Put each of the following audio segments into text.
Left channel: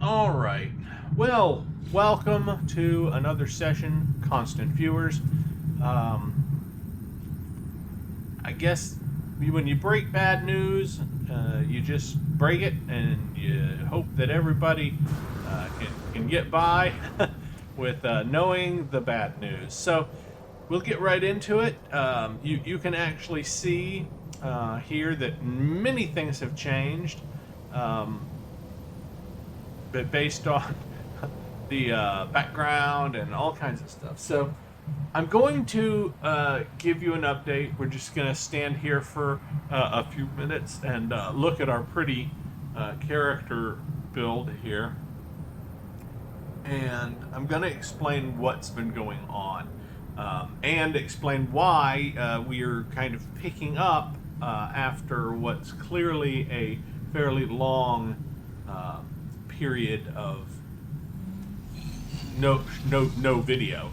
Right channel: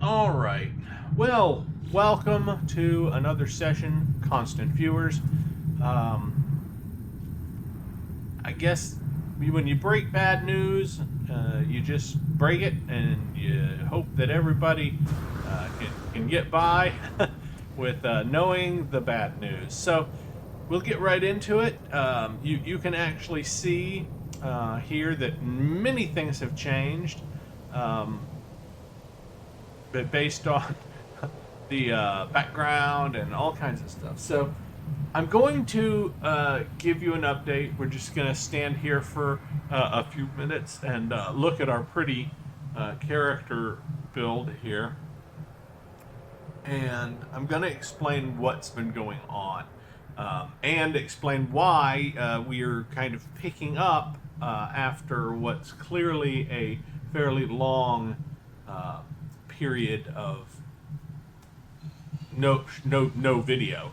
All right. Well, welcome to another session, constant viewers. I guess when you break bad news, you just break it and you hope that everybody can get by with knowing the bad news. So we'll get right into it. You can actually see here that many things have changed. But based on the background and all kinds of stuff. So I'm going to give you an update. We're just going to stand here for a few minutes and look at our pretty character build here. And I'm going to explain what's been going on and explain why we are kind of picking up after what's clearly a fairly long period of no video.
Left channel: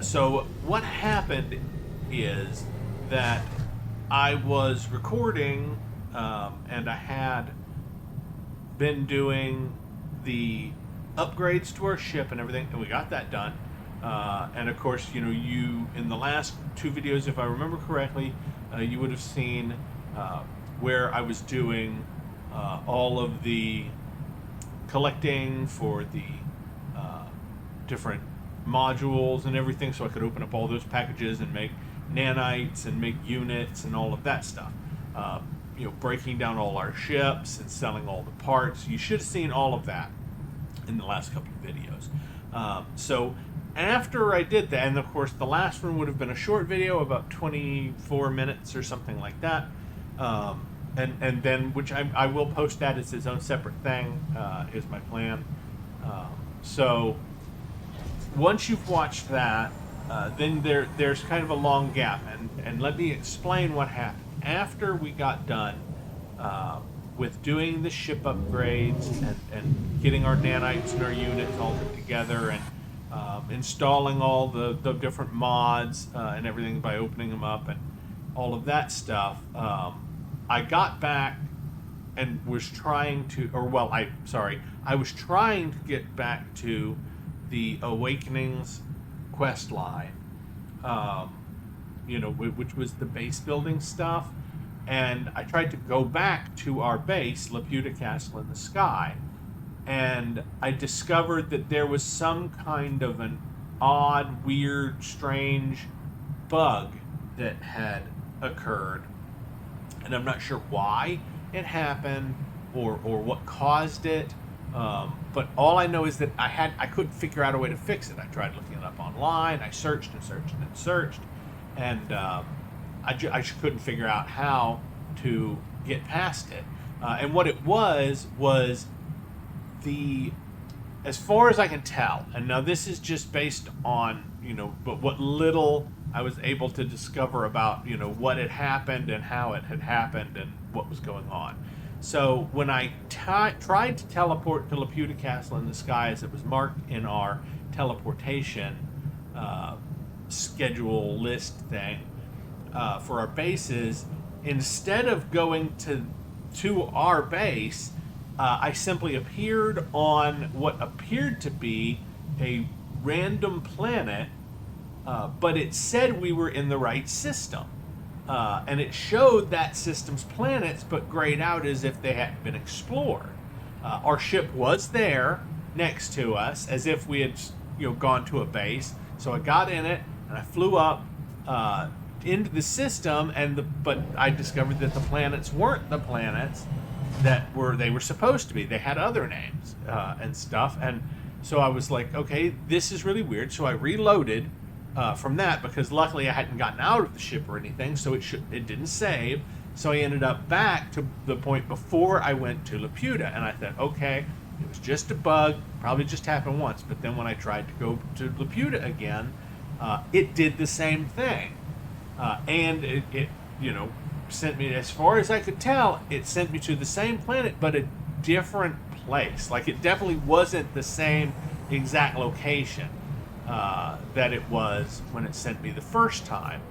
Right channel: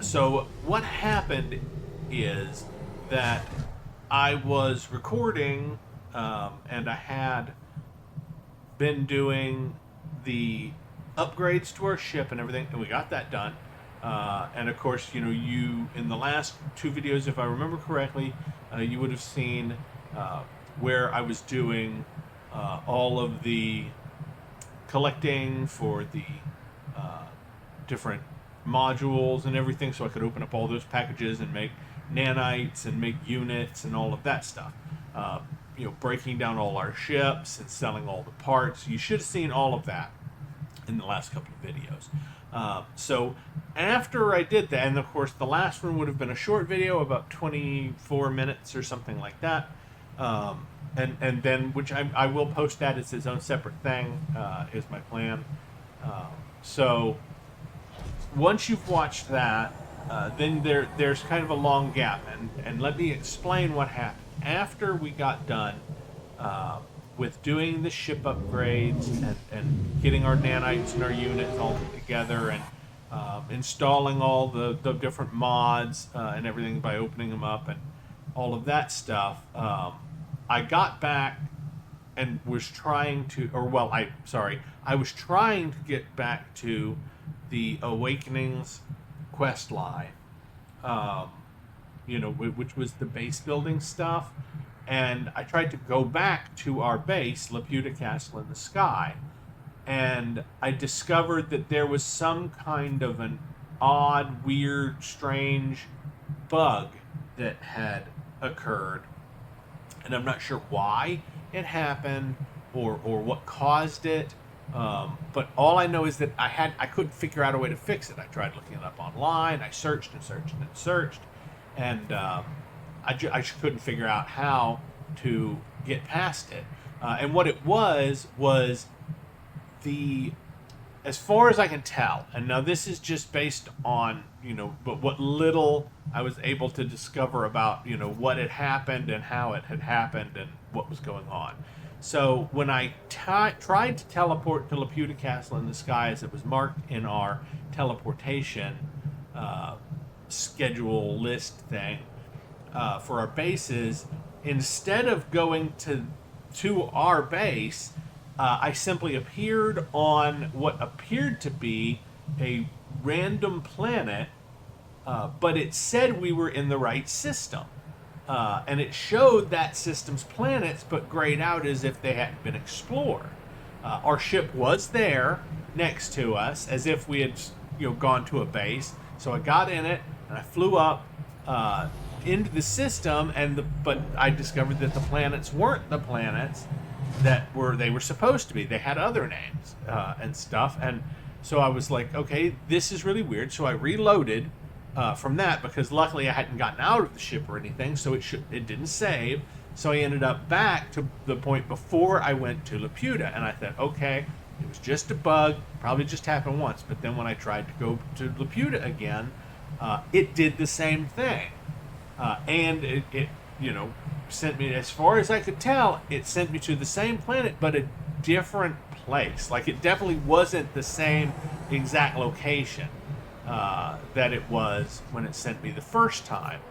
So what happened is that I was recording and I had been doing the upgrades to our ship and everything, and we got that done. And of course, you in the last two videos, if I remember correctly, you would have seen where I was doing all of the collecting for the different modules and everything, so I could open up all those packages and make nanites and make units and all of that stuff. Breaking down all our ships and selling all the parts. You should have seen all of that in the last couple of videos. So after I did that, and of course the last one would have been a short video, about 24 minutes or something like that. And then, which I will post that as its own separate thing, is my plan. So once you've watched that, then there's kind of a long gap, and let me explain what happened. After we got done with doing the ship upgrades and getting our nanites and our units all put together and installing all the different mods and everything by opening them up and all of that stuff, I got back and was trying to, I was trying to get back to the Awakenings quest line, which was the base building stuff. And I tried to go back to our base, Laputa Castle in the Sky, and I discovered that there was some kind of an odd, weird, strange bug that had occurred. And I'm not sure why it happened or what caused it. But all I know is that I couldn't figure out a way to fix it. I tried looking it up online. I searched and searched and searched, and I couldn't figure out how to get past it. And what it was as far as I can tell, and now this is just based on, but what little I was able to discover about, what had happened and how it had happened and what was going on. So when I tried to teleport to Laputa Castle in the Sky, as it was marked in our teleportation schedule list thing for our bases, instead of going to our base, I simply appeared on what appeared to be a random planet, but it said we were in the right system. And it showed that system's planets, but grayed out as if they hadn't been explored. Our ship was there next to us, as if we had gone to a base. So I got in it, and I flew up into the system, but I discovered that the planets weren't the planets that they were supposed to be. They had other names and stuff, and so I was like, okay, this is really weird. So I reloaded from that, because luckily I hadn't gotten out of the ship or anything, so it didn't save. So I ended up back to the point before I went to Laputa, and I thought, okay, it was just a bug, probably just happened once. But then when I tried to go to Laputa again, it did the same thing, and it sent me, as far as I could tell, it sent me to the same planet, but a different place. Like, it definitely wasn't the same exact location that it was when it sent me the first time.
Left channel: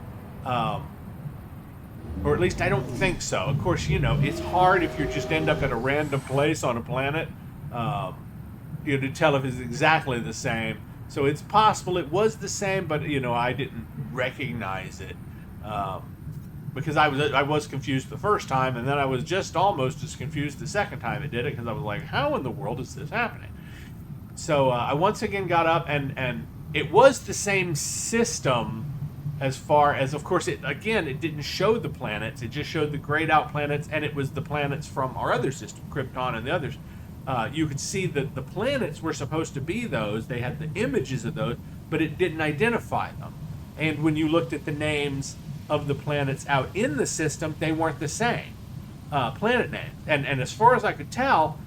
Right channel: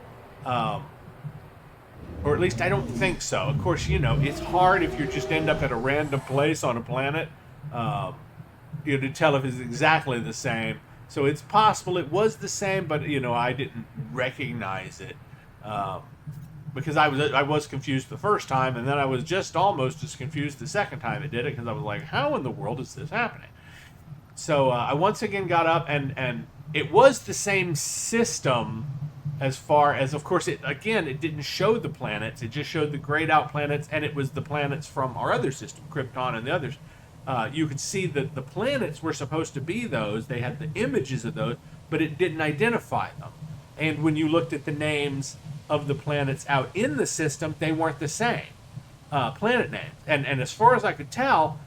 Or at least I don't think so. Of course, it's hard if you just end up at a random place on a planet to tell if it's exactly the same. So it's possible it was the same, but I didn't recognize it because I was confused the first time, and then I was just almost as confused the second time it did it, because I was like, how in the world is this happening? So I once again got up, and it was the same system, as far as, of course, it didn't show the planets. It just showed the grayed out planets, and it was the planets from our other system, Krypton and the others. You could see that the planets were supposed to be those. They had the images of those, but it didn't identify them. And when you looked at the names of the planets out in the system, they weren't the same planet names. And as far as I could tell,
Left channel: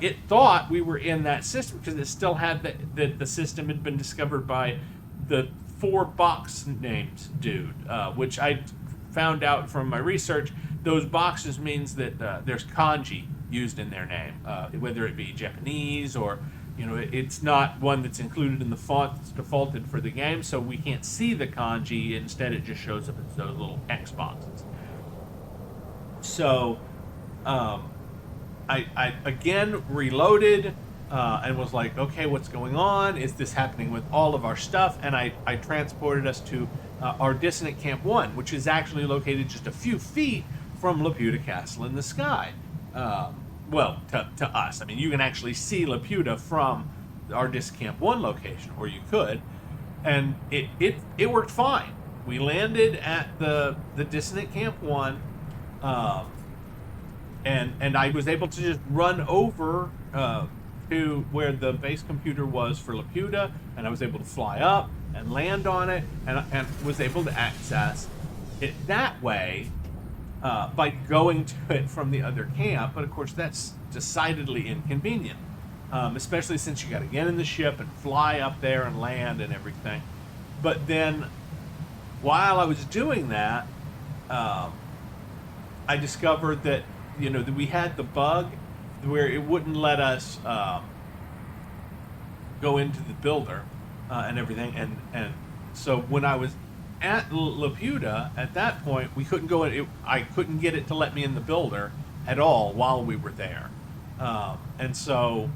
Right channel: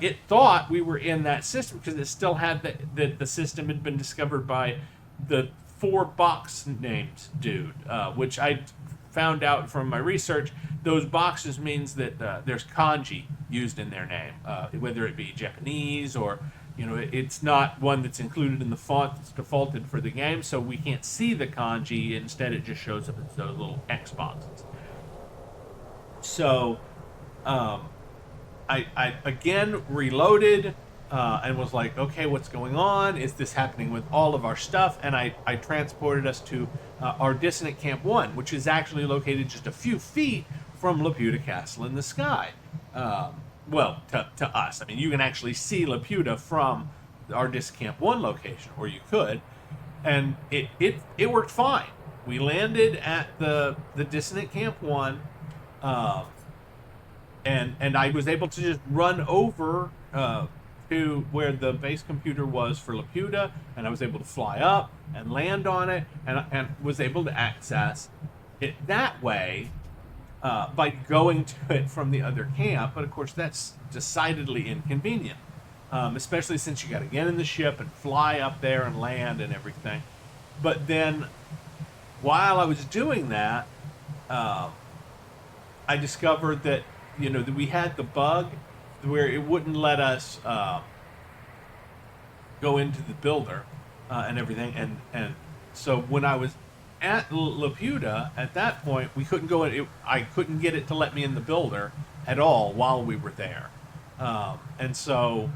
it thought we were in that system because it still had the system had been discovered by the 4 box names dude, which I found out from my research. Those boxes means that there's kanji used in their name, whether it be Japanese or, it's not one that's included in the font that's defaulted for the game, so we can't see the kanji. Instead, it just shows up as those little X boxes. So, I again reloaded and was like, okay, what's going on? Is this happening with all of our stuff? And I transported us to our Dissonant Camp 1, which is actually located just a few feet from Laputa Castle in the Sky. Well, to us. I mean, you can actually see Laputa from our Dissonant Camp 1 location, or you could. And it worked fine. We landed at the Dissonant Camp 1, and I was able to just run over to where the base computer was for Laputa, and I was able to fly up and land on it, and was able to access it that way by going to it from the other camp. But of course, that's decidedly inconvenient, especially since you got to get in the ship and fly up there and land and everything. But then, while I was doing that, I discovered that that we had the bug where it wouldn't let us go into the builder and everything, and so when I was at Laputa, at that point, we couldn't go in. I couldn't get it to let me in the builder at all while we were there, and so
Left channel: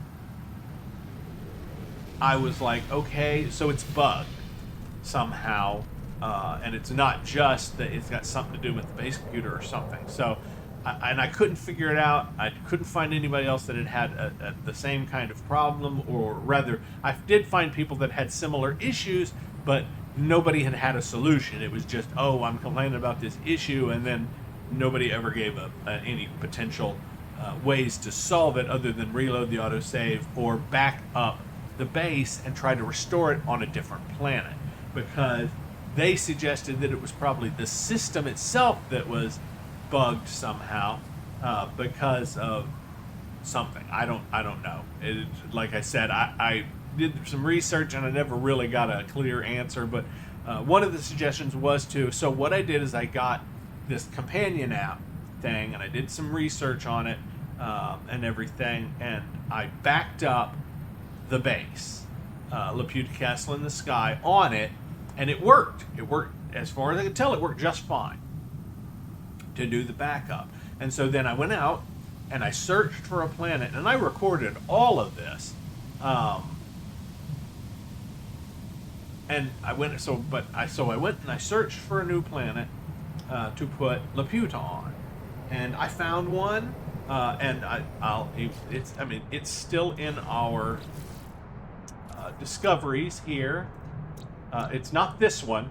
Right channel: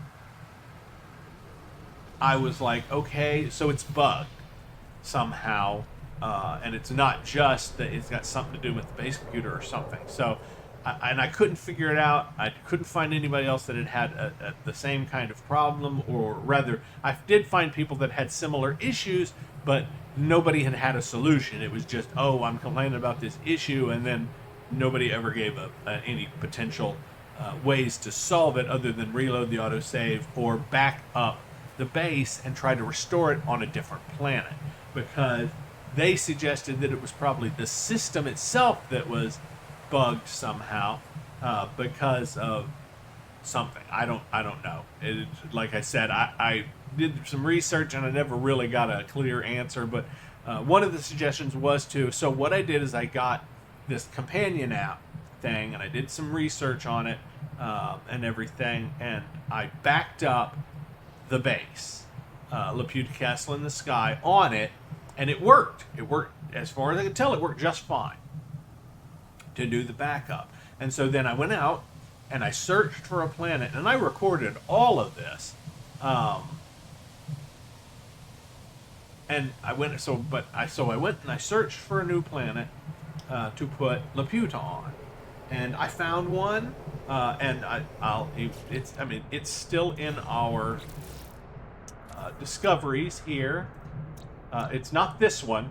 I was like, okay, so it's bugged somehow, and it's not just that it's got something to do with the base computer or something. So, I couldn't figure it out. I couldn't find anybody else that had the same kind of problem, or rather, I did find people that had similar issues, but nobody had a solution. It was just, oh, I'm complaining about this issue, and then nobody ever gave any potential ways to solve it other than reload the autosave or back up the base and try to restore it on a different planet, because they suggested that it was probably the system itself that was bugged somehow because of something. I don't know. Like I said, I did some research and I never really got a clear answer, but one of the suggestions was so what I did is I got this companion app thing and I did some research on it and everything, and I backed up the base, Laputa Castle in the Sky, on it, and it worked. It worked, as far as I could tell, it worked just fine to do the backup. And so then I went out and I searched for a planet, and I recorded all of this. And I went and I searched for a new planet to put Laputa on, and I found one. And it's still in our discoveries here. It's not this one.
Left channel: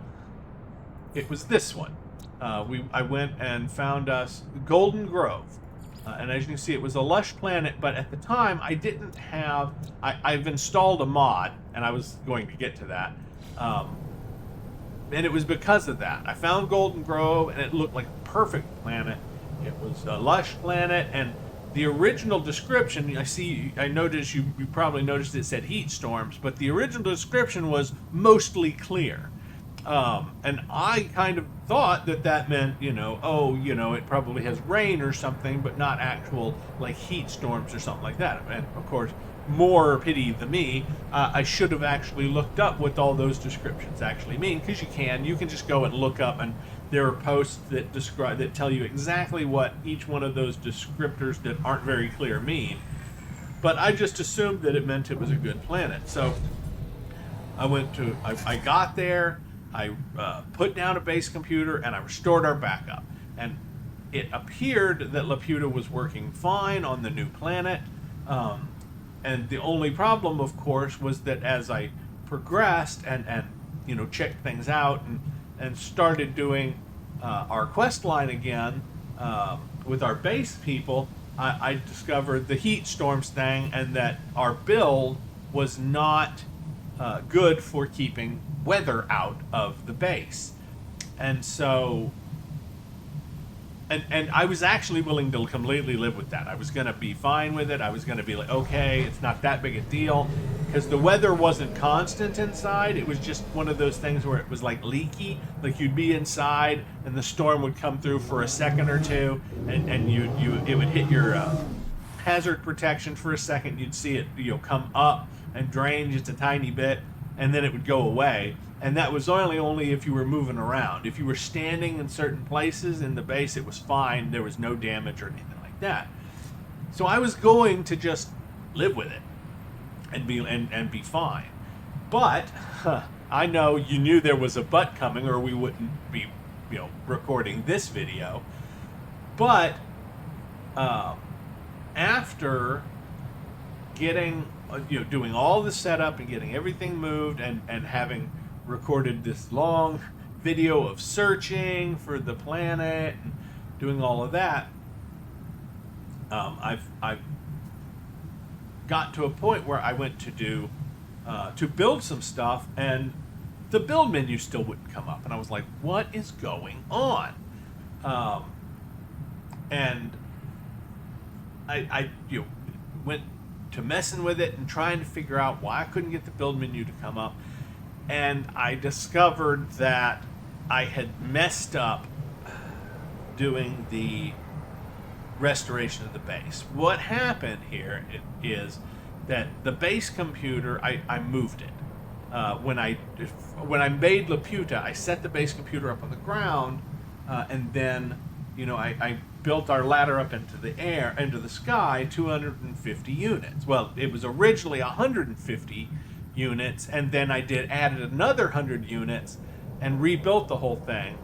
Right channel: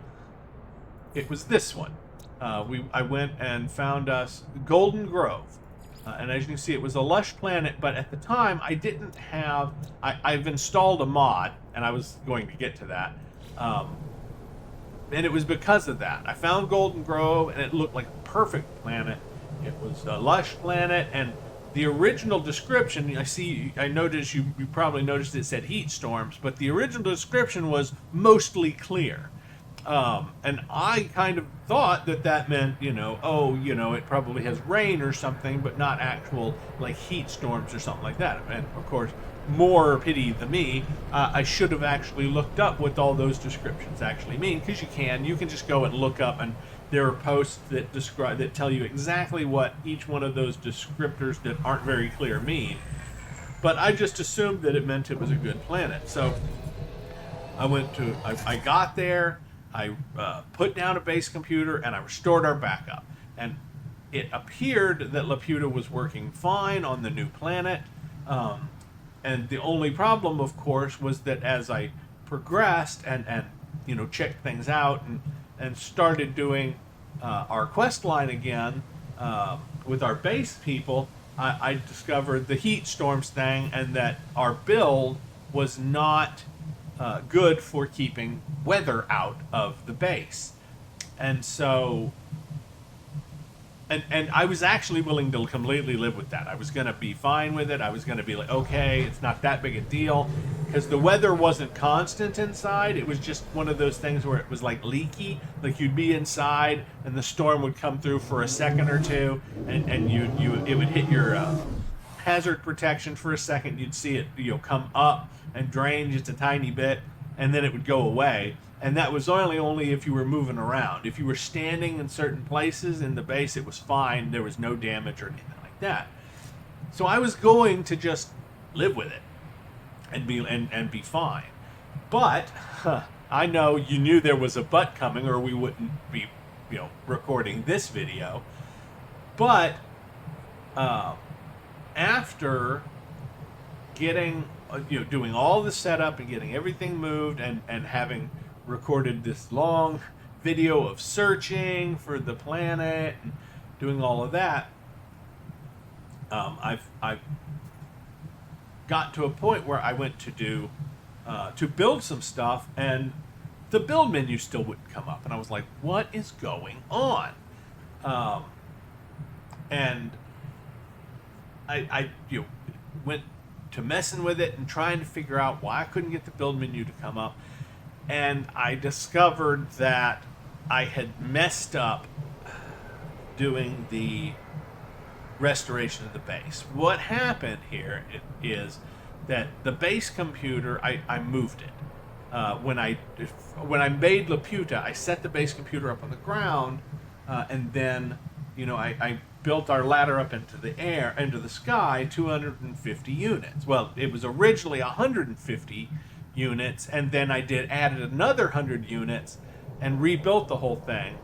It was this one. I went and found us Golden Grove, and as you can see, it was a lush planet. But at the time, I didn't have. I've installed a mod, and I was going to get to that. And it was because of that. I found Golden Grove, and it looked like a perfect planet. It was a lush planet, and the original description, I noticed you probably noticed it said heat storms, but the original description was mostly clear. And I kind of thought that meant, it probably has rain or something, but not actual, like, heat storms or something like that. And, of course, more pity than me, I should have actually looked up what all those descriptions actually mean, because you can just go and look up, and there are posts that tell you exactly what each one of those descriptors that aren't very clear mean. but I just assumed that it meant it was a good planet. So I got there, I put down a base computer, and I restored our backup. And it appeared that Laputa was working fine on the new planet. And the only problem, of course, was that as I progressed and checked things out and started doing our quest line again with our base people, I discovered the heat storms thing, and that our build was not good for keeping weather out of the base. And so, and I was actually willing to completely live with that. I was going to be fine with it. I was going to be like, okay, it's not that big a deal, because the weather wasn't constant inside. It was just one of those things where it was like leaky. Like you'd be inside and the storm would come through for a second or two, and it would hit your hazard protection for a second. You'd see it come up and drain just a tiny bit, and then it would go away. And that was only if you were moving around. If you were standing in certain places in the base, it was fine. There was no damage or anything like that. So I was going to just live with it and be fine. But I know you knew there was a but coming, or we wouldn't be recording this video. But after getting doing all the setup and getting everything moved and having recorded this long video of searching for the planet and doing all of that, I've got to a point where I went to build some stuff, and the build menu still wouldn't come up, and I was like, what is going on? And I went to messing with it and trying to figure out why I couldn't get the build menu to come up. And I discovered that I had messed up doing the restoration of the base. What happened here is that the base computer, I moved it. When I made Laputa, I set the base computer up on the ground, and then I built our ladder up into the sky, 250 units. Well, it was originally 150 units, and then I added another 100 units and rebuilt the whole thing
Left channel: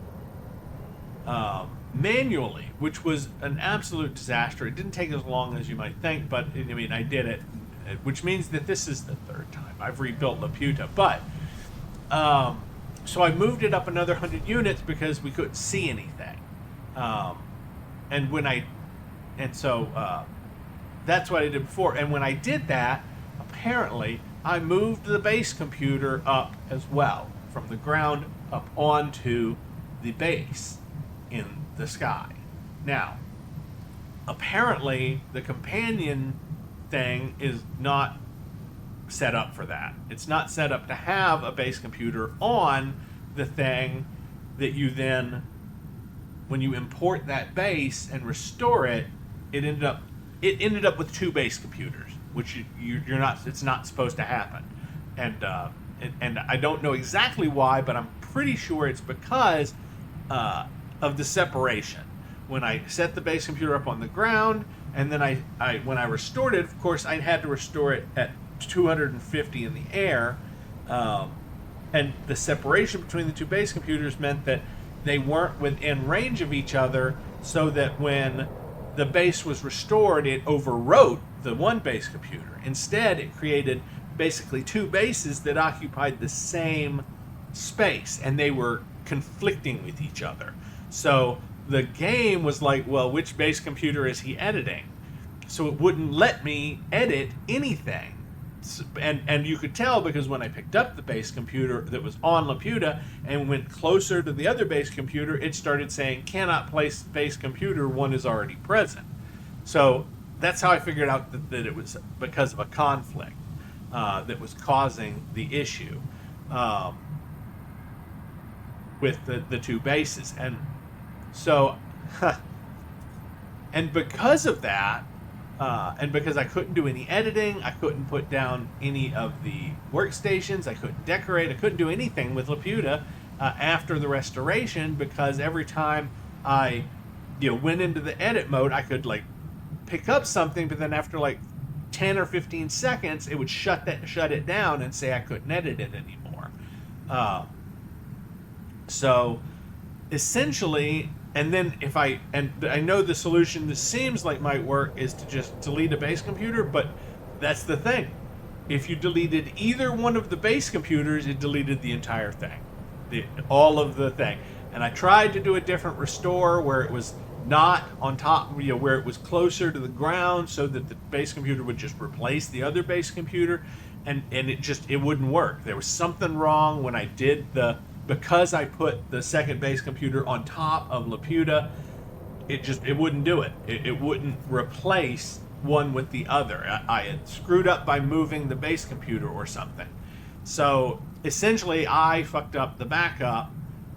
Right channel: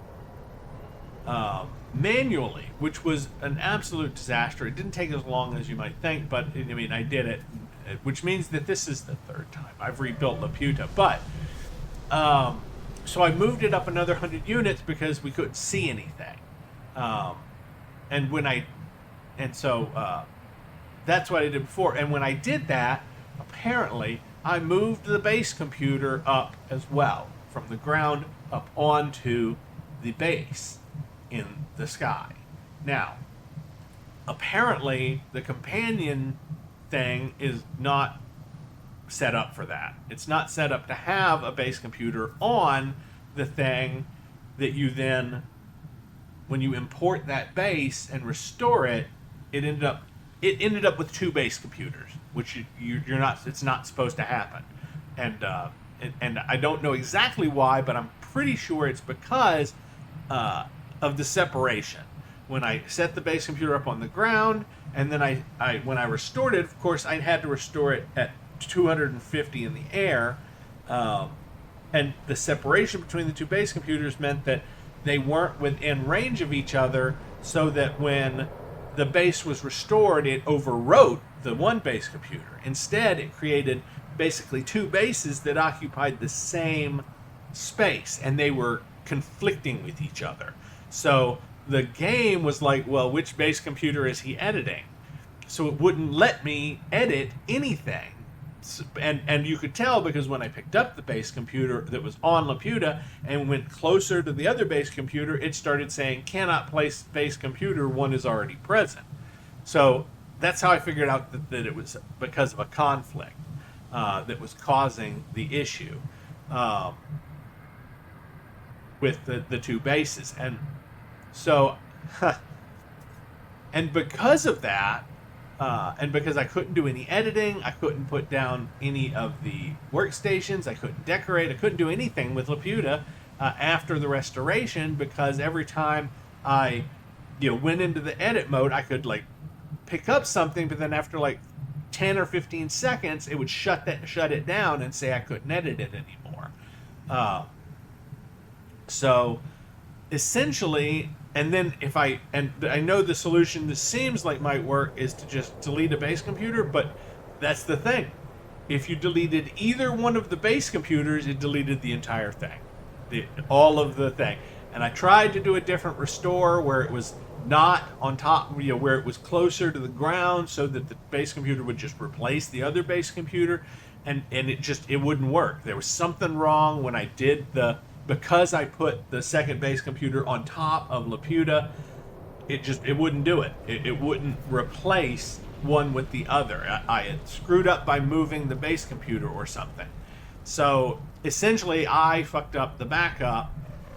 manually, which was an absolute disaster. It didn't take as long as you might think, but I did it, which means that this is the third time I've rebuilt Laputa. But so I moved it up another 100 units because we couldn't see anything. So that's what I did before. And when I did that, apparently I moved the base computer up as well, from the ground up onto the base in the sky. Now, apparently the companion thing is not set up for that. It's not set up to have a base computer on the thing that you then, when you import that base and restore it, it ended up with two base computers, which you're not. It's not supposed to happen, and I don't know exactly why, but I'm pretty sure it's because of the separation. When I set the base computer up on the ground, and then when I restored it, of course, I had to restore it at 250 in the air, and the separation between the two base computers meant that they weren't within range of each other, so that when the base was restored, it overwrote the one base computer. Instead, it created basically two bases that occupied the same space, and they were conflicting with each other. So the game was like, well, which base computer is he editing? So it wouldn't let me edit anything. And you could tell, because when I picked up the base computer that was on Laputa and went closer to the other base computer, it started saying, cannot place base computer, one is already present. So that's how I figured out that it was because of a conflict that was causing the issue with the two bases. And so, and because of that, and because I couldn't do any editing, I couldn't put down any of the workstations, I couldn't decorate, I couldn't do anything with Laputa after the restoration, because every time I went into the edit mode, I could pick up something, but then after 10 or 15 seconds, it would shut it down and say I couldn't edit it anymore. So essentially, and then I know the solution this seems like might work is to just delete a base computer, but that's the thing. If you deleted either one of the base computers, it deleted the entire thing, all of the thing. And I tried to do a different restore where it was not on top, where it was closer to the ground, so that the base computer would just replace the other base computer, and it wouldn't work. There was something wrong when I did because I put the second base computer on top of Laputa, it wouldn't do it. It wouldn't replace one with the other. I had screwed up by moving the base computer or something. So essentially I fucked up the backup,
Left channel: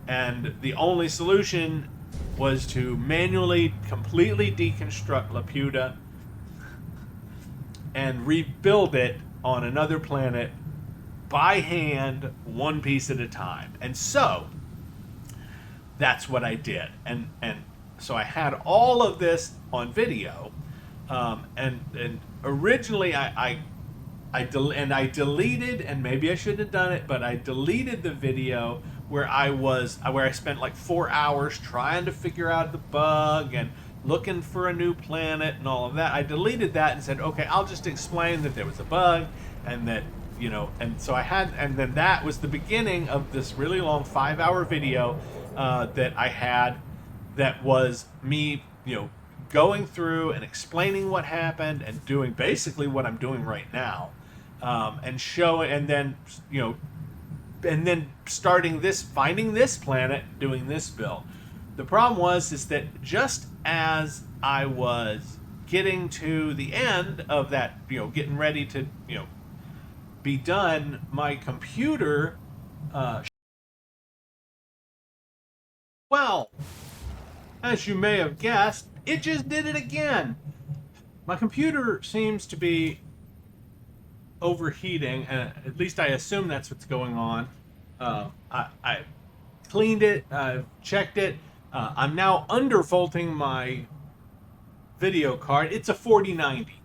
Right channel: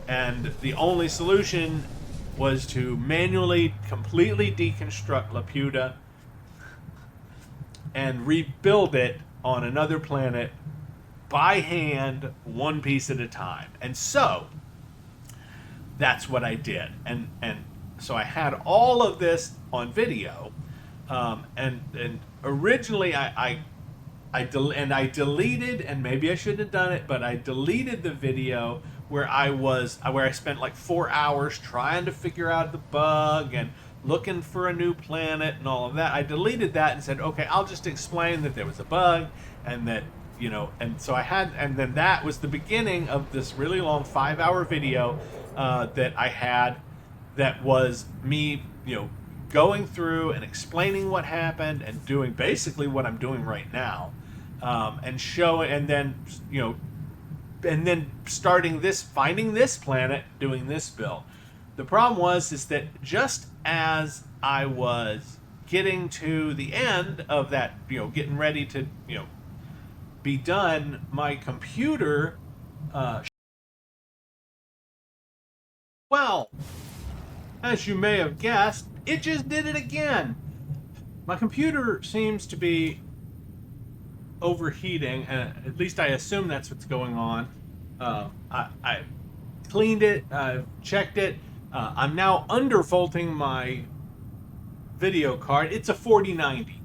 and the only solution was to manually completely deconstruct Laputa and rebuild it on another planet by hand, one piece at a time. And so that's what I did. And so I had all of this on video. And originally I deleted, and maybe I shouldn't have done it, but I deleted the video where I spent like 4 hours trying to figure out the bug and looking for a new planet and all of that. I deleted that and said, okay, I'll just explain that there was a bug, and that, and so and then that was the beginning of this really long 5-hour video that I had, that was me, going through and explaining what happened and doing basically what I'm doing right now, and then finding this planet, doing this build. The problem is that just as I was getting to the end of that, getting ready to, be done, my computer, well, as you may have guessed, it just did it again. My computer seems to be overheating, and at least I assume that's what's going on. I cleaned it, checked it. I'm now undervolting my video card. It's a 4090.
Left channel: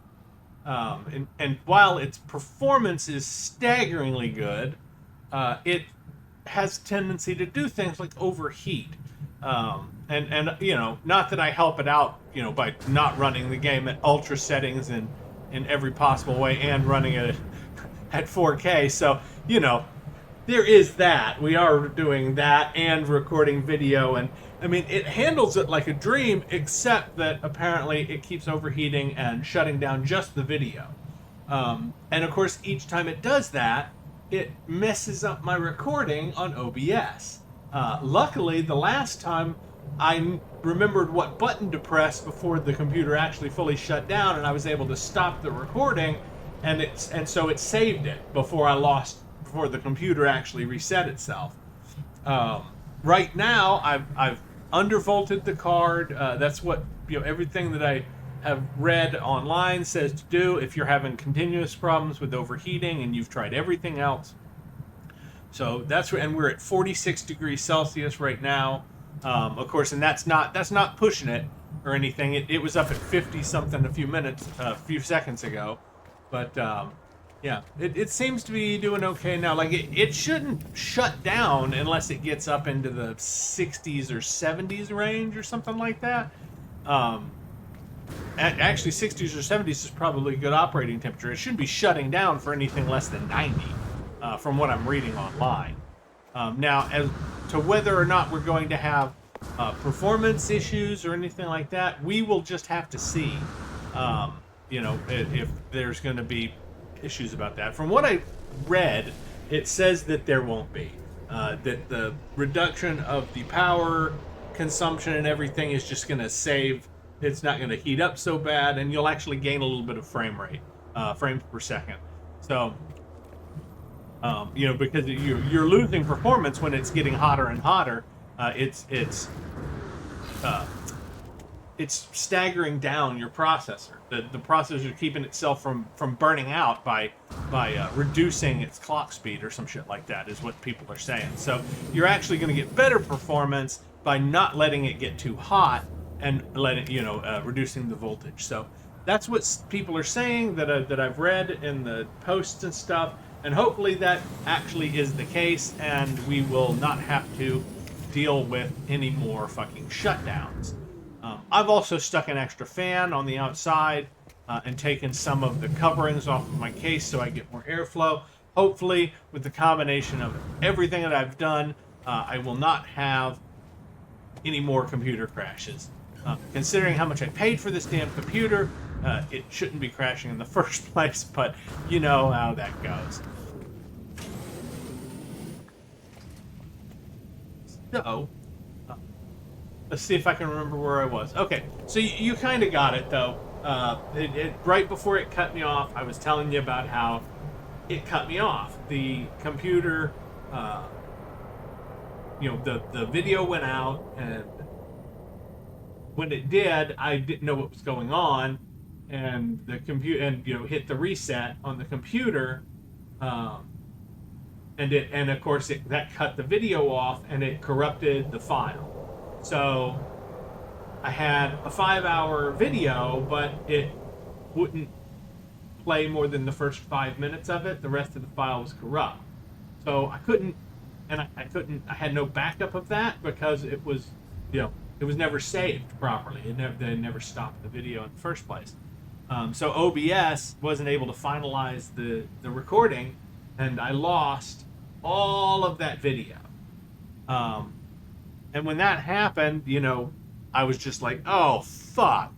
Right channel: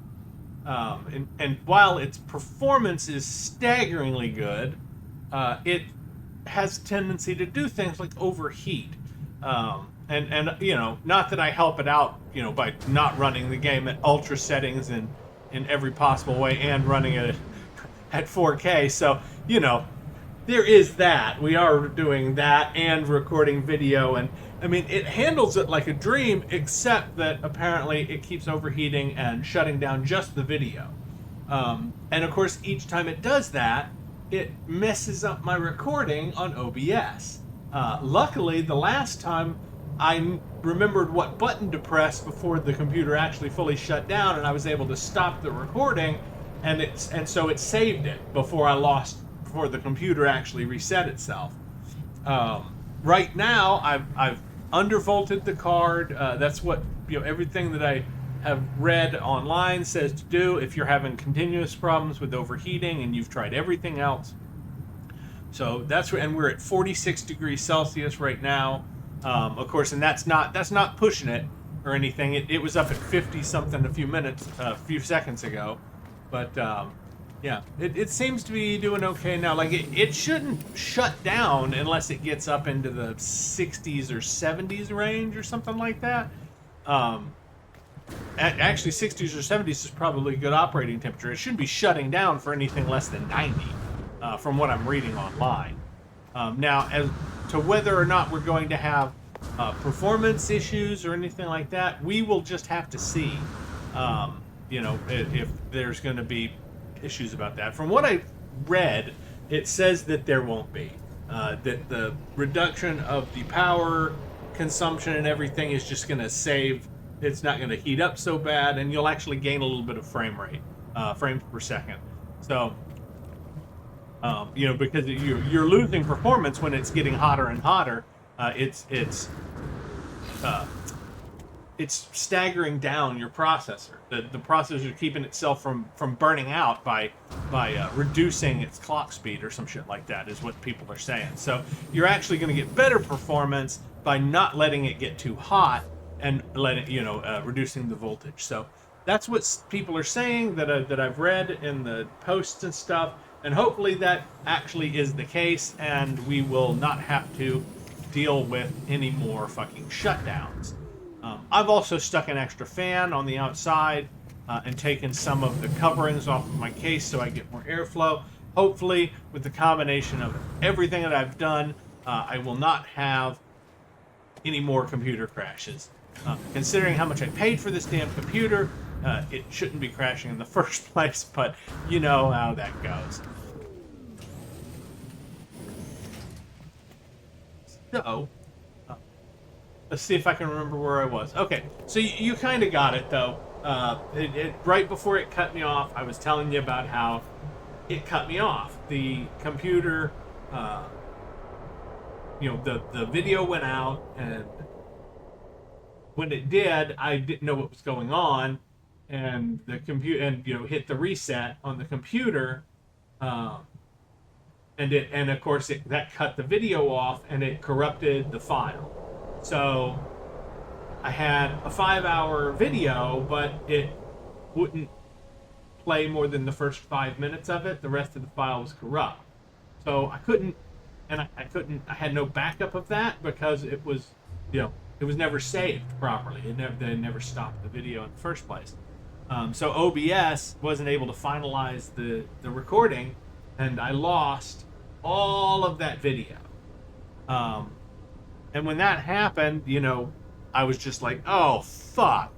And while its performance is staggeringly good, it has a tendency to do things like overheat. And not that I help it out, by not running the game at ultra settings in every possible way and running it at 4K. So, there is that. We are doing that and recording video, and I mean, it handles it like a dream, except that apparently it keeps overheating and shutting down just the video. And of course, each time it does that, it messes up my recording on OBS. Luckily, the last time I remembered what button to press before the computer actually fully shut down, and I was able to stop the recording, and so it saved it before the computer actually reset itself. Right now, I've undervolted the card. That's what everything that I have read online says to do if you're having continuous problems with overheating and you've tried everything else. So and we're at 46 degrees Celsius right now. Of course, and that's not pushing it or anything. It was up at 50 something a few seconds ago, but yeah, it seems to be doing okay now. Like it shouldn't shut down unless it gets up into the 60s or 70s range or something like that. Actually, 60s or 70s is probably a good operating temperature. It shouldn't be shutting down for anything less than 90, from what I'm reading online. Now, as to whether or not we're going to have performance issues or anything like that, we will just have to see. If there's going to be issues about that. From what I read, it says that there won't be. That the reduction of the power consumption and everything is just going to save. It's not going to heat up so bad, and you'll actually gain a little bit of frame rate, frames per second. So, because you're losing performance when it's getting hotter and hotter. It's staggering down your processor. The processor is keeping itself from burning out by reducing its clock speed or some shit like that, is what people are saying. So you're actually going to get better performance by not letting it get too hot and reducing the voltage. So That's what people are saying that I've read in the posts and stuff, and hopefully that actually is the case, and we will not have to deal with any more fucking shutdowns. I've also stuck an extra fan on the outside and taken some of the coverings off of my case so I get more airflow. Hopefully, with the combination of everything that I've done, I will not have any more computer crashes. Considering how much I paid for this damn computer, it shouldn't be crashing in the first place, but you know how that goes. So, let's see if I can remember where I was. Okay, so you kind of got it, though. Right before it cut me off, I was telling you about how it cut me off. The computer, the video went out, and when it did, I didn't know what was going on, and the computer, and hit the reset on the computer, and of course that cut the video off, and it corrupted the file. So I had a 5-hour video, but it wouldn't play more than the first 5 minutes of it. The rest of the file was corrupt. So I couldn't, and I had no backup of that because it was, it was never saved properly. They never stopped the video in the first place. So OBS wasn't able to finalize the recording, and I lost all of that video. And when that happened, I was just like, oh, fuck.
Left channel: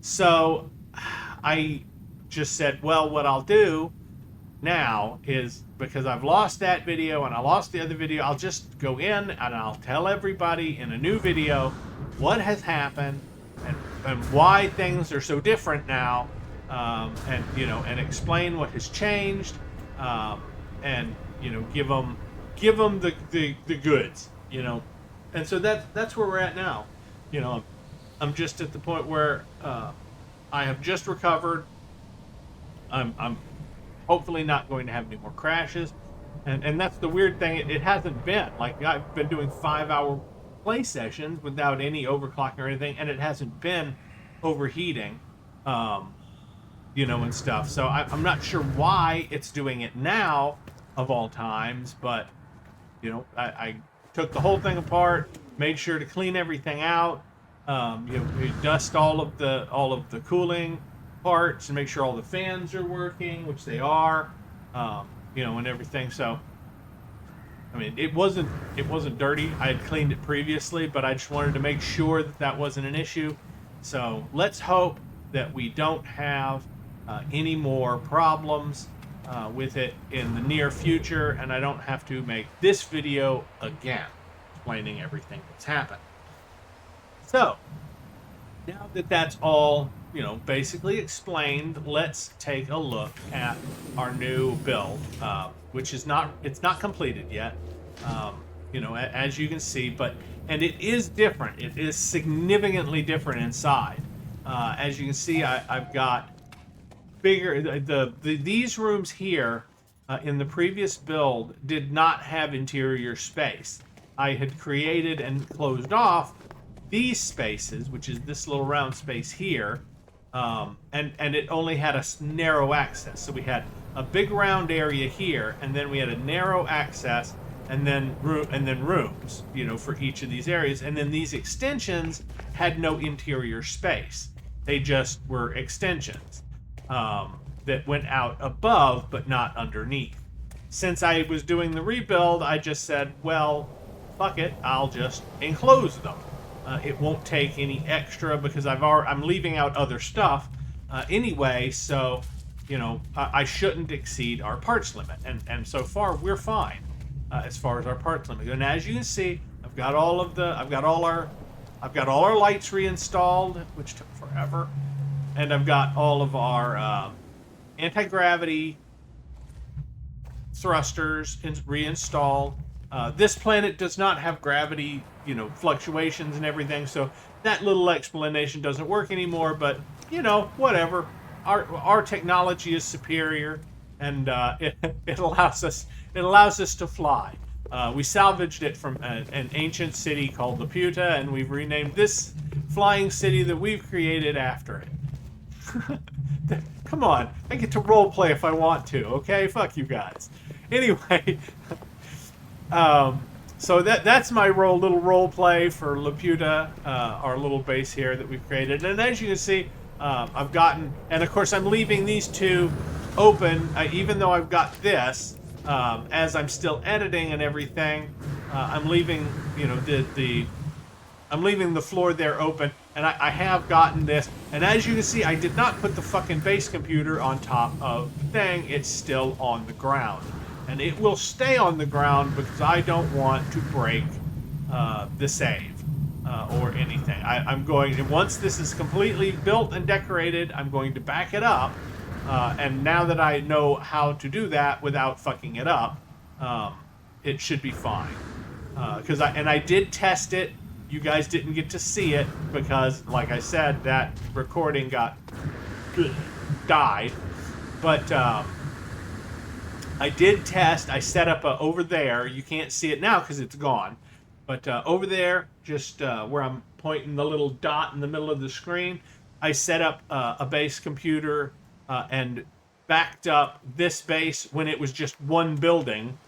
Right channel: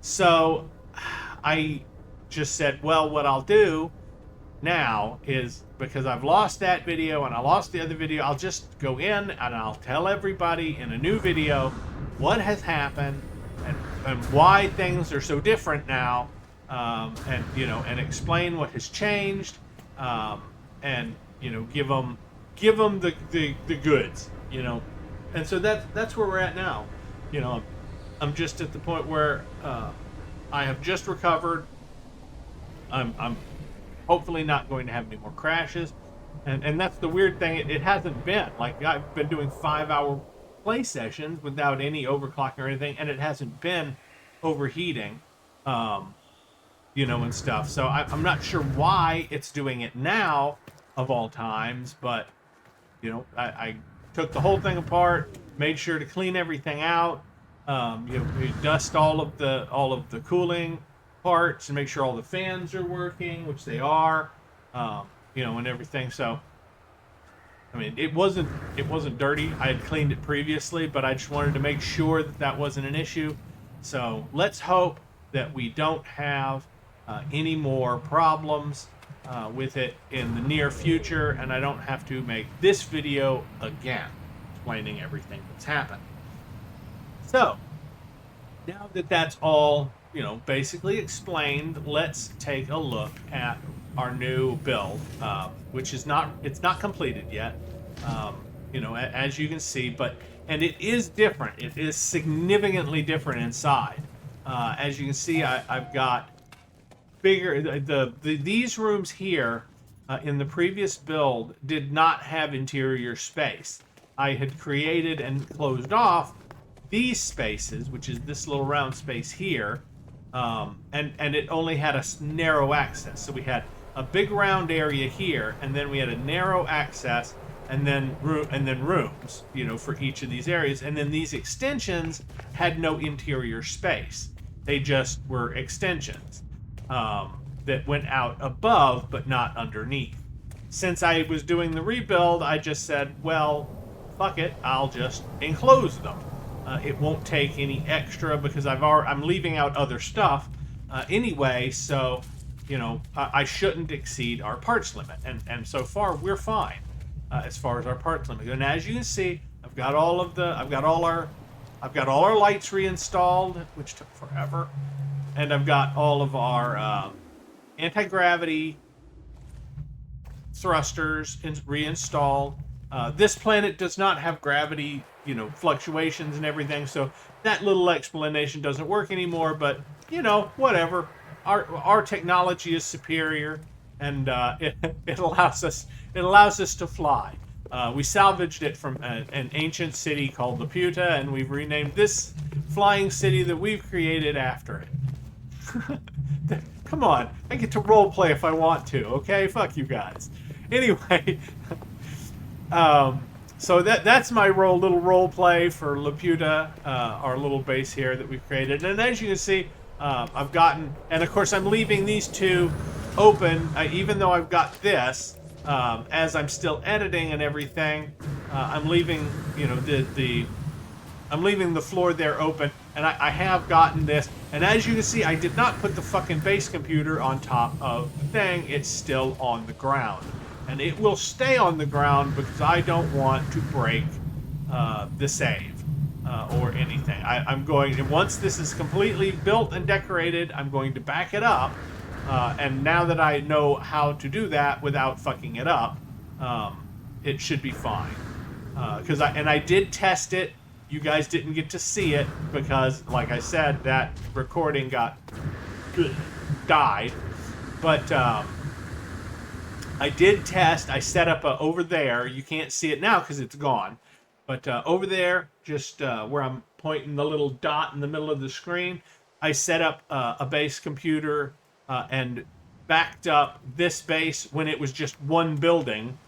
So I just said, well, what I'll do now is, because I've lost that video and I lost the other video, I'll just go in and I'll tell everybody in a new video what has happened and why things are so different now, and explain what has changed, and give them the goods, and so that's where we're at now. I'm just at the point where I have just recovered. I'm hopefully not going to have any more crashes, and that's the weird thing. It hasn't been like, I've been doing 5-hour play sessions without any overclocking or anything, and it hasn't been overheating, and stuff. So I'm not sure why it's doing it now of all times, but I took the whole thing apart, made sure to clean everything out, we dust all of the cooling parts and make sure all the fans are working, which they are, and everything. So I mean, it wasn't dirty. I had cleaned it previously, but I just wanted to make sure that wasn't an issue. So let's hope that we don't have any more problems with it in the near future, and I don't have to make this video again explaining everything that's happened. So now that that's all basically explained, let's take a look at our new build, which is not completed yet, as you can see, and it is different. It is significantly different inside. As you can see, I've got bigger, these rooms here in the previous build did not have interior space. I had created and closed off these spaces, which is this little round space here, and it only had a narrow access. So we had a big round area here, and then we had a narrow access, and then rooms, for each of these areas. And then these extensions had no interior space. They just were extensions that went out above, but not underneath. Since I was doing the rebuild, I just said, well, fuck it, I'll just enclose them. It won't take any extra because I'm leaving out other stuff anyway, so I shouldn't exceed our parts limit, and so far we're fine as far as our parts limit. And as you can see, I've got all our lights reinstalled, which took forever, and I've got all of our anti-gravity thrusters reinstalled. This planet does not have gravity, fluctuations and everything, so that little explanation doesn't work anymore, but, whatever. Our technology is superior, and it allows us to fly. We salvaged it from an ancient city called Laputa, and we've renamed this flying city that we've created after it. Come on, I get to role play if I want to. Okay, fuck you guys. Anyway, um, so that's my little role play for Laputa, our little base here that we've created. And as you can see, I've gotten, and of course I'm leaving these two open, even though I've got this. As I'm still editing and everything, I'm leaving, you know, I'm leaving the floor there open, and I have gotten this. And as you can see, I did not put the fucking base computer on top of the thing. It's still on the ground. And it will stay on the ground because I don't want to break the save or anything. I'm going to, once this is completely built and decorated, I'm going to back it up. And now that I know how to do that without fucking it up, it should be fine. I did test it. You guys didn't get to see it because, like I said, that recording died. But I did test. I set up over there. You can't see it now because it's gone. But over there, just where I'm pointing the little dot in the middle of the screen, I set up a base computer and backed up this base when it was just one building,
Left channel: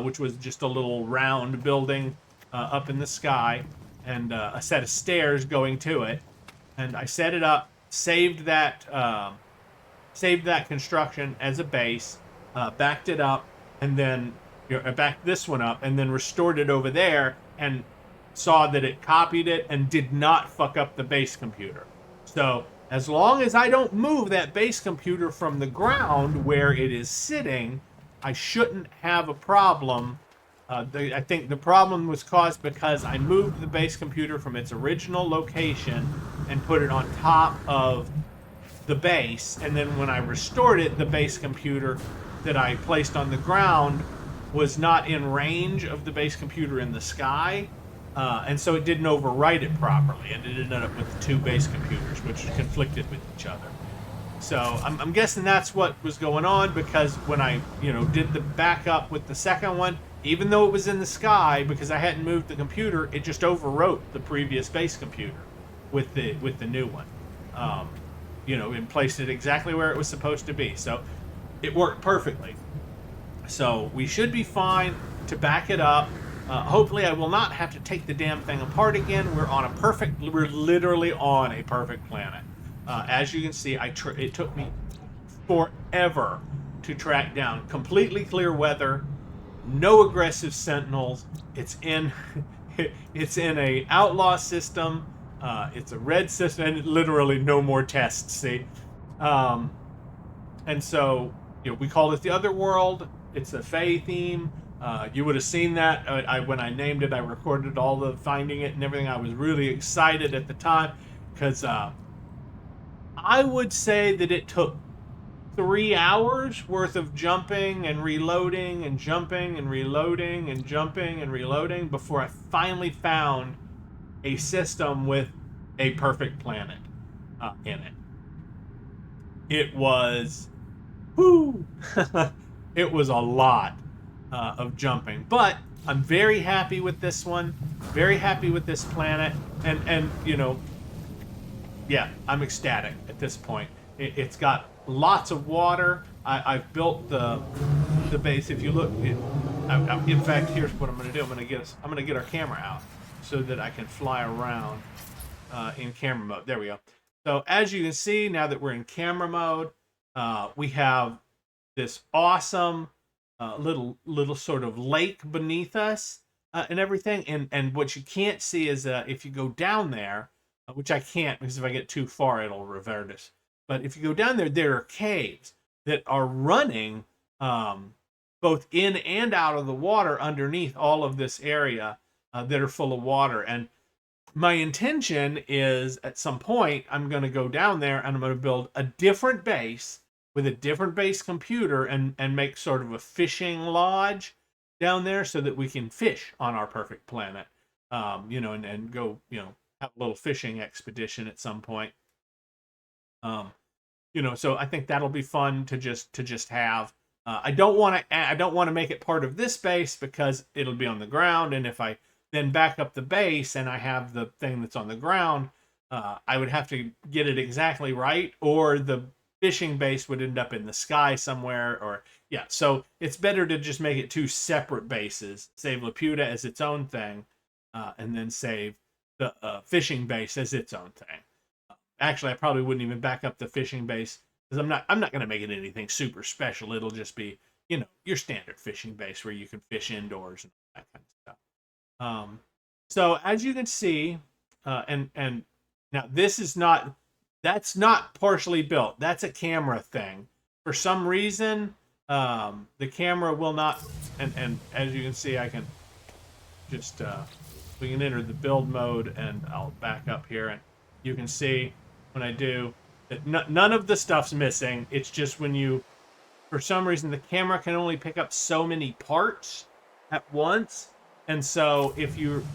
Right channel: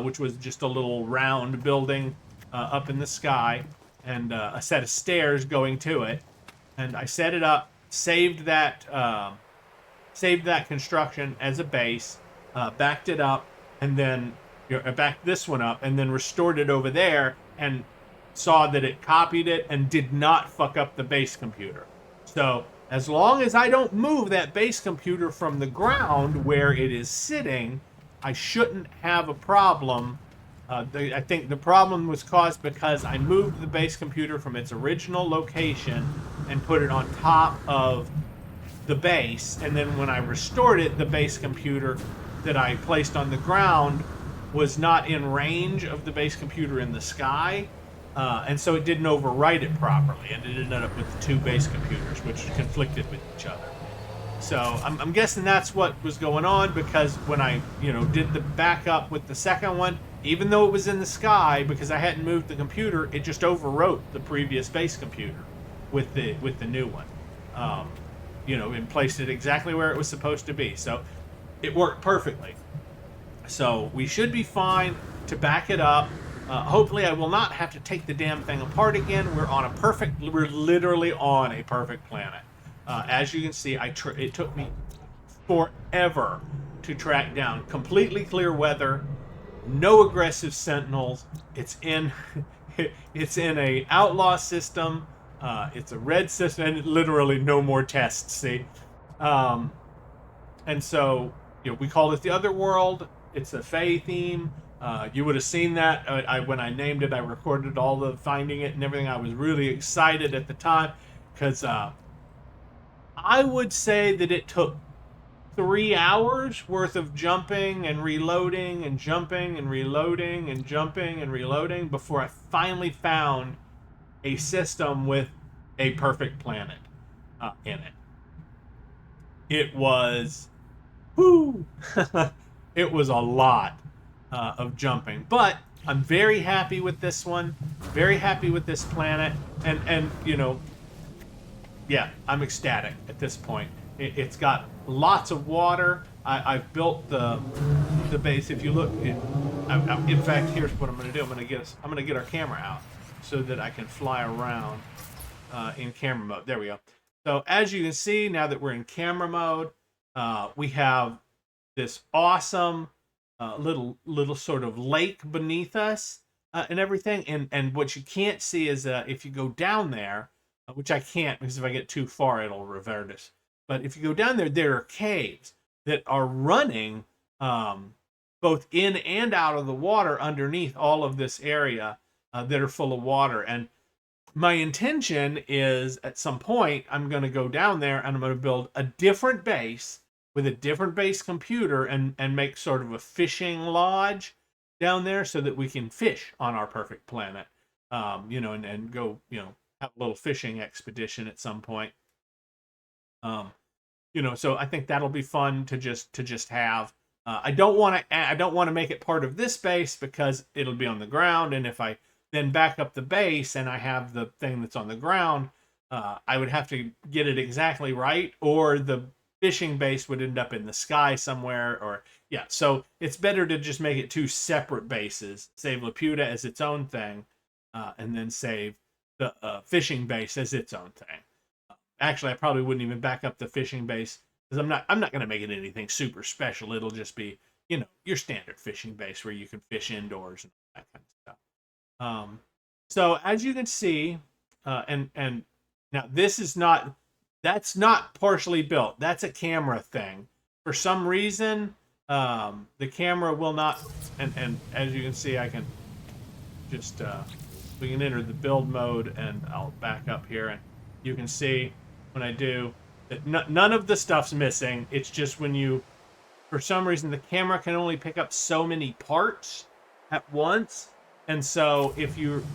which was just a little round building up in the sky, and a set of stairs going to it. And I set it up, saved that construction as a base, backed it up, and then I backed this one up, and then restored it over there, and saw that it copied it and did not fuck up the base computer. So as long as I don't move that base computer from the ground where it is sitting, I shouldn't have a problem. I think the problem was caused because I moved the base computer from its original location and put it on top of the base. And then when I restored it, the base computer that I placed on the ground was not in range of the base computer in the sky. And so it didn't overwrite it properly. And it ended up with two base computers, which conflicted with each other. So I'm guessing that's what was going on, because when I, did the backup with the second one, even though it was in the sky, because I hadn't moved the computer, it just overwrote the previous base computer with the new one. And placed it exactly where it was supposed to be. So it worked perfectly. So we should be fine to back it up. Hopefully I will not have to take the damn thing apart again. We're literally on a perfect planet. As you can see, it took me forever to track down completely clear weather, no aggressive sentinels. It's in a Outlaw system. It's a red system, and literally no more tests. See, and so we called it the Other World. It's a Fae theme. You would have seen that when I named it. I recorded all the finding it and everything. I was really excited at the time because I would say that it took 3 hours worth of jumping and reloading and jumping and reloading and jumping and reloading before I finally found a system with a perfect planet in it. It was, it was a lot of jumping, but I'm very happy with this one, very happy with this planet, and yeah, I'm ecstatic at this point. It's got lots of water. I've built the base. If you look, in fact, here's what I'm going to do. I'm going to get our camera out so that I can fly around in camera mode. There we go. So as you can see, now that we're in camera mode, we have this awesome little sort of lake beneath us and everything. And what you can't see is if you go down there, which I can't because if I get too far, it'll revert us. But if you go down there, there are caves that are running both in and out of the water underneath all of this area that are full of water. And my intention is at some point, I'm going to go down there and I'm going to build a different base with a different base computer and make sort of a fishing lodge down there so that we can fish on our perfect planet, and go, have a little fishing expedition at some point. So I think that'll be fun to just have. I don't want to make it part of this base because it'll be on the ground, and if I then back up the base and I have the thing that's on the ground, I would have to get it exactly right, or the fishing base would end up in the sky somewhere, or yeah. So it's better to just make it two separate bases. Save Laputa as its own thing, and then save the fishing base as its own thing. Actually, I probably wouldn't even back up the fishing base because I'm not going to make it anything super special. It'll just be your standard fishing base where you can fish indoors and that kind of stuff. So as you can see, and now this is not that's not partially built. That's a camera thing. For some reason, the camera will not. And as you can see, I can just we can enter the build mode, and I'll back up here, and you can see when I do that none of the stuff's missing. It's just when you, for some reason, the camera can only pick up so many parts at once, and so if you've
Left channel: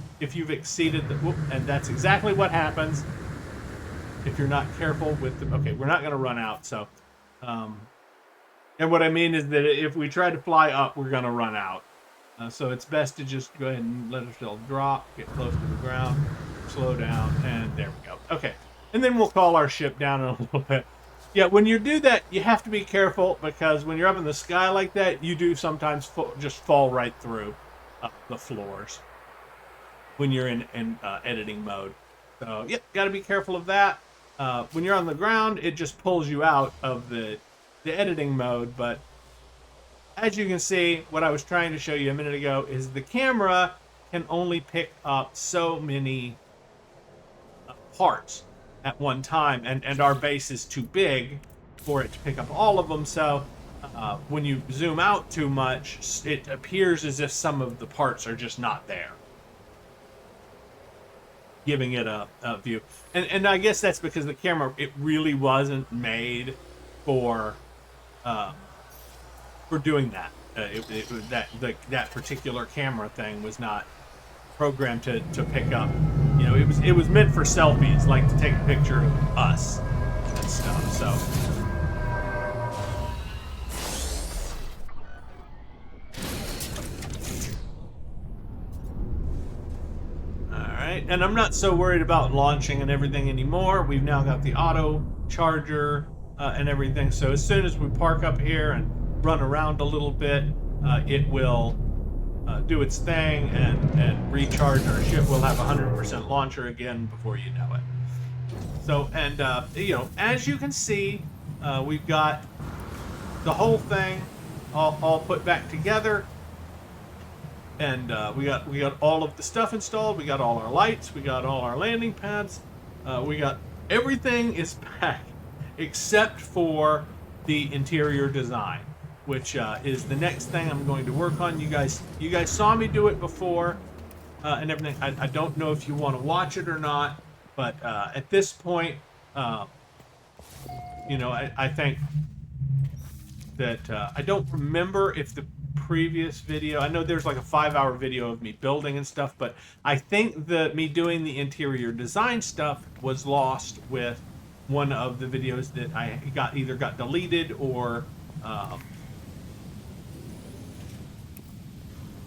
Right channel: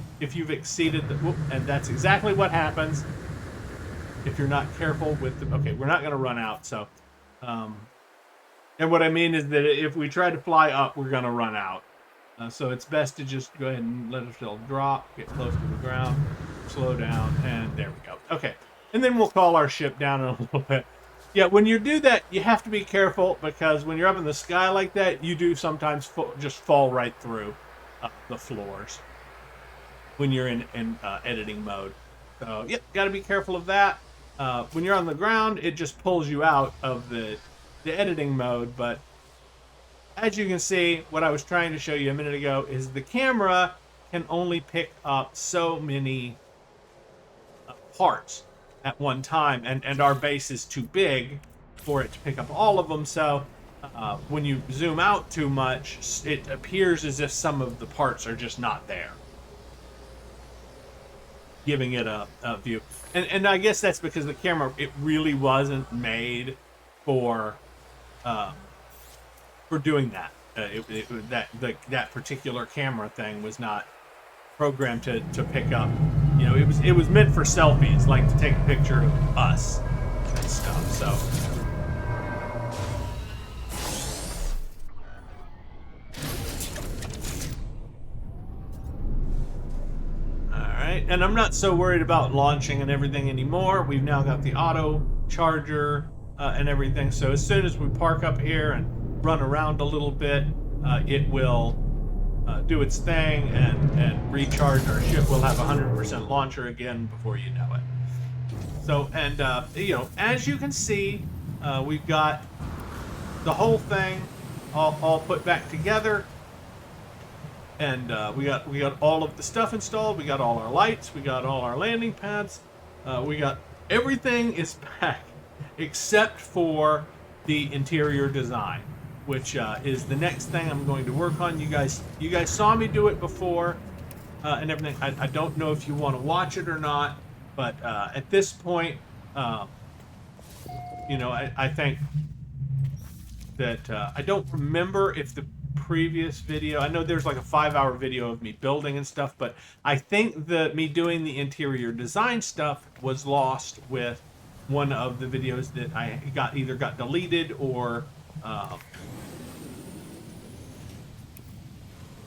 exceeded the, and that's exactly what happens if you're not careful with the. Okay, we're not going to run out. So, and what I mean is that if we try to fly up, we're going to run out. So it's best to just go ahead and let ourselves drop, get close to the ground, slow down, and there we go. Okay, and then we'll call our ship down in a little bit. Yeah, when you do that, you have to be careful because when you're up in the sky like that, you do sometimes just fall right through the floors when you're in editing mode. So, yep, got to be careful of that. When you're on the ground, it just pulls you out of the editing mode, but as you can see, what I was trying to show you a minute ago is the camera can only pick up so many parts at one time, and our base is too big for it to pick up all of them. So when you zoom out too much, it appears as if some of the parts are just not there, giving it a view. And I guess that's because the camera, it really wasn't made for doing that. That particular camera thing was not programmed to pick up. It was meant for selfies, like to take a picture of us and stuff. So. Alright, and I'm not so worried about launching and everything anymore. We've now got the auto charger and everything. So as soon as we park up here and run around a little bit, it will do its thing and recharge our ship. We'll have 100% launcher again before you know it. So, and as you can see, we've got the whole thing all put back together, and we got all of the stuff installed. We got all our lights. We got all our landing pads. We got everything is back except for the interior design, which is the next thing I'm going to work on. You guys saw me do it before and everything. I don't know if you want to watch it or not, but at this point, I think that I don't remember if the previous video, I know there's like a 5-hour video of me building and stuff, but I think that me doing the interior design stuff was lost with one of the videos that I either got deleted or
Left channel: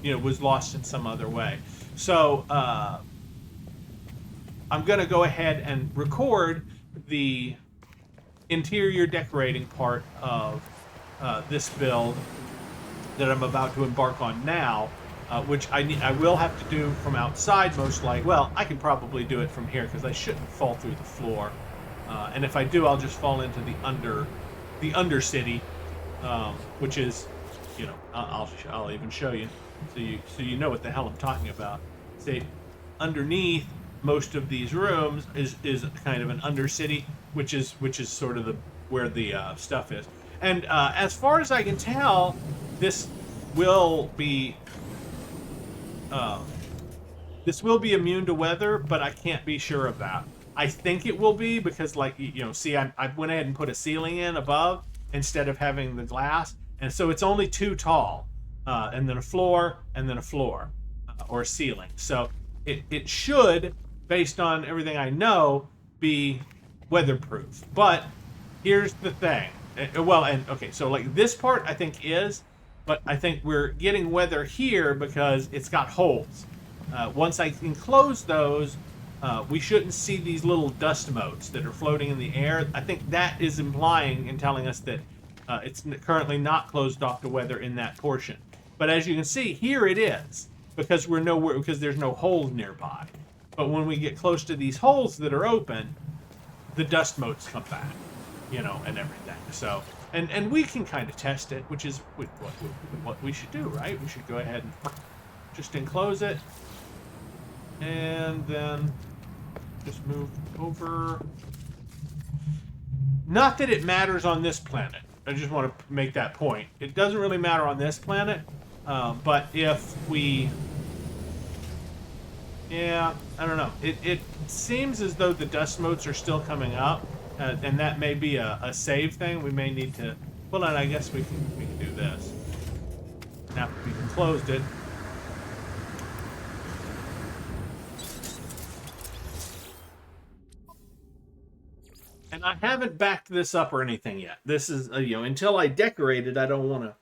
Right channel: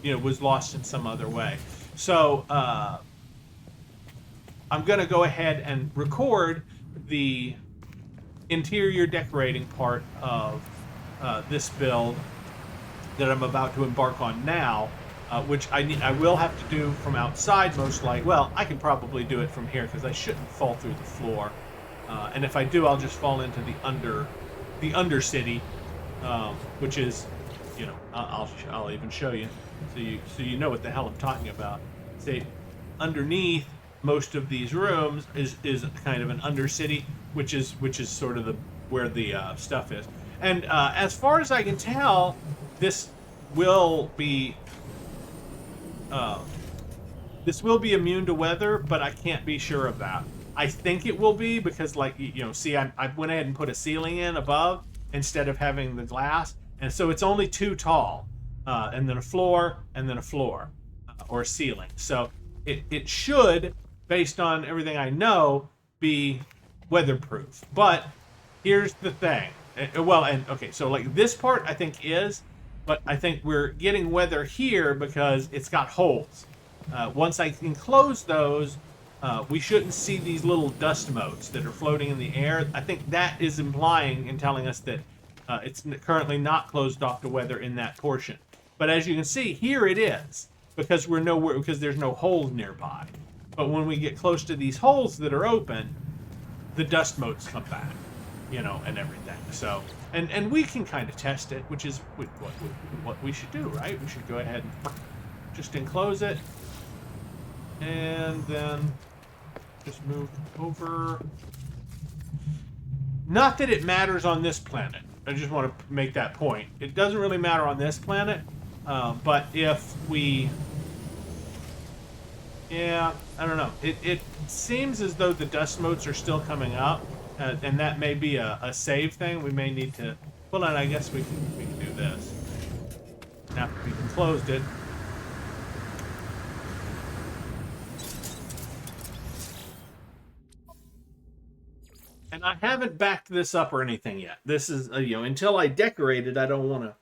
was lost in some other way. So I'm going to go ahead and record the interior decorating part of this build that I'm about to embark on now, which I will have to do from outside most likely. Well, I can probably do it from here because I shouldn't fall through the floor. And if I do, I'll just fall into the undercity, which is, I'll even show you. So you know what the hell I'm talking about. Say, underneath most of these rooms is kind of an undercity, which is sort of where the stuff is. And as far as I can tell, this will be immune to weather, but I can't be sure of that. I think it will be because, see, I went ahead and put a ceiling in above instead of having the glass, and so it's only too tall. And then a floor, or a ceiling. So it should, based on everything I know, be weatherproof. But here's the thing. So like this part I think is, but I think we're getting weather here because it's got holes. Once I enclose those, we shouldn't see these little dust motes that are floating in the air. I think that is implying and telling us that it's currently not closed off to weather in that portion. But as you can see, here it is, because there's no holes nearby. But when we get close to these holes that are open, the dust motes come back, and everything. So, and we can kind of test it, which is what we should do, right? We should go ahead and just enclose it, and then just move over. Not that it matters on this planet. I just want to make that point. It doesn't really matter on this planet, but if we... Yeah, I don't know. It seems as though the dust motes are still coming up, and that may be a save thing. We may need to... Well, I guess we can do this. Now that we've closed it. And I haven't backed this up or anything yet. This is, until I decorate it, I don't want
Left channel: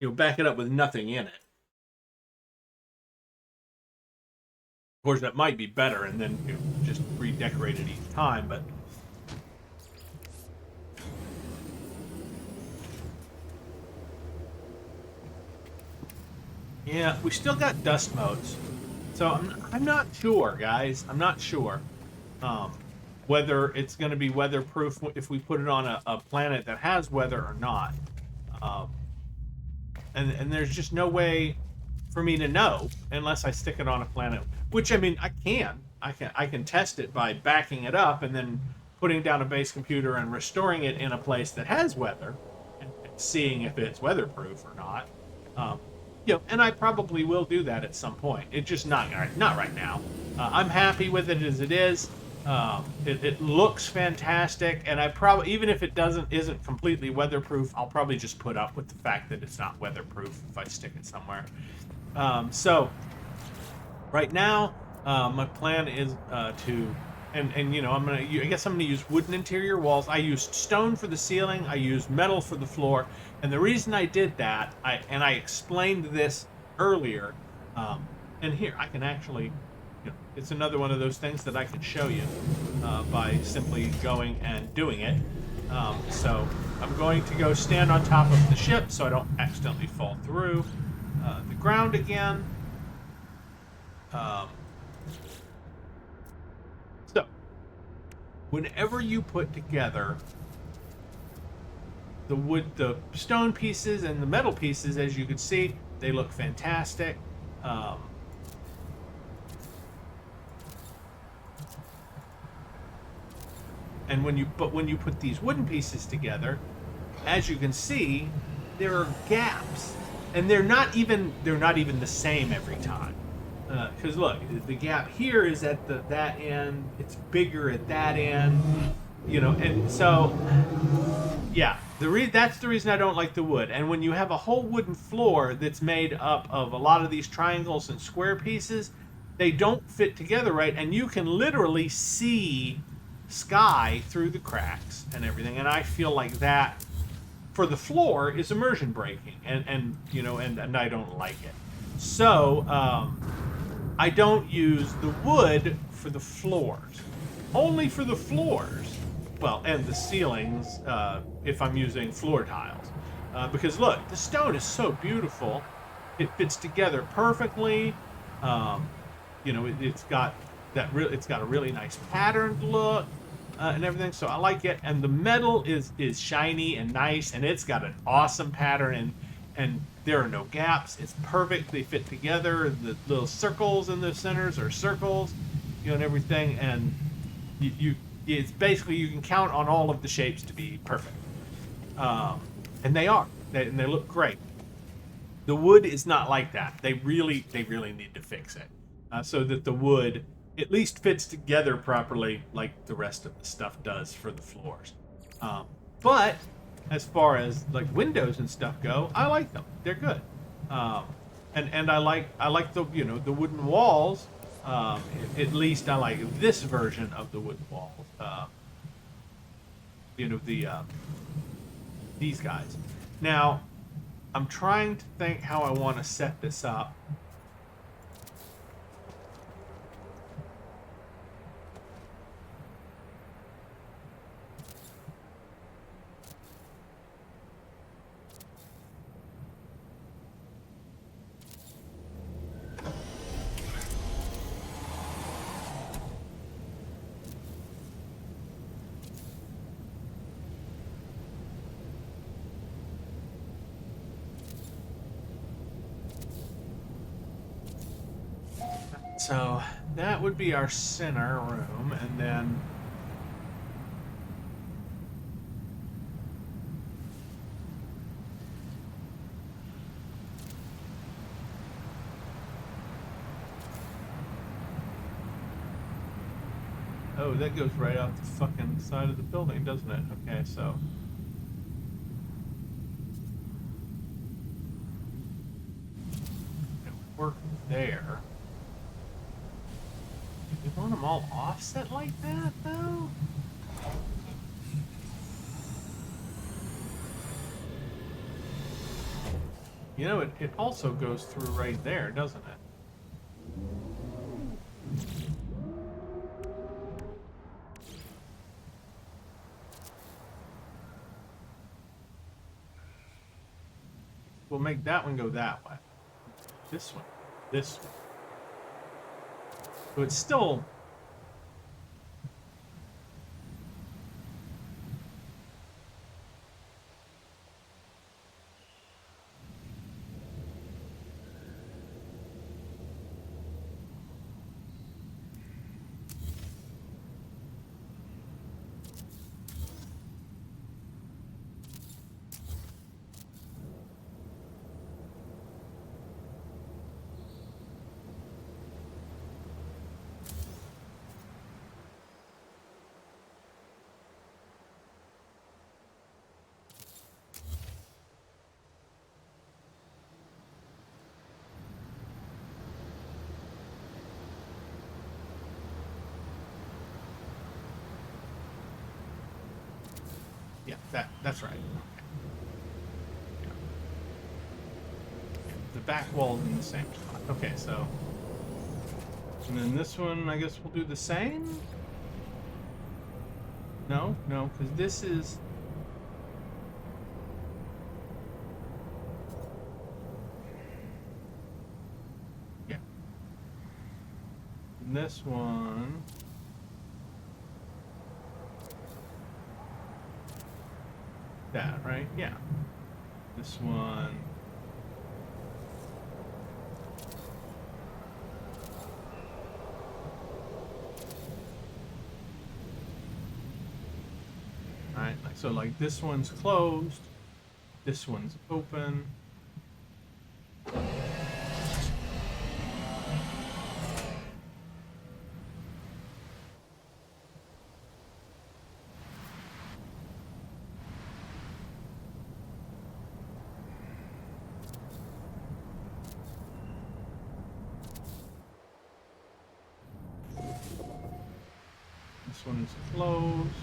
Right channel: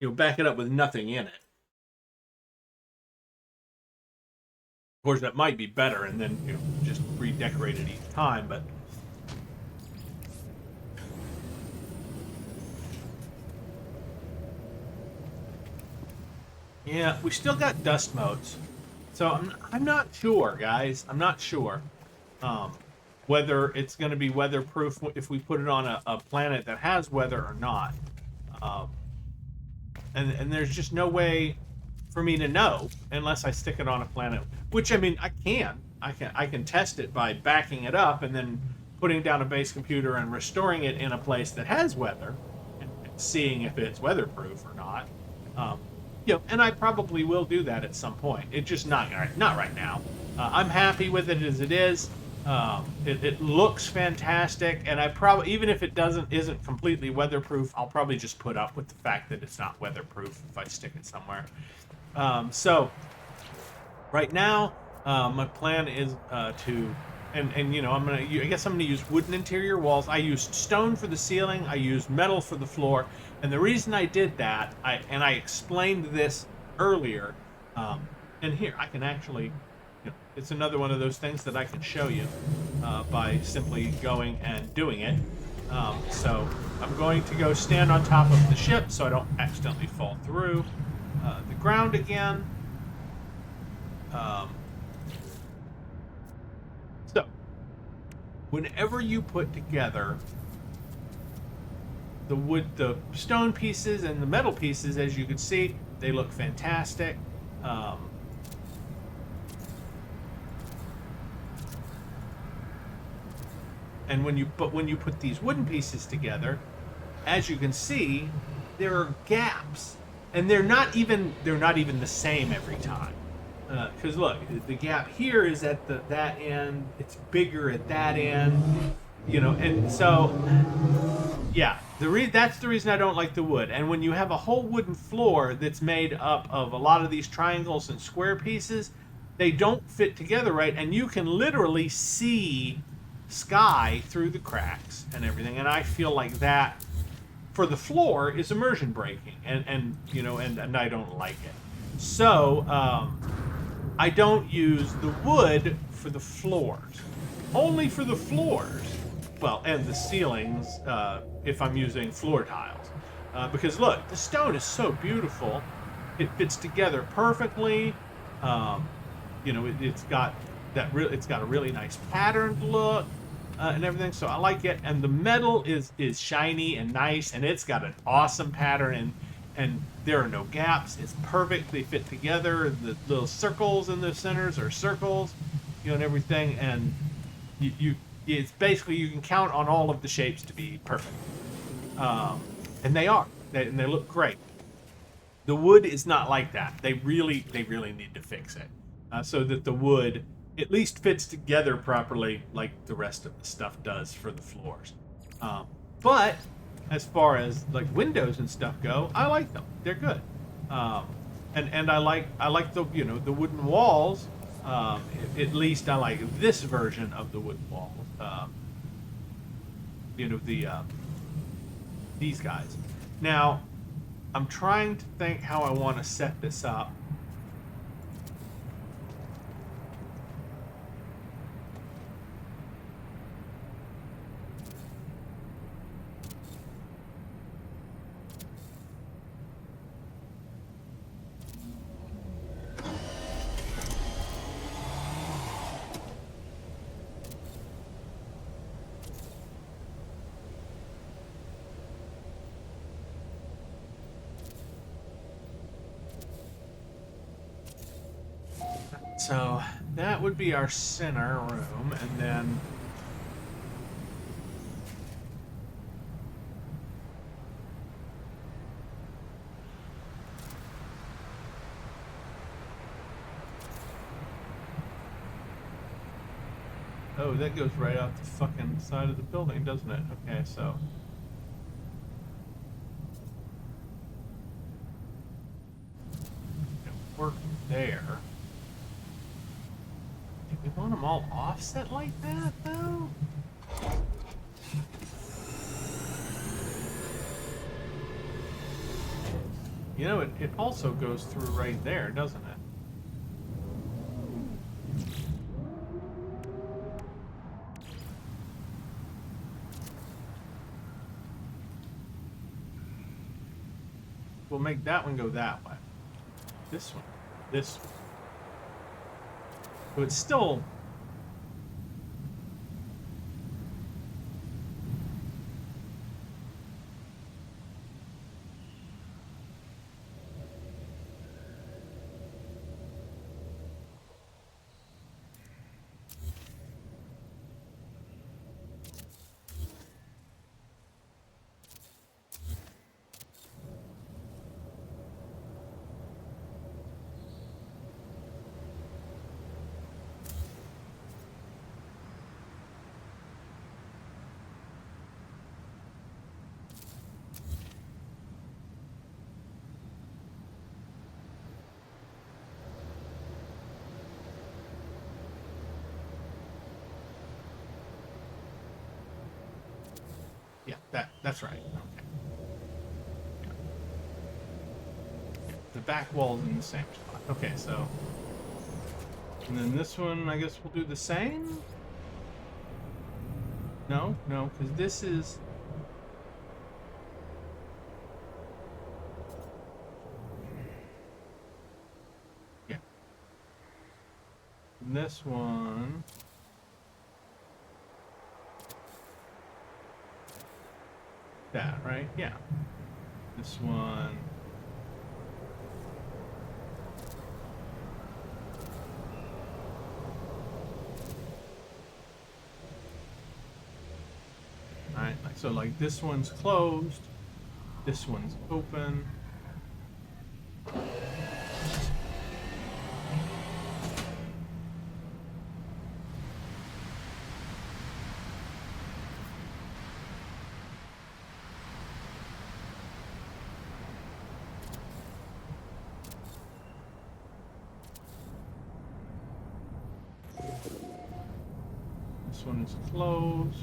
to, back it up with nothing in it. Of course, that might be better, and then just redecorate it each time, but... Yeah, we still got dust motes. So I'm not sure, guys. I'm not sure whether it's going to be weatherproof if we put it on a planet that has weather or not. And there's just no way for me to know unless I stick it on a planet. Which, I mean, I can test it by backing it up and then putting down a base computer and restoring it in a place that has weather and seeing if it's weatherproof or not. And I probably will do that at some point. It's just not right now. I'm happy with it as it is. It looks fantastic, and I probably, even if it isn't completely weatherproof, I'll probably just put up with the fact that it's not weatherproof if I stick it somewhere. So right now, my plan is to, I guess I'm gonna use wooden interior walls. I used stone for the ceiling. I used metal for the floor, and the reason I did that, I explained this earlier, and here I can actually. It's another one of those things that I can show you by simply going and doing it. So I'm going to go stand on top of the ship so I don't accidentally fall through the ground again. So whenever you put together the stone pieces and the metal pieces, as you can see, they look fantastic. And when you put these wooden pieces together, as you can see, there are gaps, and they're not even the same every time. Because look, the gap here is at that end. It's bigger at that end, and so yeah, that's the reason I don't like the wood. And when you have a whole wooden floor that's made up of a lot of these triangles and square pieces, they don't fit together right, and you can literally see sky through the cracks and everything, and I feel like that for the floor is immersion breaking, and I don't like it. So I don't use the wood for the floors, only for the floors, well, and the ceilings if I'm using floor tiles, because look, the stone is so beautiful, it fits together perfectly. It's got a really nice patterned look. And everything, so I like it, and the metal is shiny and nice, and it's got an awesome pattern, and there are no gaps. It's perfect. They fit together. The little circles in the centers are circles, and everything, and it's basically, you can count on all of the shapes to be perfect, and they are, and they look great. The wood is not like that. They really need to fix it, so that the wood at least fits together properly like the rest of the stuff does for the floors. But as far as like windows and stuff go, I like them. They're good. And I like the the wooden walls. At least I like this version of the wooden walls. These guys. Now, I'm trying to think how I want to set this up. So that would be our center room, and then oh, that goes right out the fucking side of the building, doesn't it? Okay, so it work there. Do we want them all offset like that, though? You know, it also goes through right there, doesn't it? We'll make that one go that way. This one. This one. So it's still... Yeah, that's right. Okay. Yeah. The back wall's in the same spot. Okay, so... And then this one, I guess we'll do the same? No, because this is... Yeah. And this one... That, right? Yeah. This one... Alright, so like this one's closed, this one's open. This one is closed.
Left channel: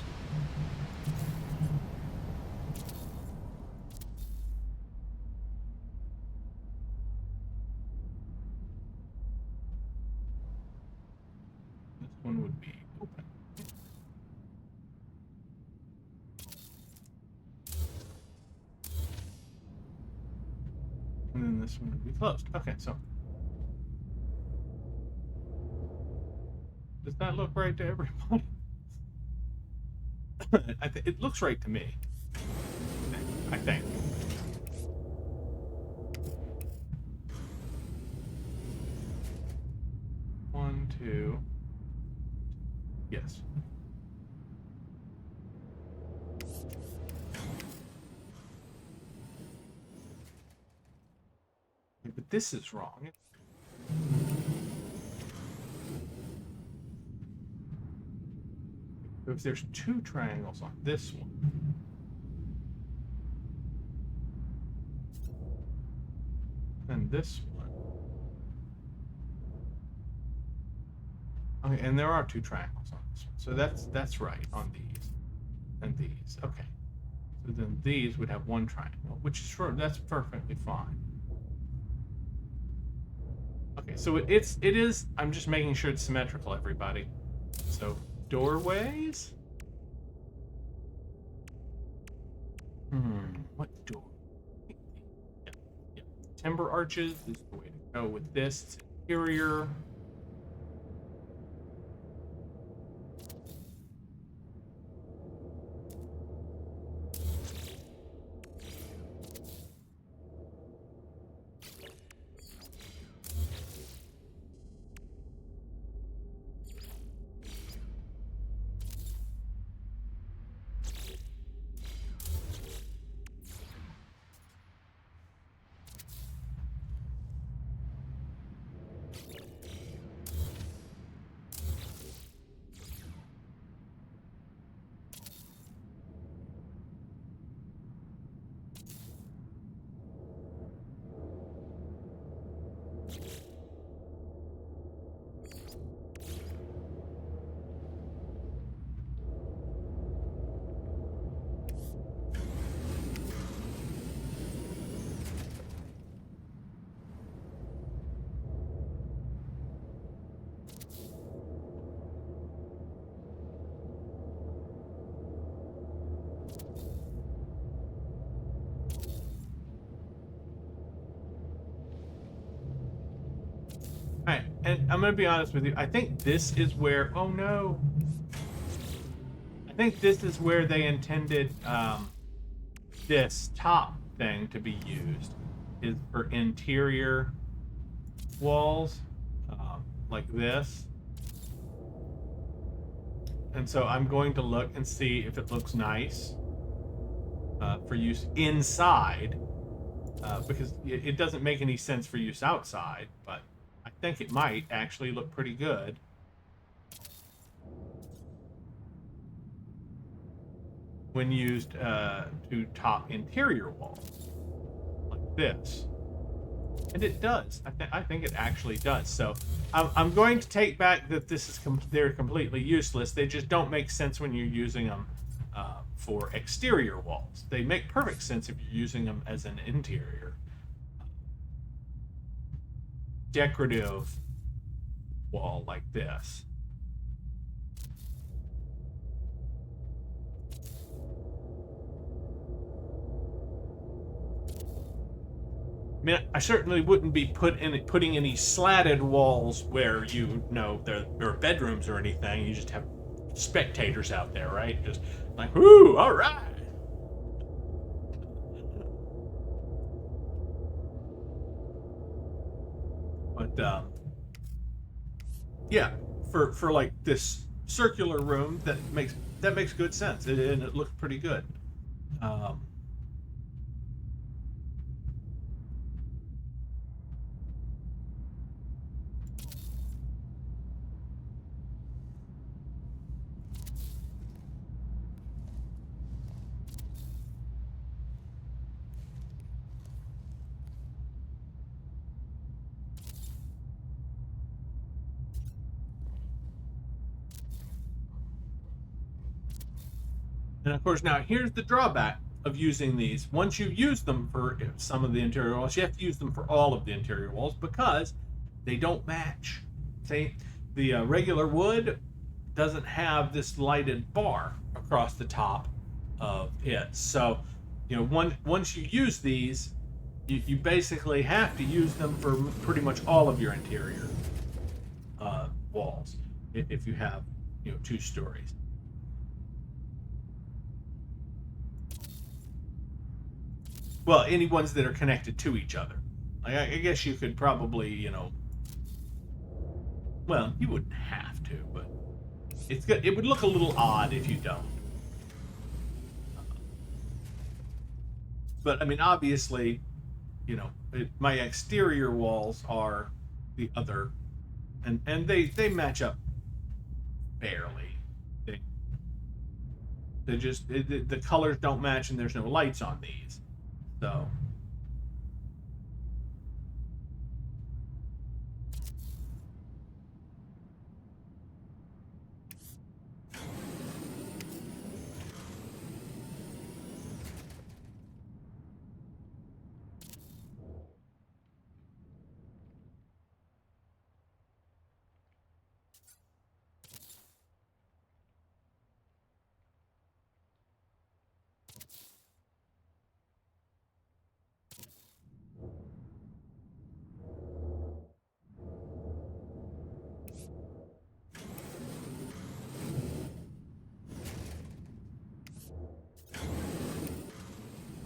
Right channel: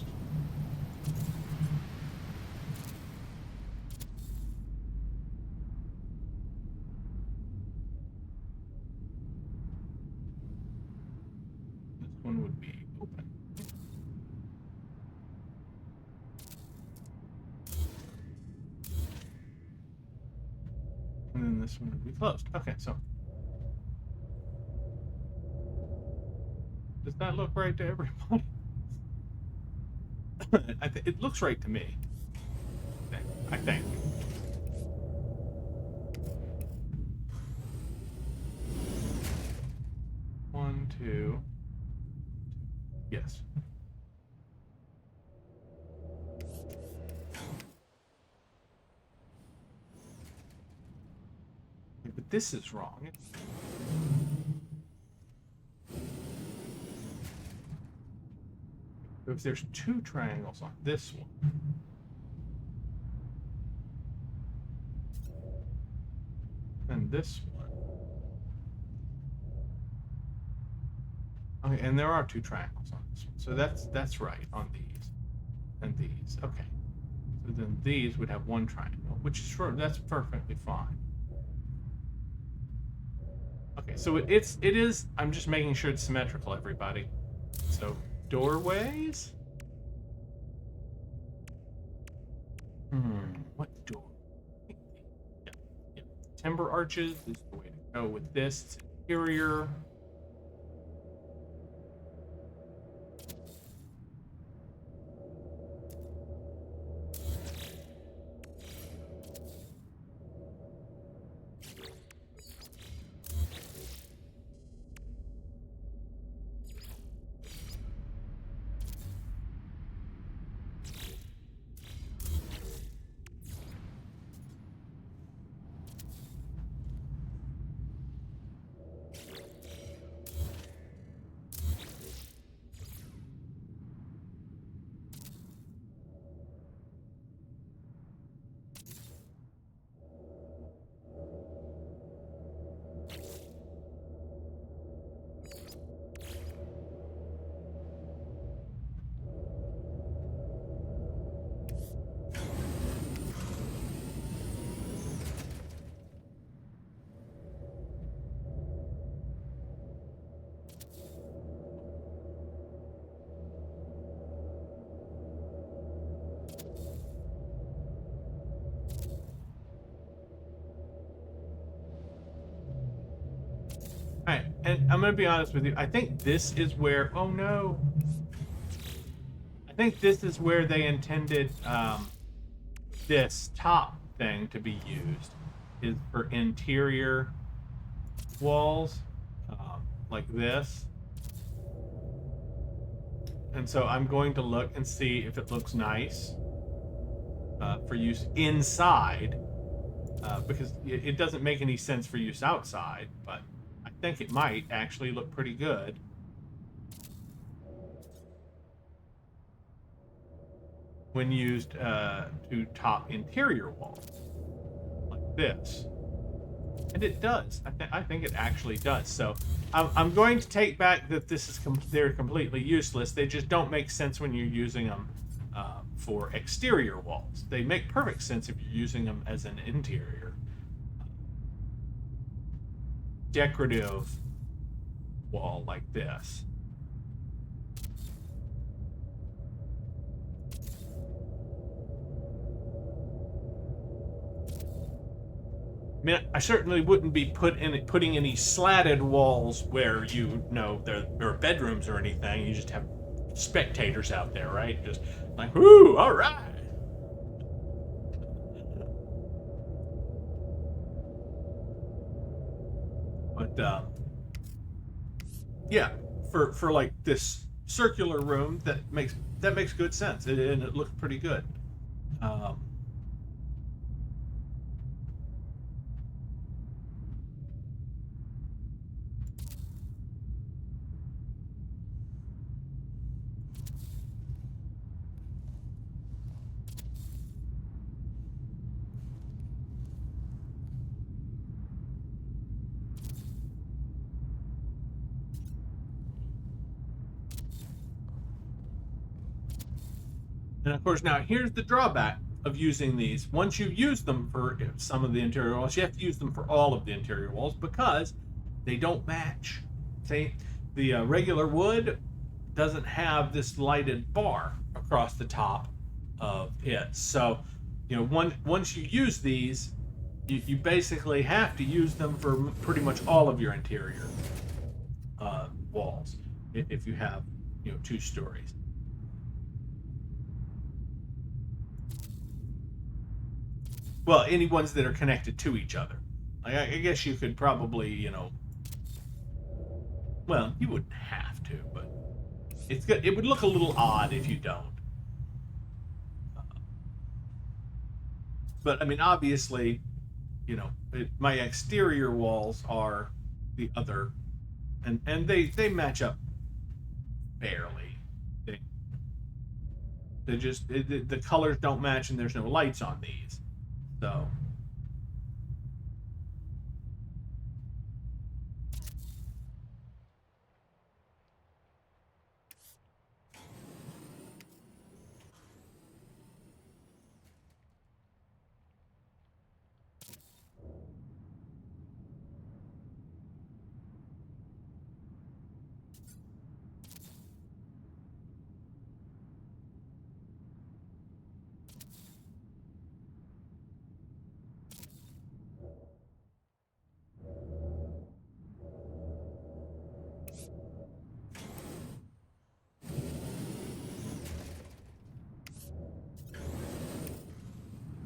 This one would be open. And then this one would be closed. Okay, so... Does that look right to everybody? It looks right to me. I think. One, two. Yes. But this is wrong. If there's two triangles on this one, and this one. Okay, and there are two triangles on this one. So that's right on these and these. Okay. So then these would have one triangle, which is sure that's perfectly fine. Okay, so it is I'm just making sure it's symmetrical, everybody. So doorways? What door? Yeah. Timber arches is the way to go with this. It's interior. Alright, and I'm going to be honest with you. I think this is where... Oh, no. I think this is where they intended this top thing to be used. Is for interior walls. Like this. And so I'm going to look and see if it looks nice for use inside. Because it doesn't make any sense for use outside, but I think it might actually look pretty good. When used to top interior walls. Like this. And it does. I think it actually does. So I'm going to take back that this is they're completely useless. They just don't make sense when you're using them for exterior walls. They make perfect sense if you're using them as an interior decorative wall like this. I mean, I certainly wouldn't be putting any slatted walls where you know there are bedrooms or anything. You just have spectators out there, right? Just like, whoo, all right. But yeah, for like this circular room, that makes good sense, and it looks pretty good. And of course, now here's the drawback of using these. Once you use them for some of the interior walls, you have to use them for all of the interior walls because they don't match. See, the regular wood doesn't have this lighted bar across the top of it. So, you know, once you use these, you basically have to use them for pretty much all of your interior walls if you have, you know, 2 stories. Well, any ones that are connected to each other. Like, I guess you could probably, you know... Well, you wouldn't have to, but... It's good. It would look a little odd if you don't. But, I mean, obviously, you know, my exterior walls are the other... And they match up barely. They just... the colors don't match and there's no lights on these. So,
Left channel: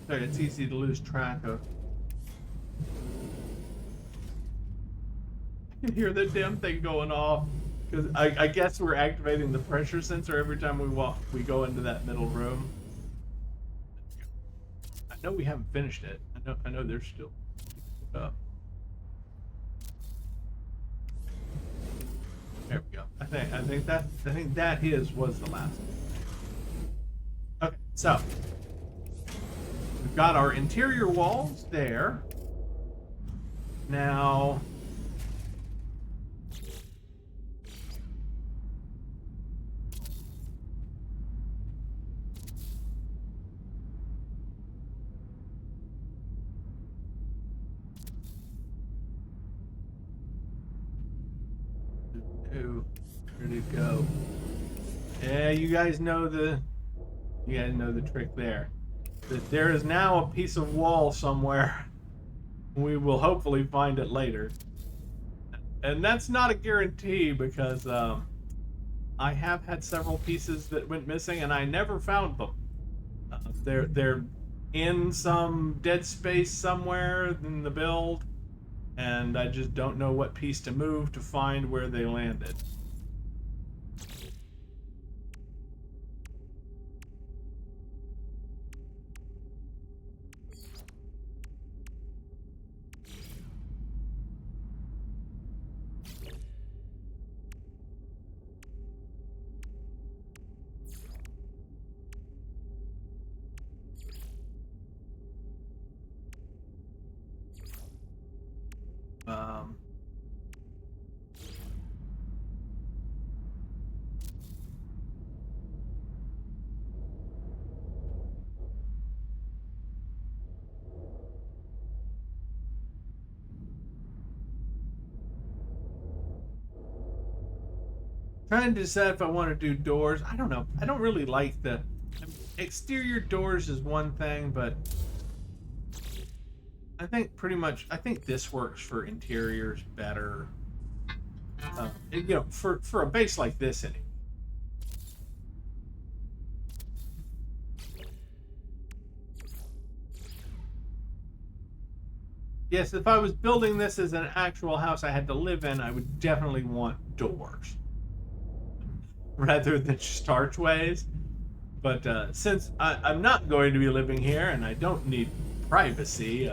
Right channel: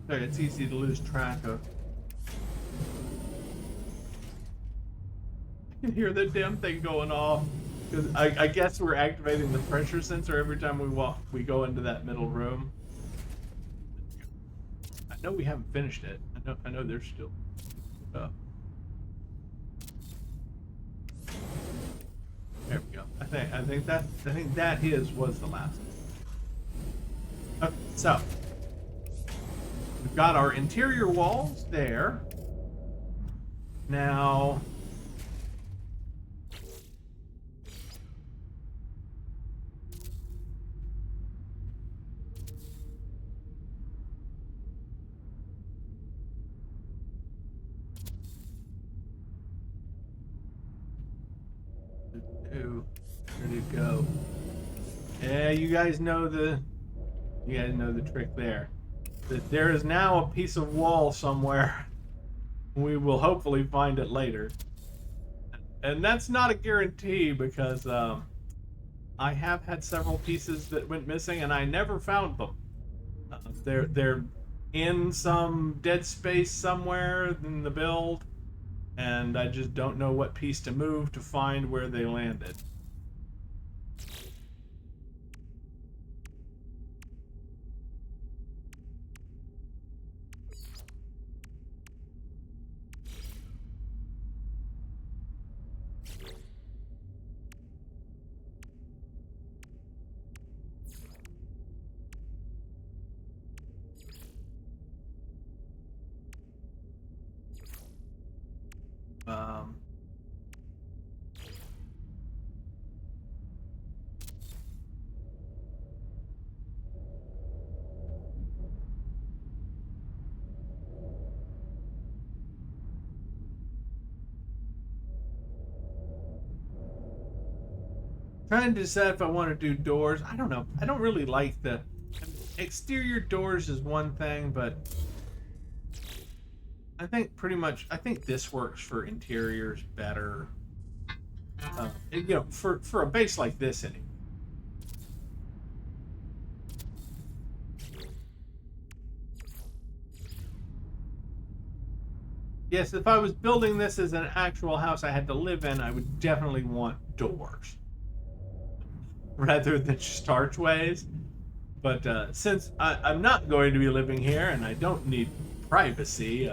it's easy to lose track of. I can hear the damn thing going off because I guess we're activating the pressure sensor every time we go into that middle room. I know we haven't finished it. I know there's still up. There we go. I think that was the last one. Okay, so we've got our interior walls there. Now, Who? Where did it go? Yeah, you guys know the trick there. That there is now a piece of wall somewhere. We will hopefully find it later. And that's not a guarantee because I have had several pieces that went missing and I never found them. They're in some dead space somewhere in the build, and I just don't know what piece to move to find where they landed. Um, Trying to decide if I want to do doors. I don't know. I don't really like the exterior doors is one thing, but I think I think this works for interiors better. For a base like this anyway. Yes, if I was building this as an actual house I had to live in, I would definitely want doors rather than just archways. But since I'm not going to be living here and I don't need privacy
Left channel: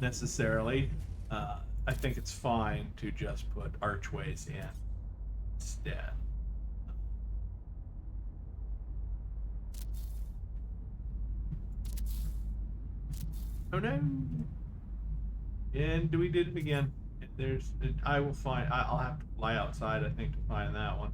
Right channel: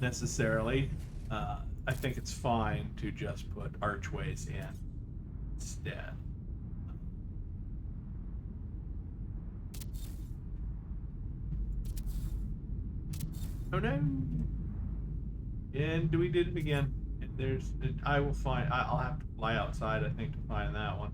necessarily, I think it's fine to just put archways in instead. Oh no! And we did it again. I will find. I'll have to fly outside, I think, to find that one.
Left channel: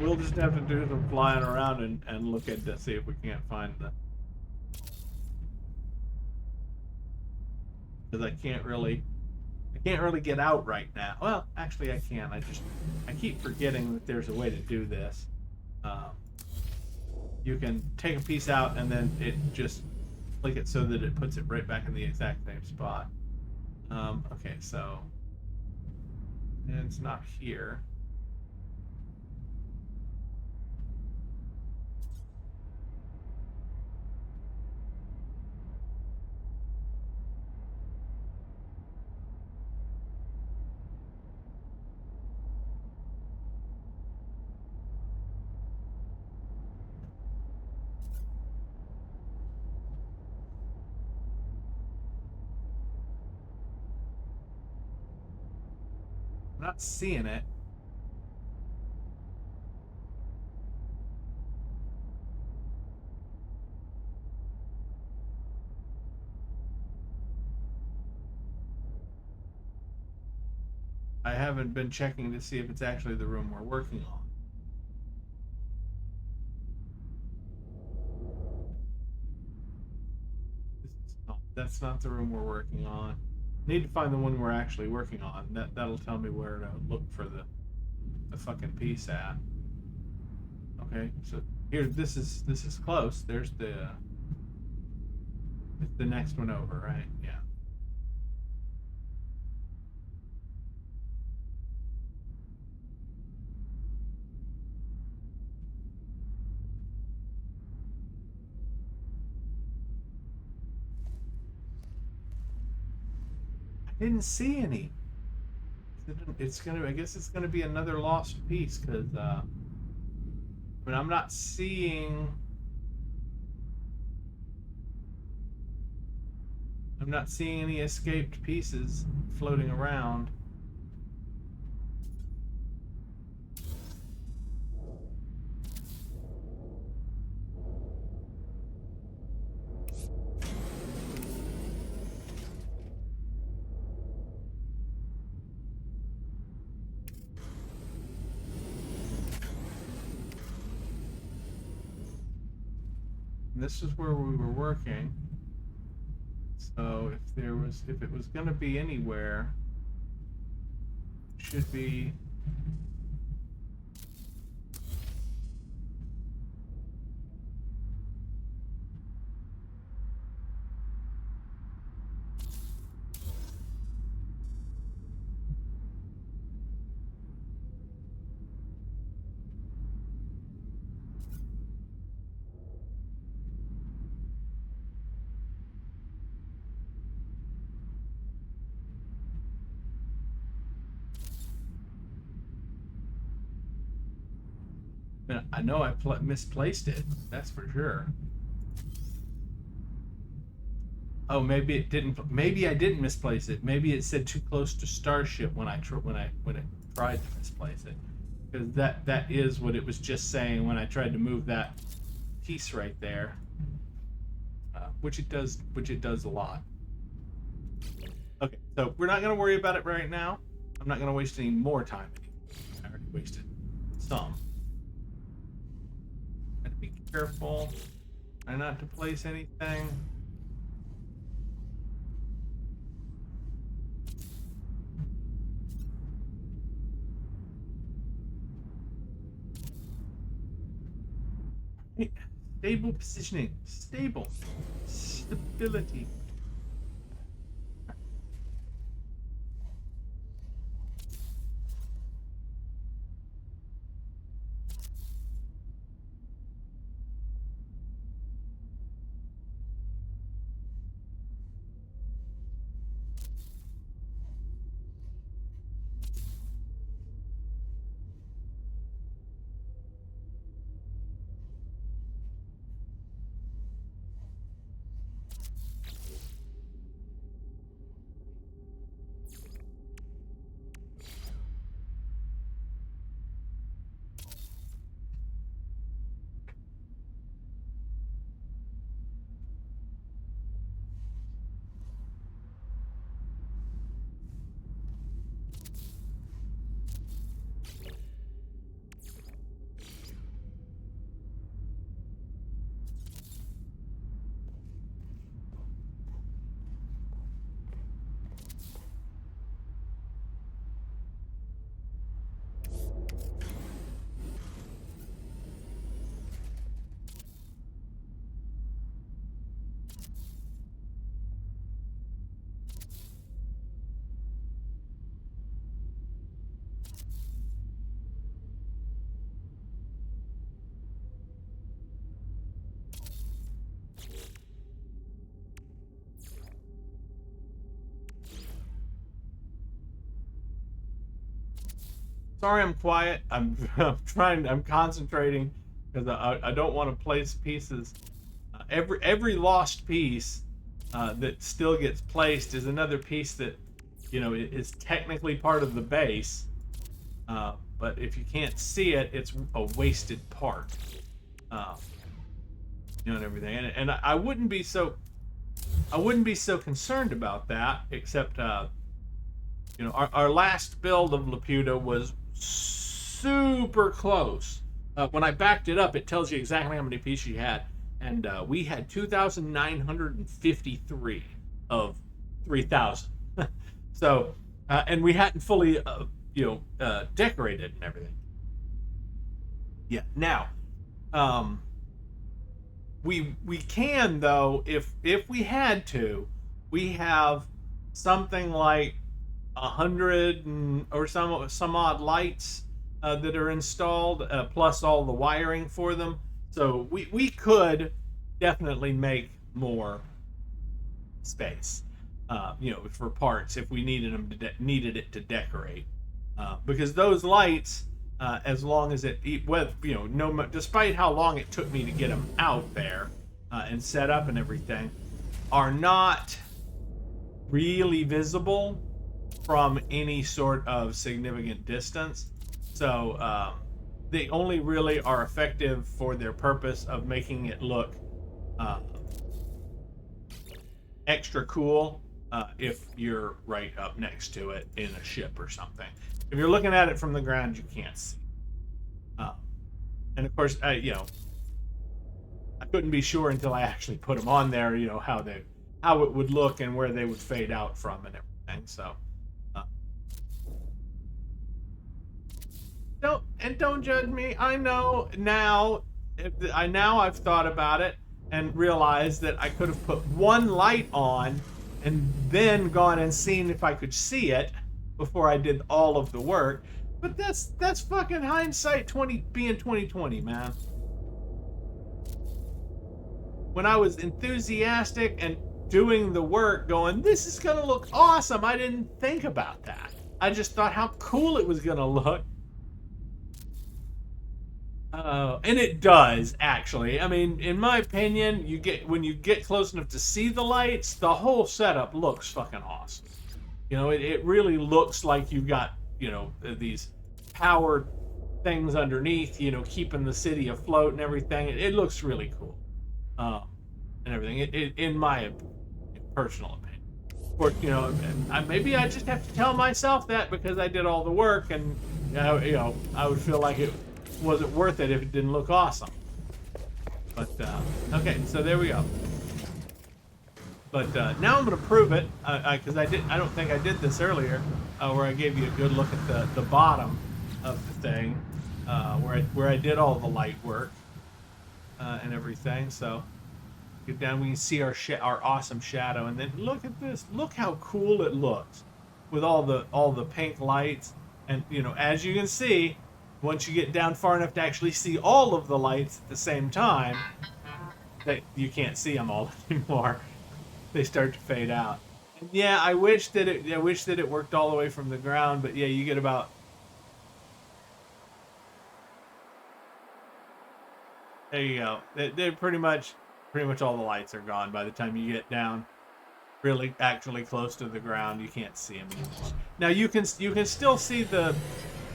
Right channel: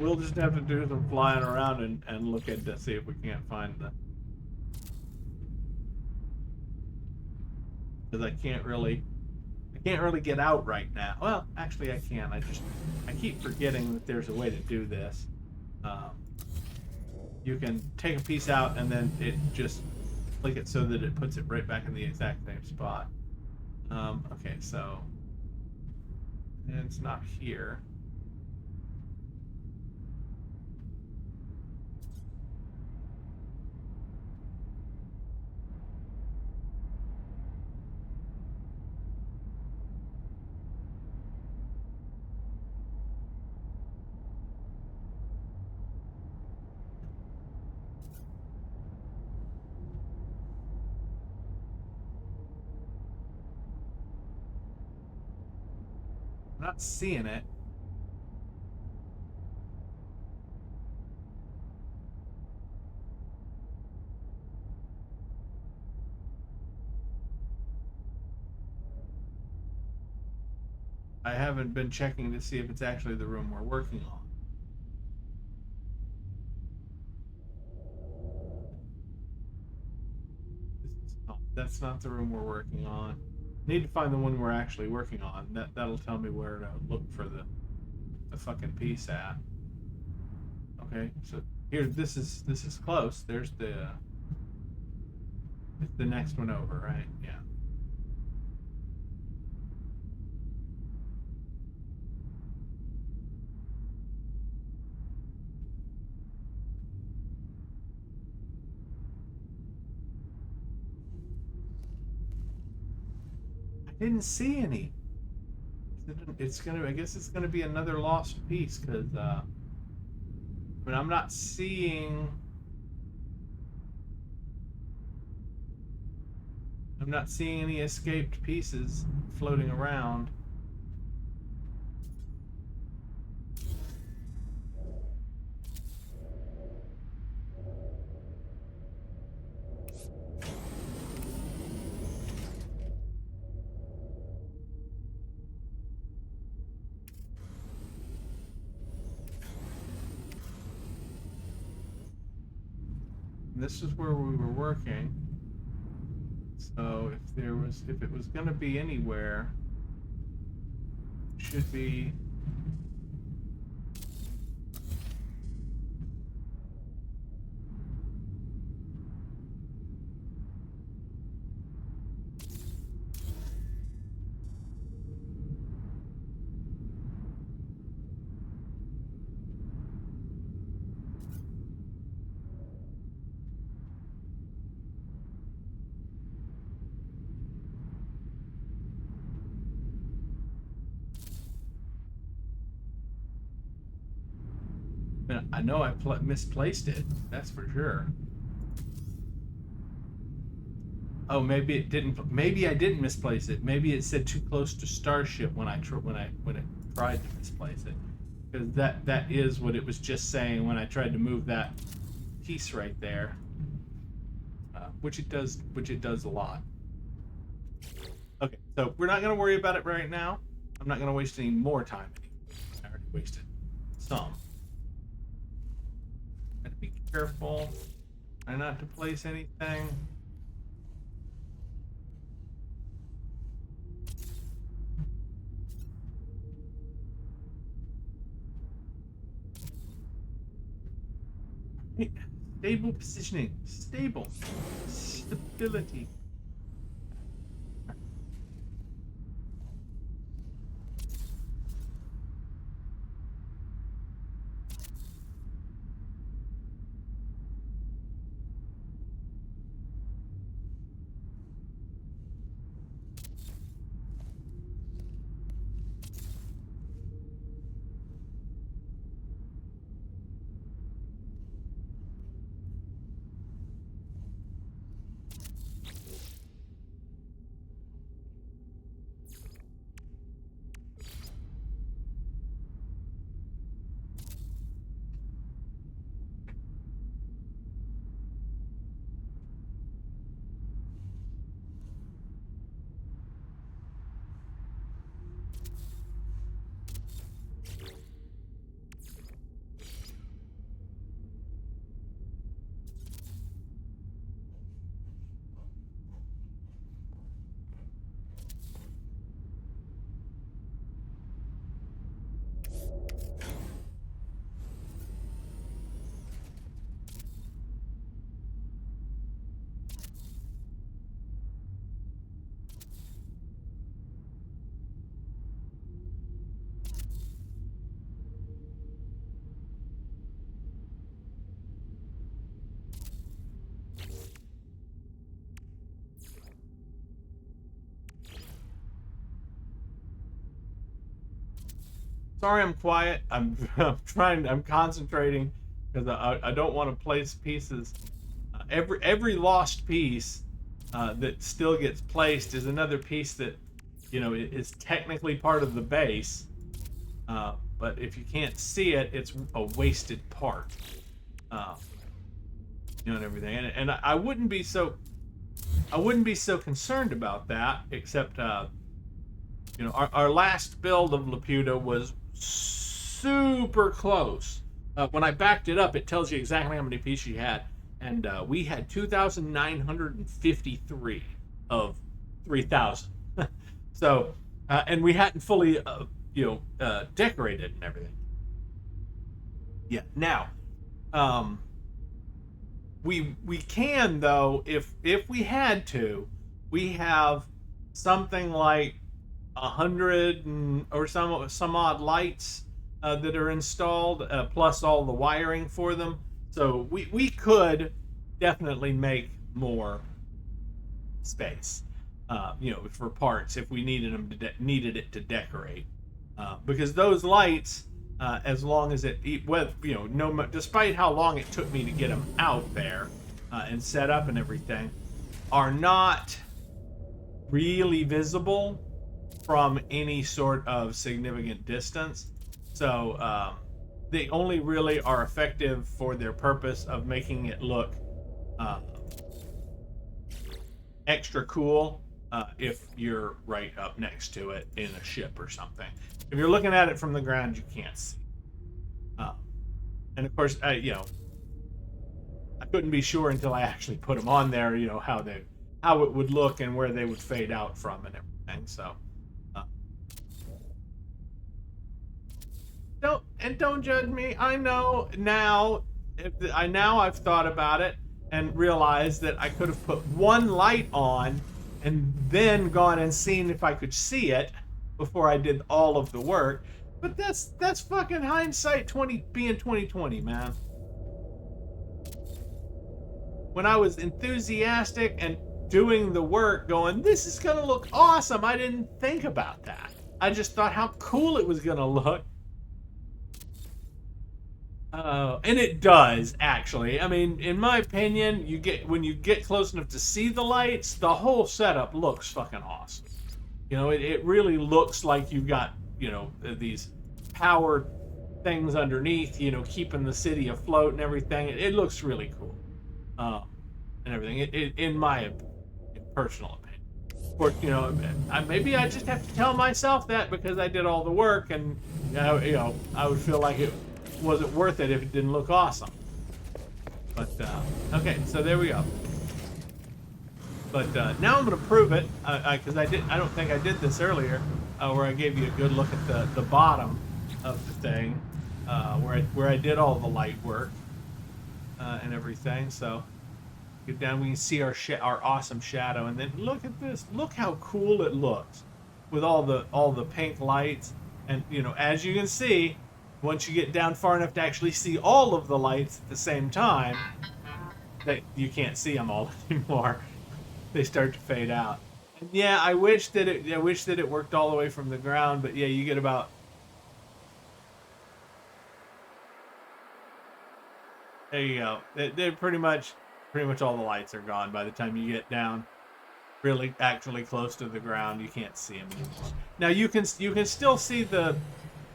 We'll just have to do some flying around and look at to see if we can't find the. Because I can't really get out right now. Well, actually, I can. I keep forgetting that there's a way to do this. You can take a piece out and then it just click it so that it puts it right back in the exact same spot. Okay, so and it's not here. I'm not seeing it. I haven't been checking to see if it's actually the room we're working on. That's not the room we're working on. Need to find the one we're actually working on. That'll tell me where to look for the fucking piece at. Okay, so here this is close. There's it's the next one over, right? Yeah. I didn't see any. I guess it's gonna be another lost piece because I mean I'm not seeing any escaped pieces floating around. this is where we were working. So if it was going to be anywhere, it should be. I know I misplaced it. That's for sure. Oh, maybe it didn't. Maybe I didn't misplace it. Maybe it said too close to Starship when it tried to misplace it, because that is what it was just saying when I tried to move that piece right there, which it does a lot. Okay, so we're not going to worry about it right now. I'm not going to waste any more time. I already wasted some. Gotta be careful. Try not to place anything. Stable positioning. Stable. Stability. Sorry, I'm quiet. I'm concentrating because I don't want to place pieces. Every lost piece that still gets placed is another piece that, is technically part of the base. But if you can't see it, it's a wasted part. And everything. And I wouldn't be so concerned about that, except our last build of Laputa was super close. When I backed it up, it tells you exactly how many pieces you had, and we had 2,953 of 3,000. So, and we hadn't fully, decorated and everything. Yeah. Now, we can, though, if we had to, we have something like 100 or some odd lights that are installed, plus all the wiring for them. So we could definitely make more space, for parts if we needed it to decorate, because those lights, as long as despite how long it took me to get them out there and set up and everything, are not really visible from any sort of significant distance. So they only really are effective for their purpose of making it look extra cool if you're right up next to it in a ship or something. If you're looking at it from the ground, you can't see. And of course, I couldn't be sure until I actually put them on there, you know, how it would look and where they would fade out from and everything. So uh, don't judge me. I know now. I've thought about it and realized that I could have put one light on and then gone and seen if I could see it before I did all of the work. But that's fucking hindsight 2020, man. When I was enthusiastic and doing the work, going, this is gonna look awesome. I didn't think about that. I just thought how cool it was gonna look. And it does, actually. I mean, in my opinion, when you get close enough to see the lights, the whole setup looks fucking awesome. You know, it really looks like you've got, you know, these powered things underneath, you know, keeping the city afloat and everything. It looks really cool, and everything. In my personal opinion. Of course, you know, maybe I just have to tell myself that because I did all the work, and you know, I would feel like it wasn't worth it if it didn't look awesome. But okay, so there we go. But now I'm going to prove it because I don't think I did this earlier, where I gave you a good look at the bottom of the thing, where I did all the light work and everything. So get down, we can see our awesome shadow, and then look at this. Look how cool it looks with all the pink lights, and you know, as you can see, once you get down far enough to actually see all of the lights at the same time, that you can't see them all anymore. They start to fade out. And yeah, I wish that it worked all the way from the ground, but yeah, you get about, there you go. They're pretty much all the lights are gone by the time you get down really actually close to the ground. You can't see them anymore. Now you can still see the,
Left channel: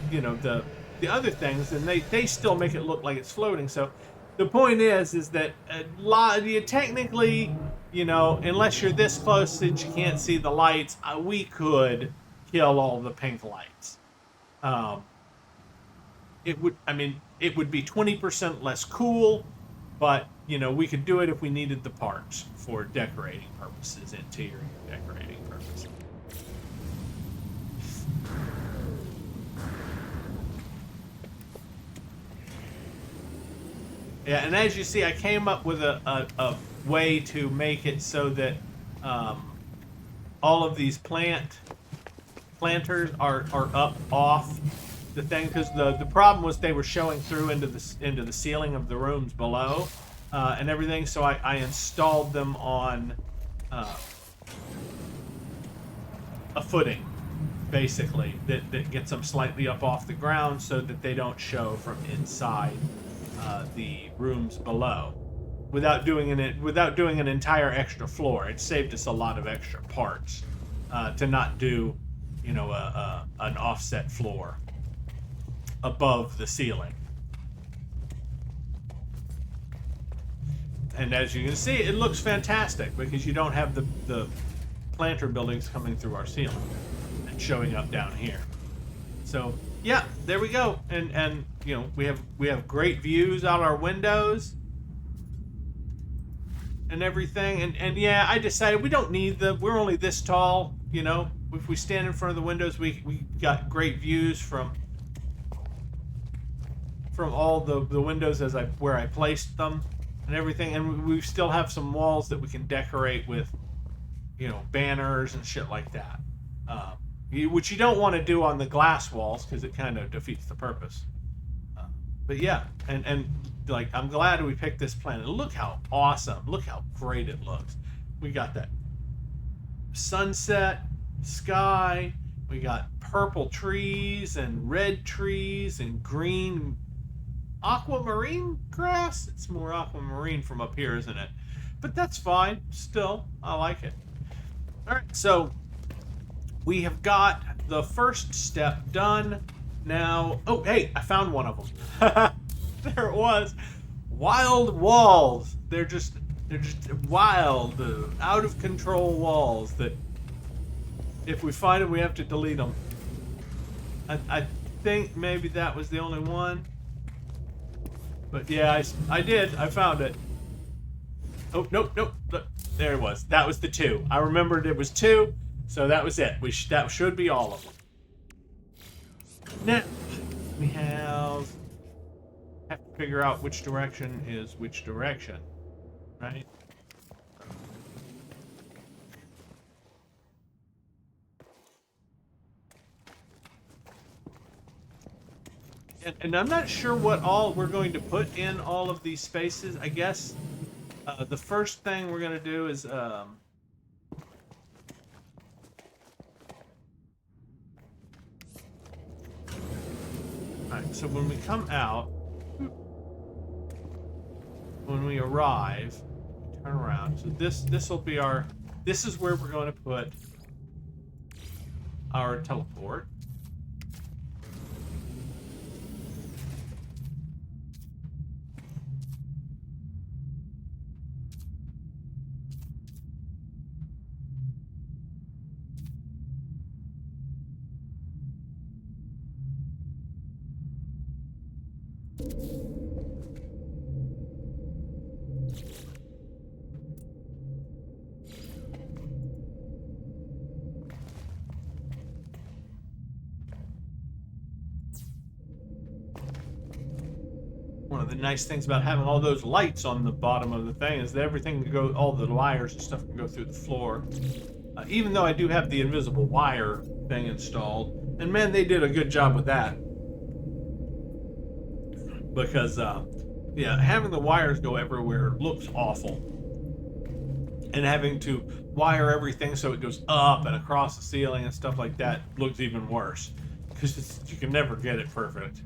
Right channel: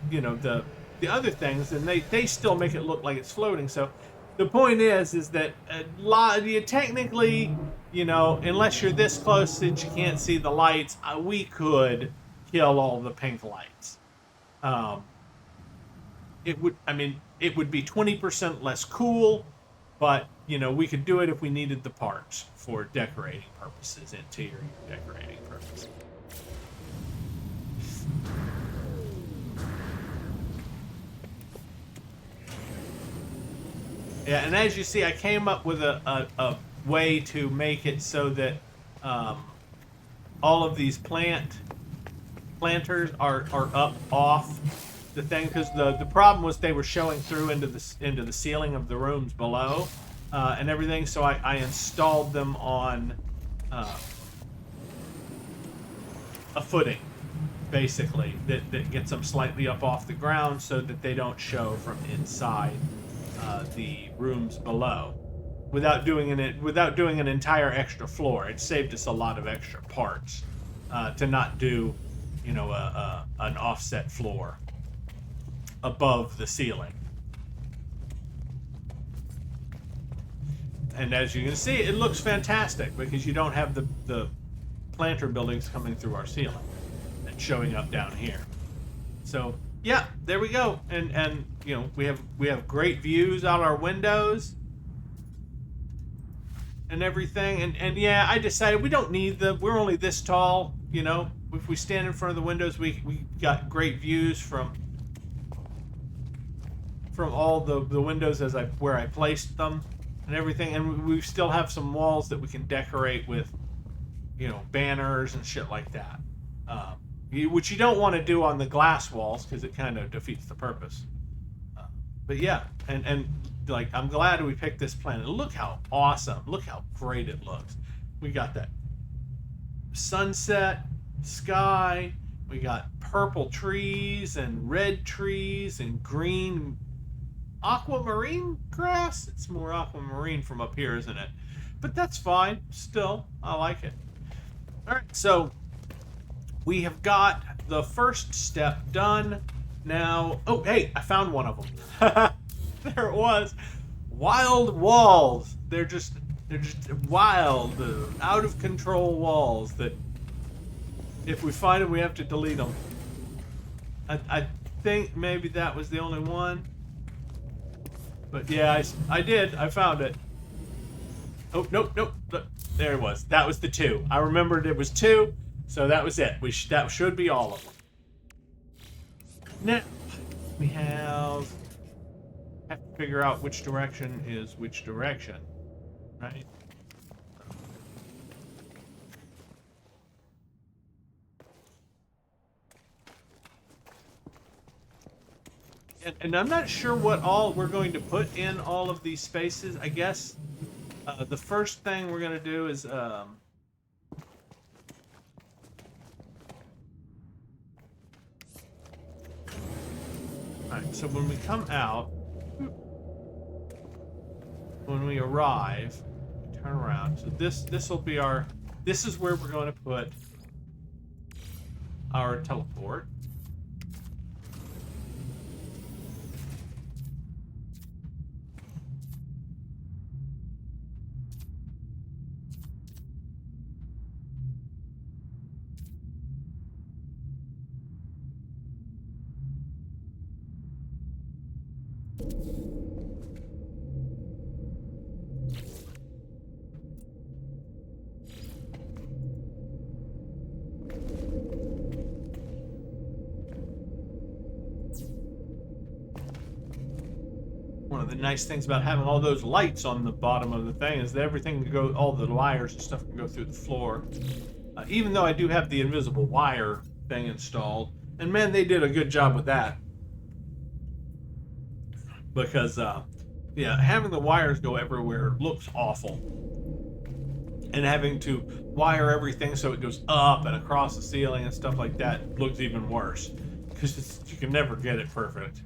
you know, the other things, and they still make it look like it's floating. So the point is that you technically, you know, unless you're this close that you can't see the lights, we could kill all the pink lights. It would be 20% less cool, but you know, we could do it if we needed the parts for decorating purposes, interior decorating purposes. Yeah, and as you see, I came up with a way to make it so that all of these planters are up off the thing, because the problem was they were showing through into the ceiling of the rooms below and everything. So I installed them on a footing, basically, that gets them slightly up off the ground so that they don't show from inside the rooms below, without doing an entire extra floor. It saved us a lot of extra parts to not do, you know, an offset floor above the ceiling. And as you can see, it looks fantastic because you don't have the planter buildings coming through our ceiling and showing up down here. So yeah, there we go. And you know, we have great views out our windows and everything. And yeah, I decided we don't need we're only this tall, you know. If we stand in front of the windows, we got great views from all the windows where I placed them and everything. And we still have some walls that we can decorate with, you know, banners and shit like that. Which you don't want to do on the glass walls because it kind of defeats the purpose. But yeah, and like, I'm glad we picked this planet. Look how awesome, look how great it looks. We got that sunset sky, we got purple trees and red trees and green aquamarine grass. It's more aquamarine from up here, isn't it? But that's fine, still, I like it. All right, so we have got the first step done. Now, oh, hey, I found one of them. There it was. Wild walls. They're just wild, out of control walls that if we find them, we have to delete them. I think maybe that was the only one. But yeah, I did. I found it. Oh, nope, nope. Look, there it was. That was the 2. I remembered it was 2, so that was it. That should be all of them. Now, we have to figure out which direction is which direction, right? And I'm not sure what all we're going to put in all of these spaces. I guess the first thing we're going to do is alright, so when we come out, when we arrive, turn around. So this will be our, this is where we're going to put our teleport. One of the nice things about having all those lights on the bottom of the thing is that everything can go, all the wires and stuff can go through the floor. Even though I do have the invisible wire thing installed, and man, they did a good job with that. Because, yeah, having the wires go everywhere looks awful. And having to wire everything so it goes up and across the ceiling and stuff like that looks even worse. Because you can never get it perfect.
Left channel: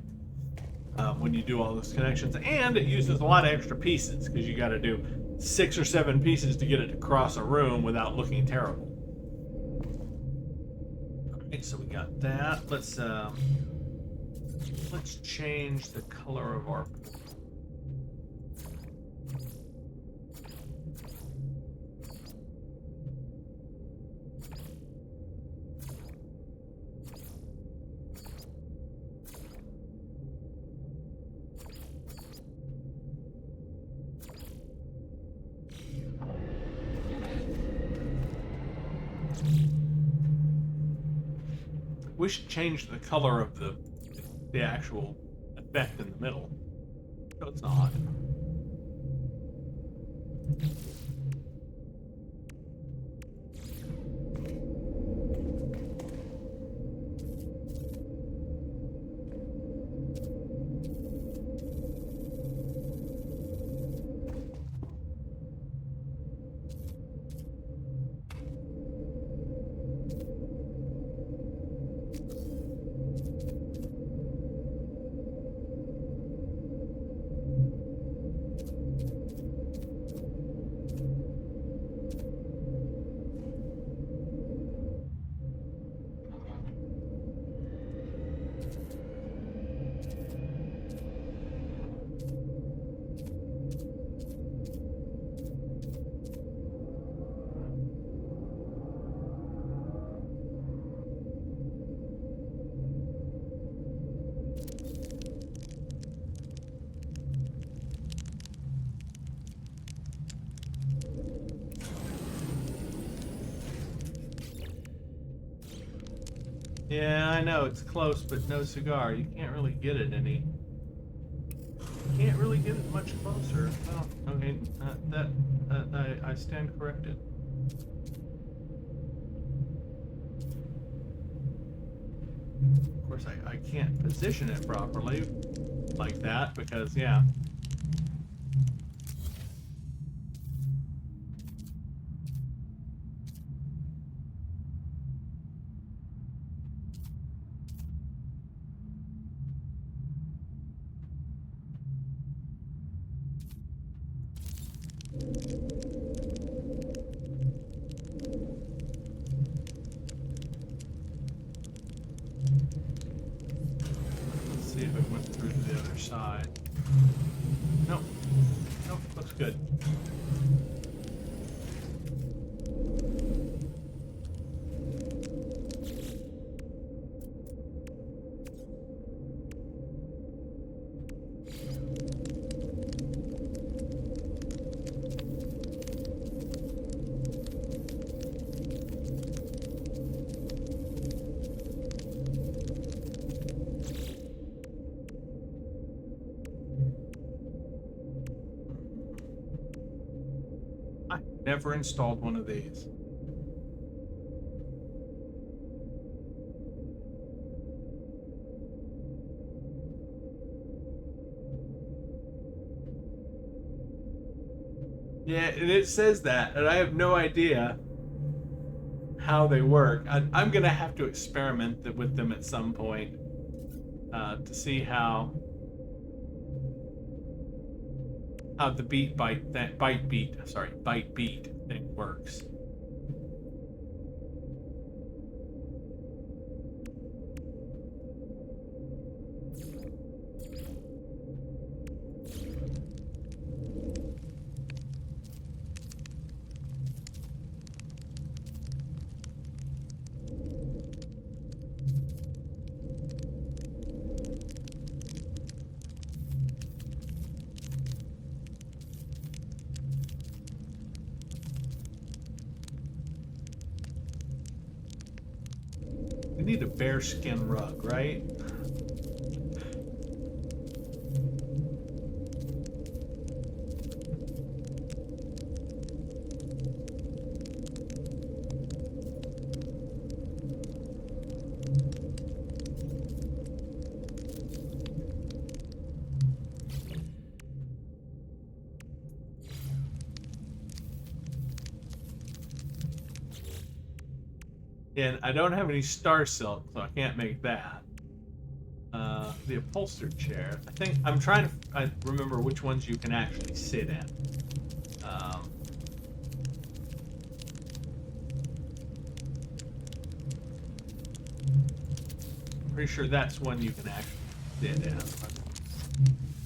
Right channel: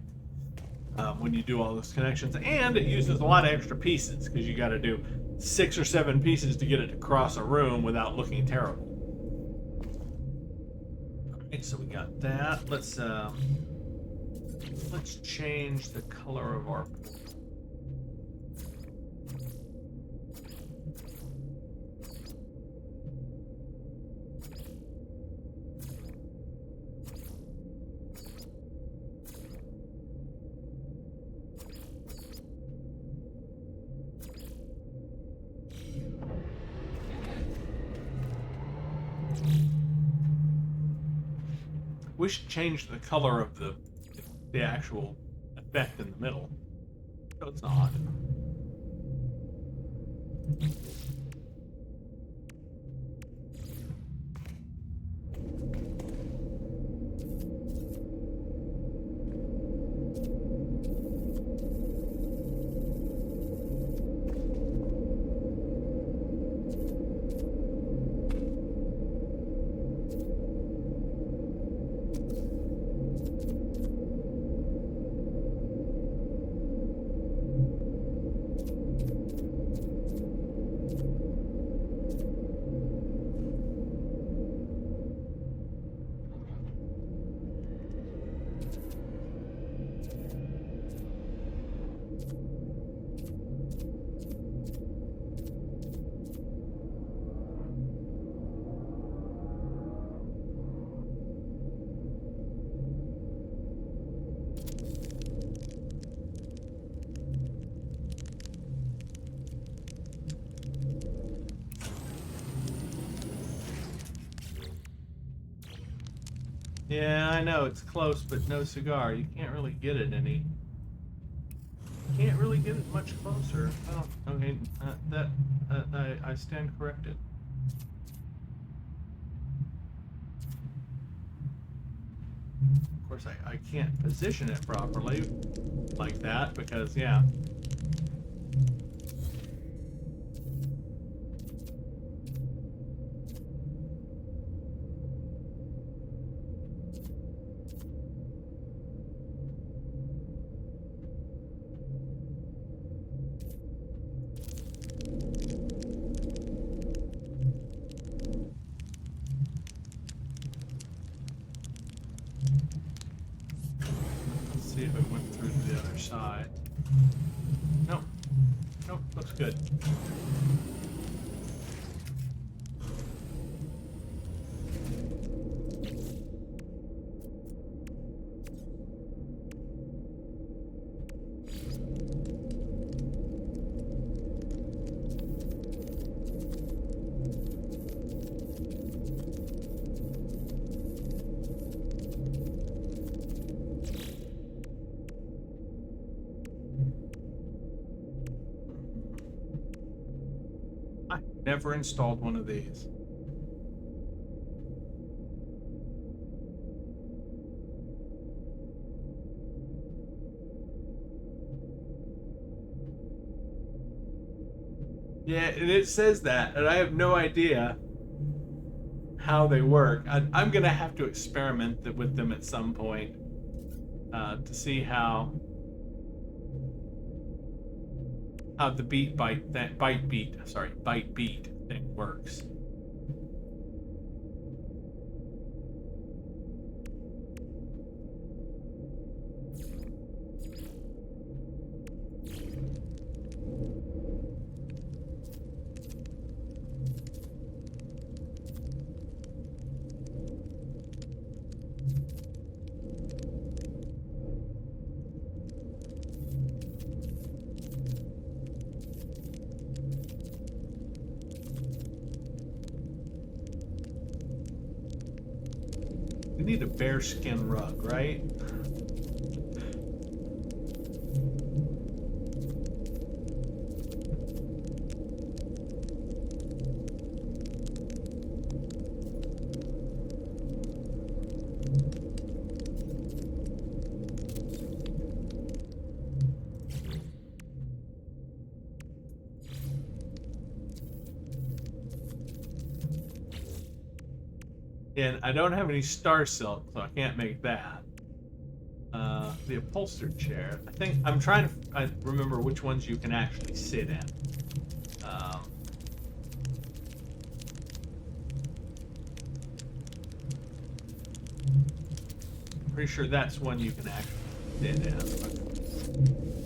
When you do all those connections, and it uses a lot of extra pieces because you got to do 6 or 7 pieces to get it to cross a room without looking terrible. Alright, so we got that. Let's change the color of our we should change the color of the actual effect in the middle. So it's not. Yeah, I know it's close, but no cigar. You can't really get it any. You can't really get it much closer. Oh, okay. I stand corrected. Of course, I can't position it properly like that because, yeah. See if it went through to the other side. Nope. Nope, looks good. Never installed one of these. Yeah, and it says that, and I have no idea how they work. I'm gonna have to experiment with them at some point to see how the bite beat thing works. We need a bearskin rug, right? And I don't have any star silk, so I can't make that. The upholstered chair. I think I'm trying to remember which ones you can actually sit in. I'm pretty sure that's one you can actually sit in.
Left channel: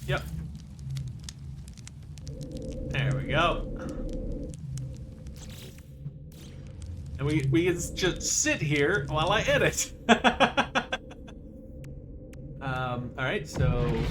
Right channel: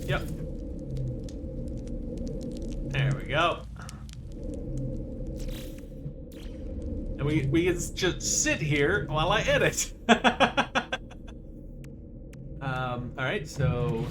Yep. There we go. And we can just sit here while I edit. All right, so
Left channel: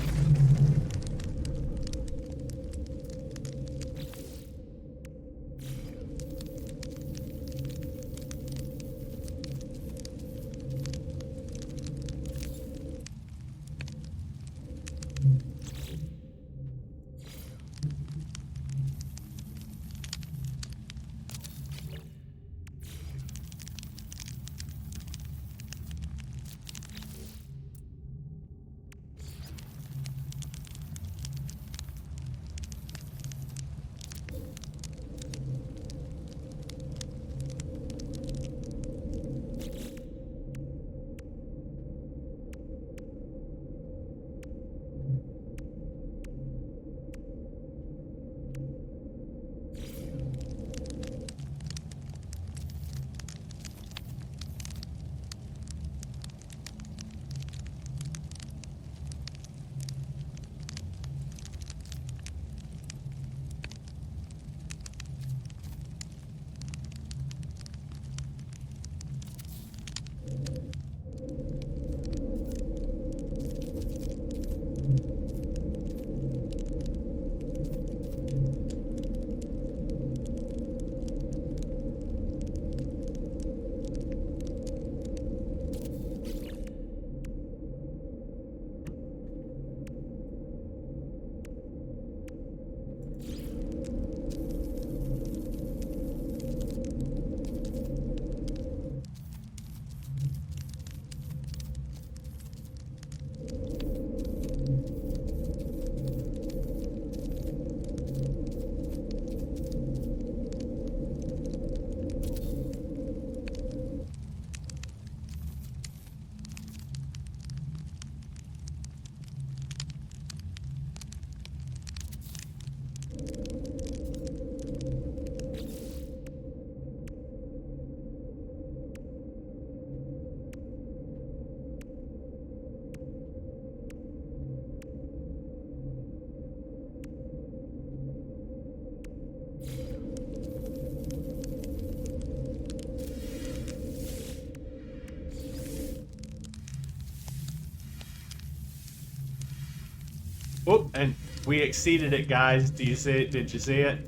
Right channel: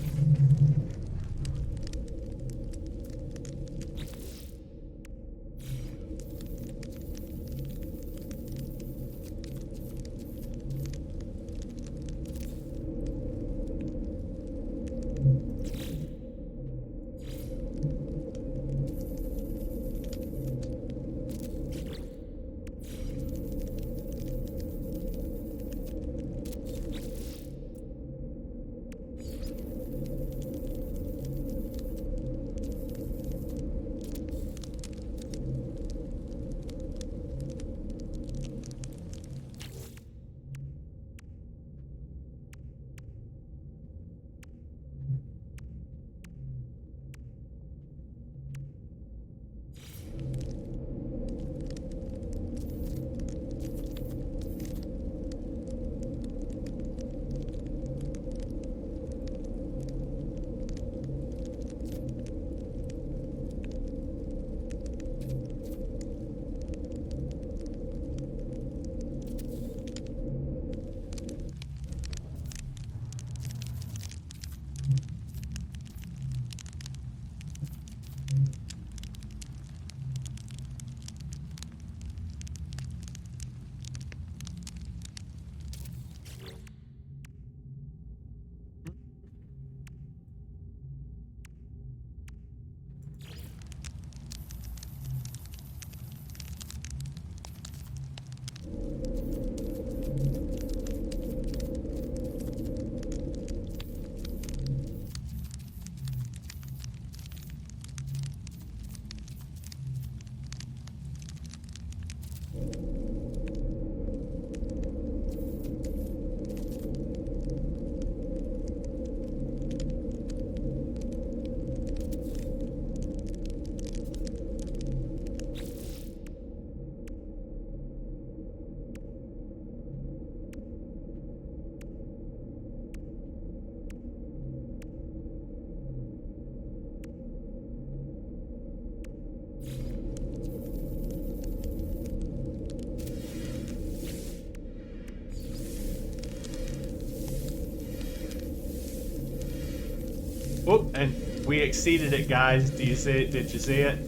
whoop, and we exceeded it, guys. Do you see it? Did you see it?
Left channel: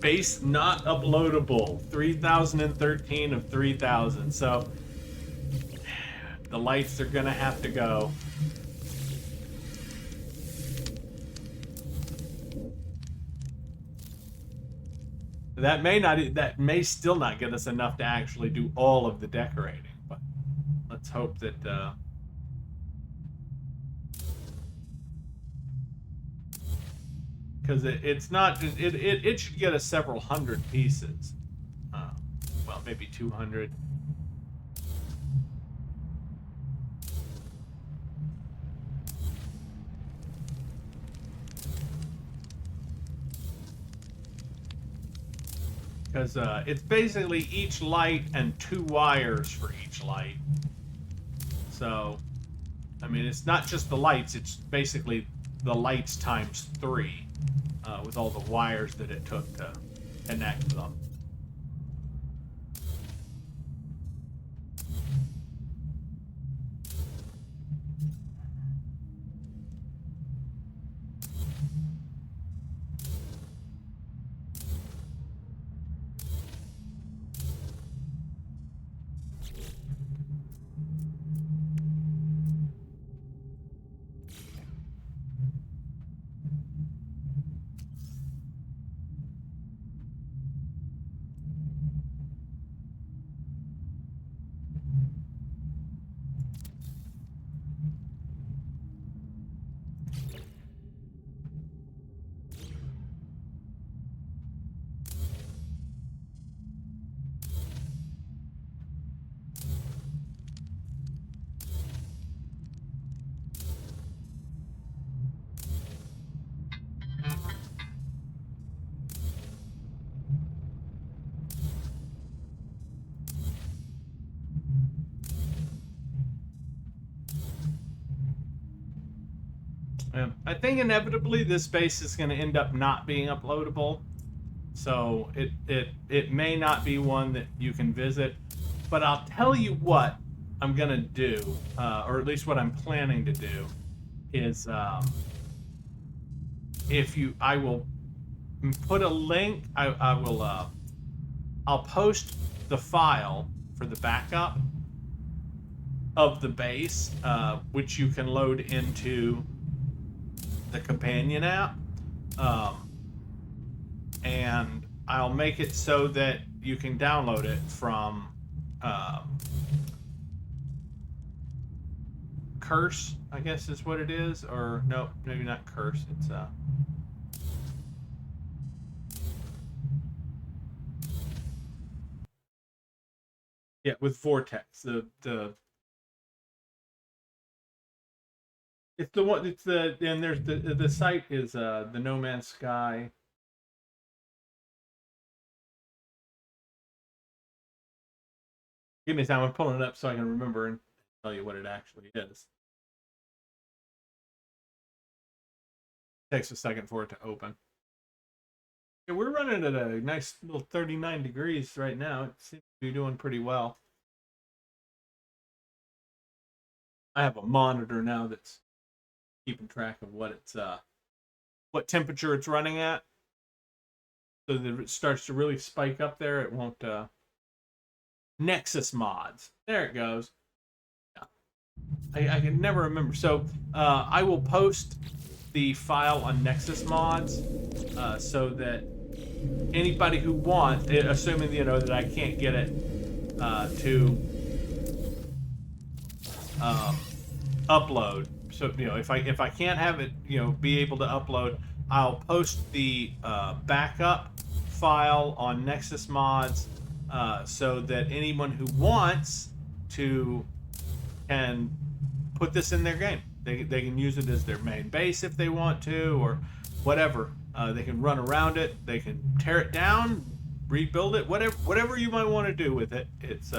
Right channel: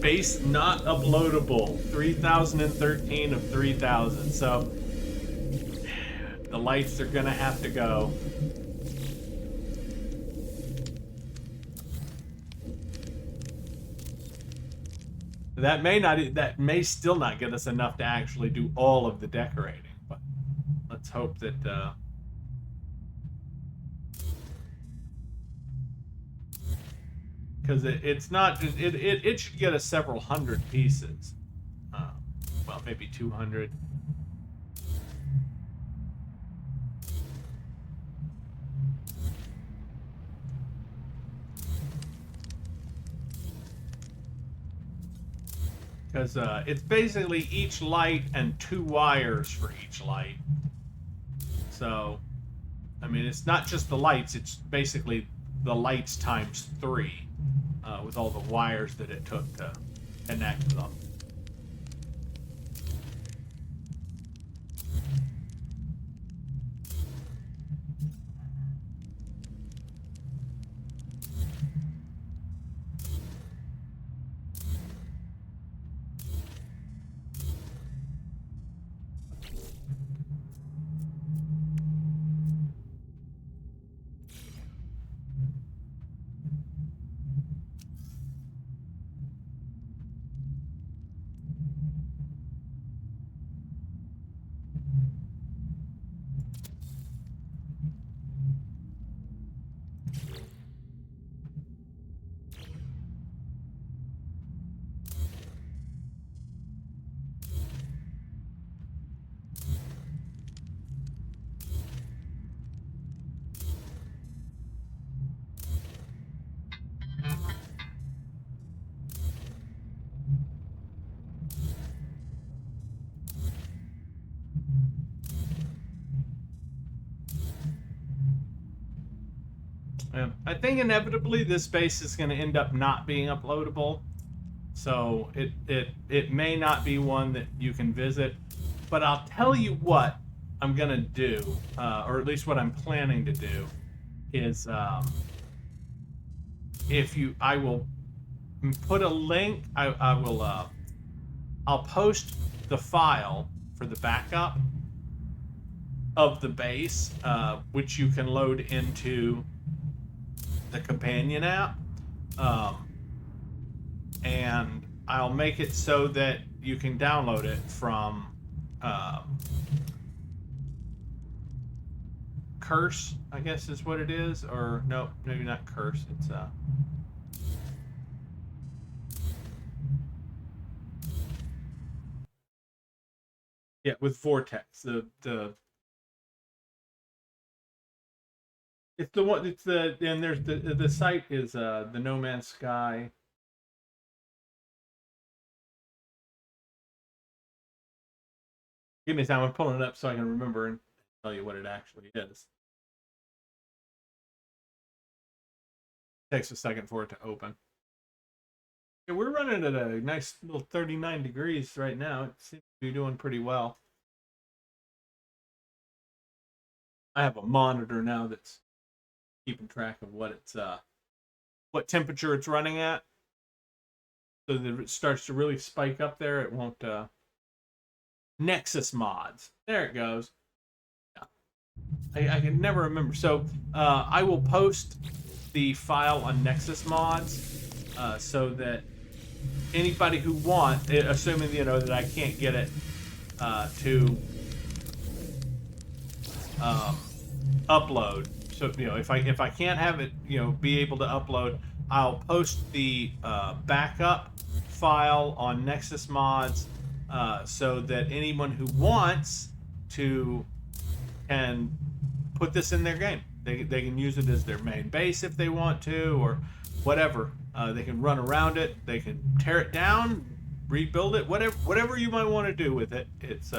Base not uploadable. 3013 of 3000. So the lights are gonna have to go. That may still not get us enough to actually do all of the decorating, but let's hope that because it's not it should get us several hundred pieces. Well, maybe 200. Because it's basically each light and 2 wires for each light. So, I mean, it's not just the lights, it's basically the lights times 3 with all the wires that it took to connect them. I think inevitably this space is going to end up not being uploadable, so it may not be one that you can visit. But I'll tell you what I'm going to do, or at least what I'm planning to do, is I will put a link. I'll post the file for the backup of the base, which you can load into the companion app, and I'll make it so that you can download it from Curse, I guess is what it is, or no, maybe not Curse. It's yeah, with Vortex. It's the one. It's the and there's the site is the No Man's Sky. Give me time. I'm pulling it up so I can remember and tell you what it actually is. It takes a second for it to open. Yeah, we're running at a nice little 39 degrees right now. It seems to be doing pretty well. I have a monitor now that's keeping track of what temperature it's running at, so that if it starts to really spike up there, it won't. Nexus mods. There it goes. Yeah. I can never remember. So I will post the file on Nexus mods, so that anybody who wants, assuming that I can't get it to upload. So if I can't have it be able to upload, I'll post the backup file on Nexus mods, so that anyone who wants to can put this in their game. They can use it as their main base if they want to, or whatever. They can run around it. They can tear it down, rebuild it, whatever you might want to do with it. It's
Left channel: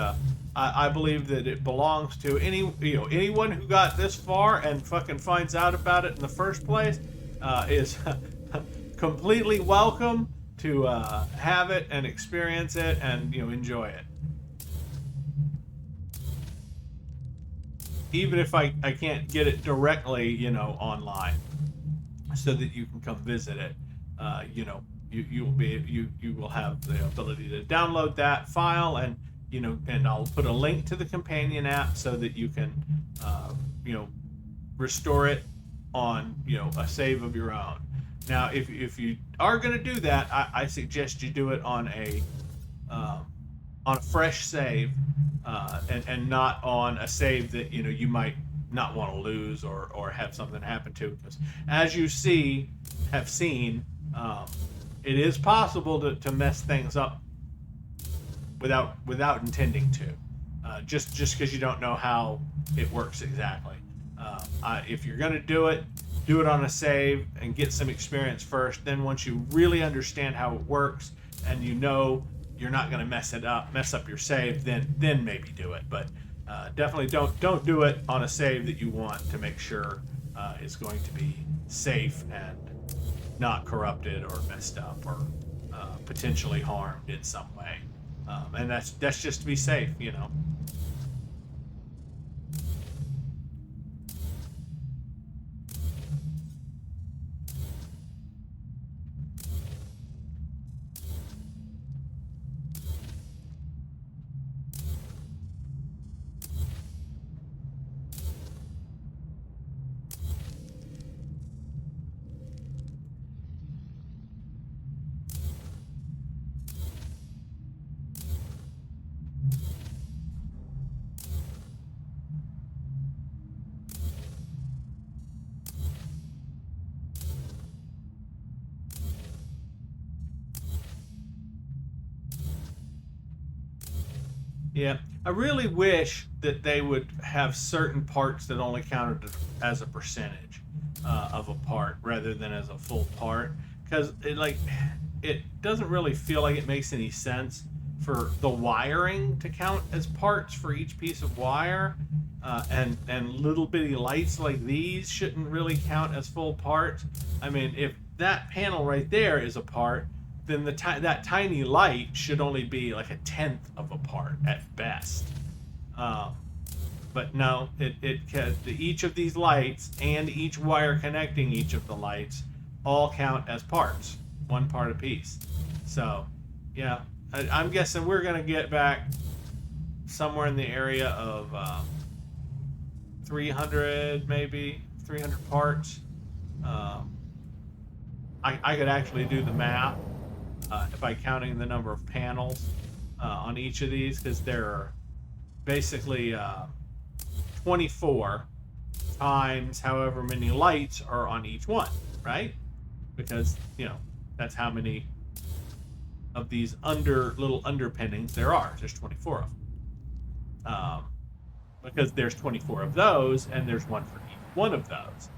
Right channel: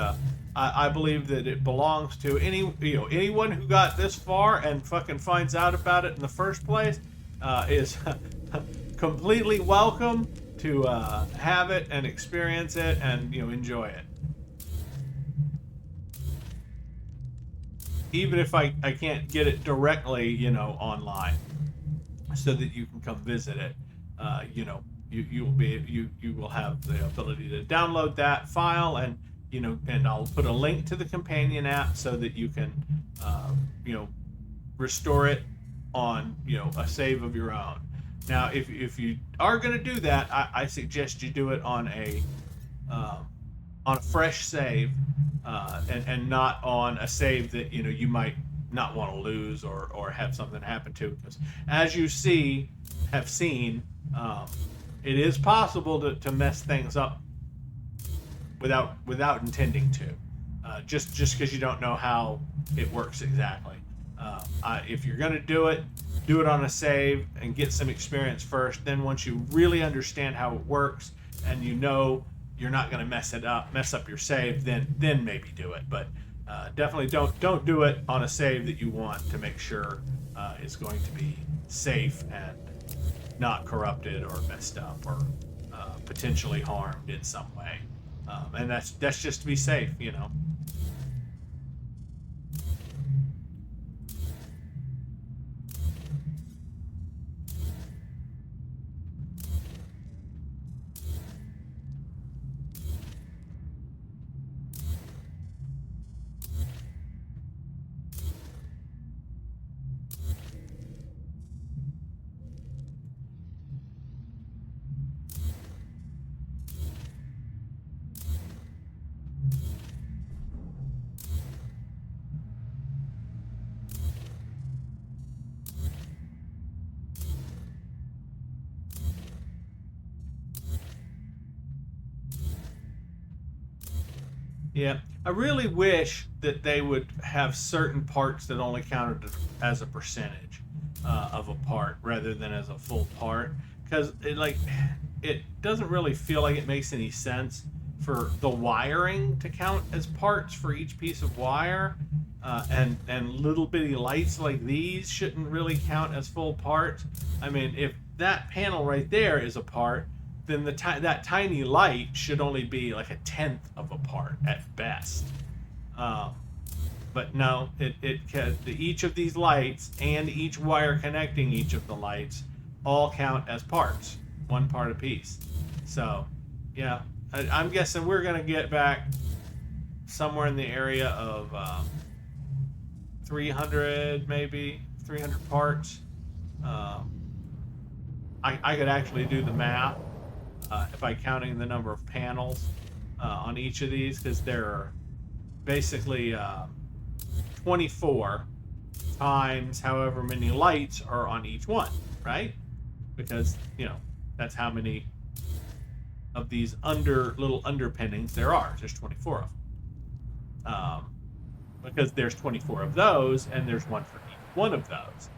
I believe that it belongs to anyone who got this far and fucking finds out about it in the first place is completely welcome to have it and experience it and enjoy it. Even if I can't get it directly online, so that you can come visit it, you will have the ability to download that file, and and I'll put a link to the companion app so that you can restore it on a save of your own. Now, if you are going to do that, I suggest you do it uh, on a fresh save, and not on a save that you might not want to lose or have something happen to. Because as you have seen, um, it is possible to mess things up without intending to, just because you don't know how it works exactly. If you're going to do it on a save and get some experience first. Then once you really understand how it works and you're not going to mess up your save, then maybe do it. But definitely don't do it on a save that you want to make sure it's going to be safe and not corrupted or messed up or potentially harmed in some way. And that's just to be safe. Yeah, I really wish that they would have certain parts that only counted as a percentage of a part rather than as a full part, because it doesn't really feel like it makes any sense for the wiring to count as parts for each piece of wire, and little bitty lights like these shouldn't really count as full parts. I mean, if that panel right there is a part, then that tiny light should only be like a tenth of a part at best. Um, but no, each of these lights and each wire connecting each of the lights all count as parts, one part apiece. So, yeah, I'm guessing we're gonna get back somewhere in the area of 300, maybe 300 parts. Um, I could actually do the math by counting the number of panels on each of these, because there are basically 24 times however many lights are on each one, right? Because that's how many of these little underpinnings there are. There's 24 of them, because there's 24 of those and there's one for each one of those.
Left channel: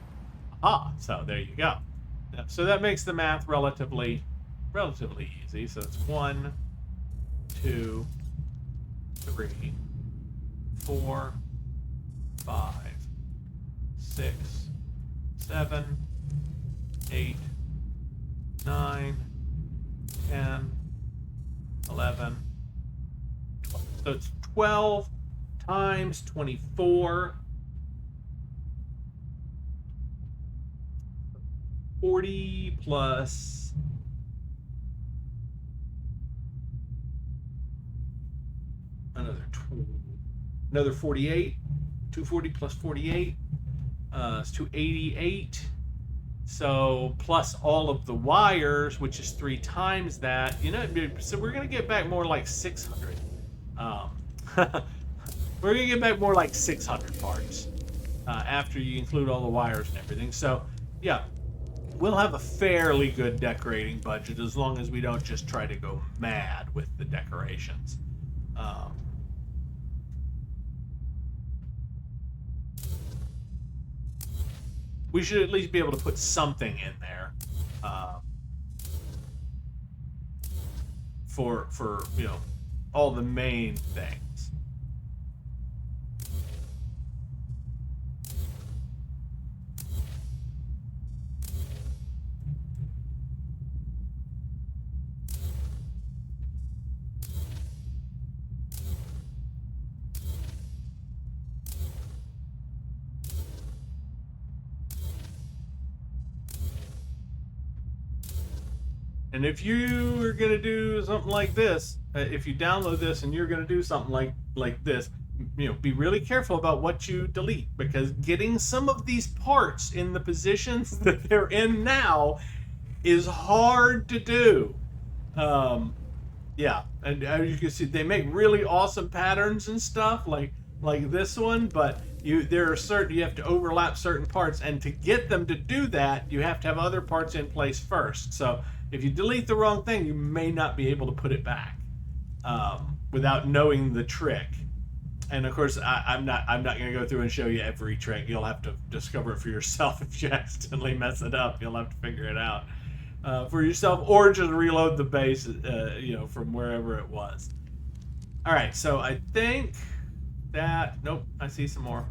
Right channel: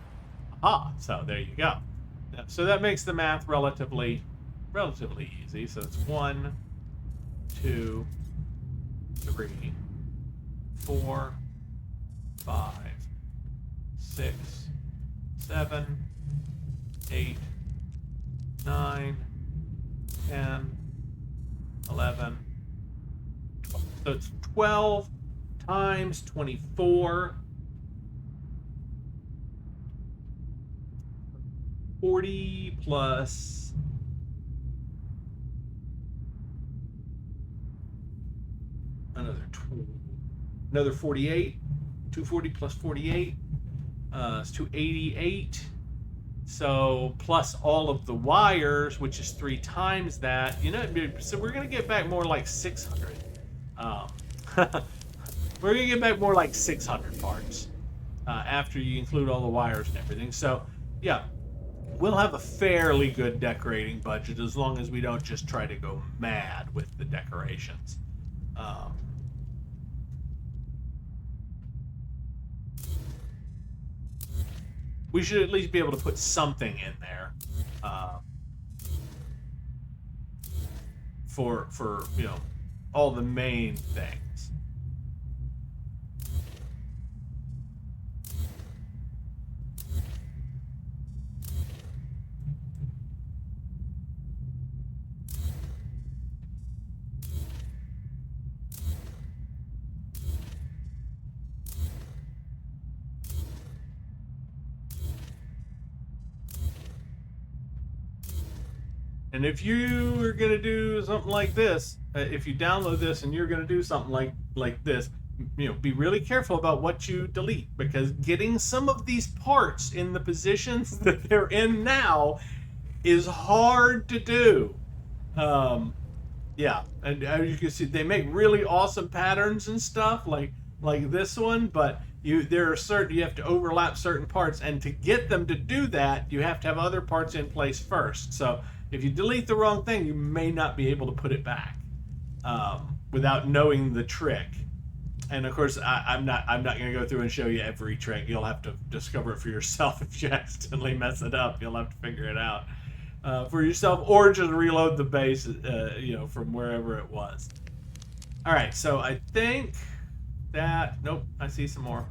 Aha, so there you go. So that makes the math relatively easy. So it's 1, 2, 3, 4, 5, 6, 7, 8, 9, 10, 11, 12. So it's 12 times 24. 40 plus another 48. 240 plus 48 is 288. So plus all of the wires, which is 3 times that. So we're gonna get back more like 600. We're gonna get back more like 600 parts after you include all the wires and everything. So yeah, we'll have a fairly good decorating budget as long as we don't just try to go mad with the decorations. We should at least be able to put something in there for all the main things. And if you are going to do something like this, if you download this and you're going to do something like this, be really careful about what you delete, because getting some of these parts in the positions that they're in now is hard to do. Yeah, and as you can see, they make really awesome patterns and stuff like this one, but you have to overlap certain parts, and to get them to do that, you have to have other parts in place first. So if you delete the wrong thing, you may not be able to put it back without knowing the trick. And of course, I'm not going to go through and show you every trick. You'll have to discover it for yourself. If you accidentally mess it up, you'll have to figure it out for yourself, or just reload the base, from wherever it was. All right, so I think that nope, I see some more.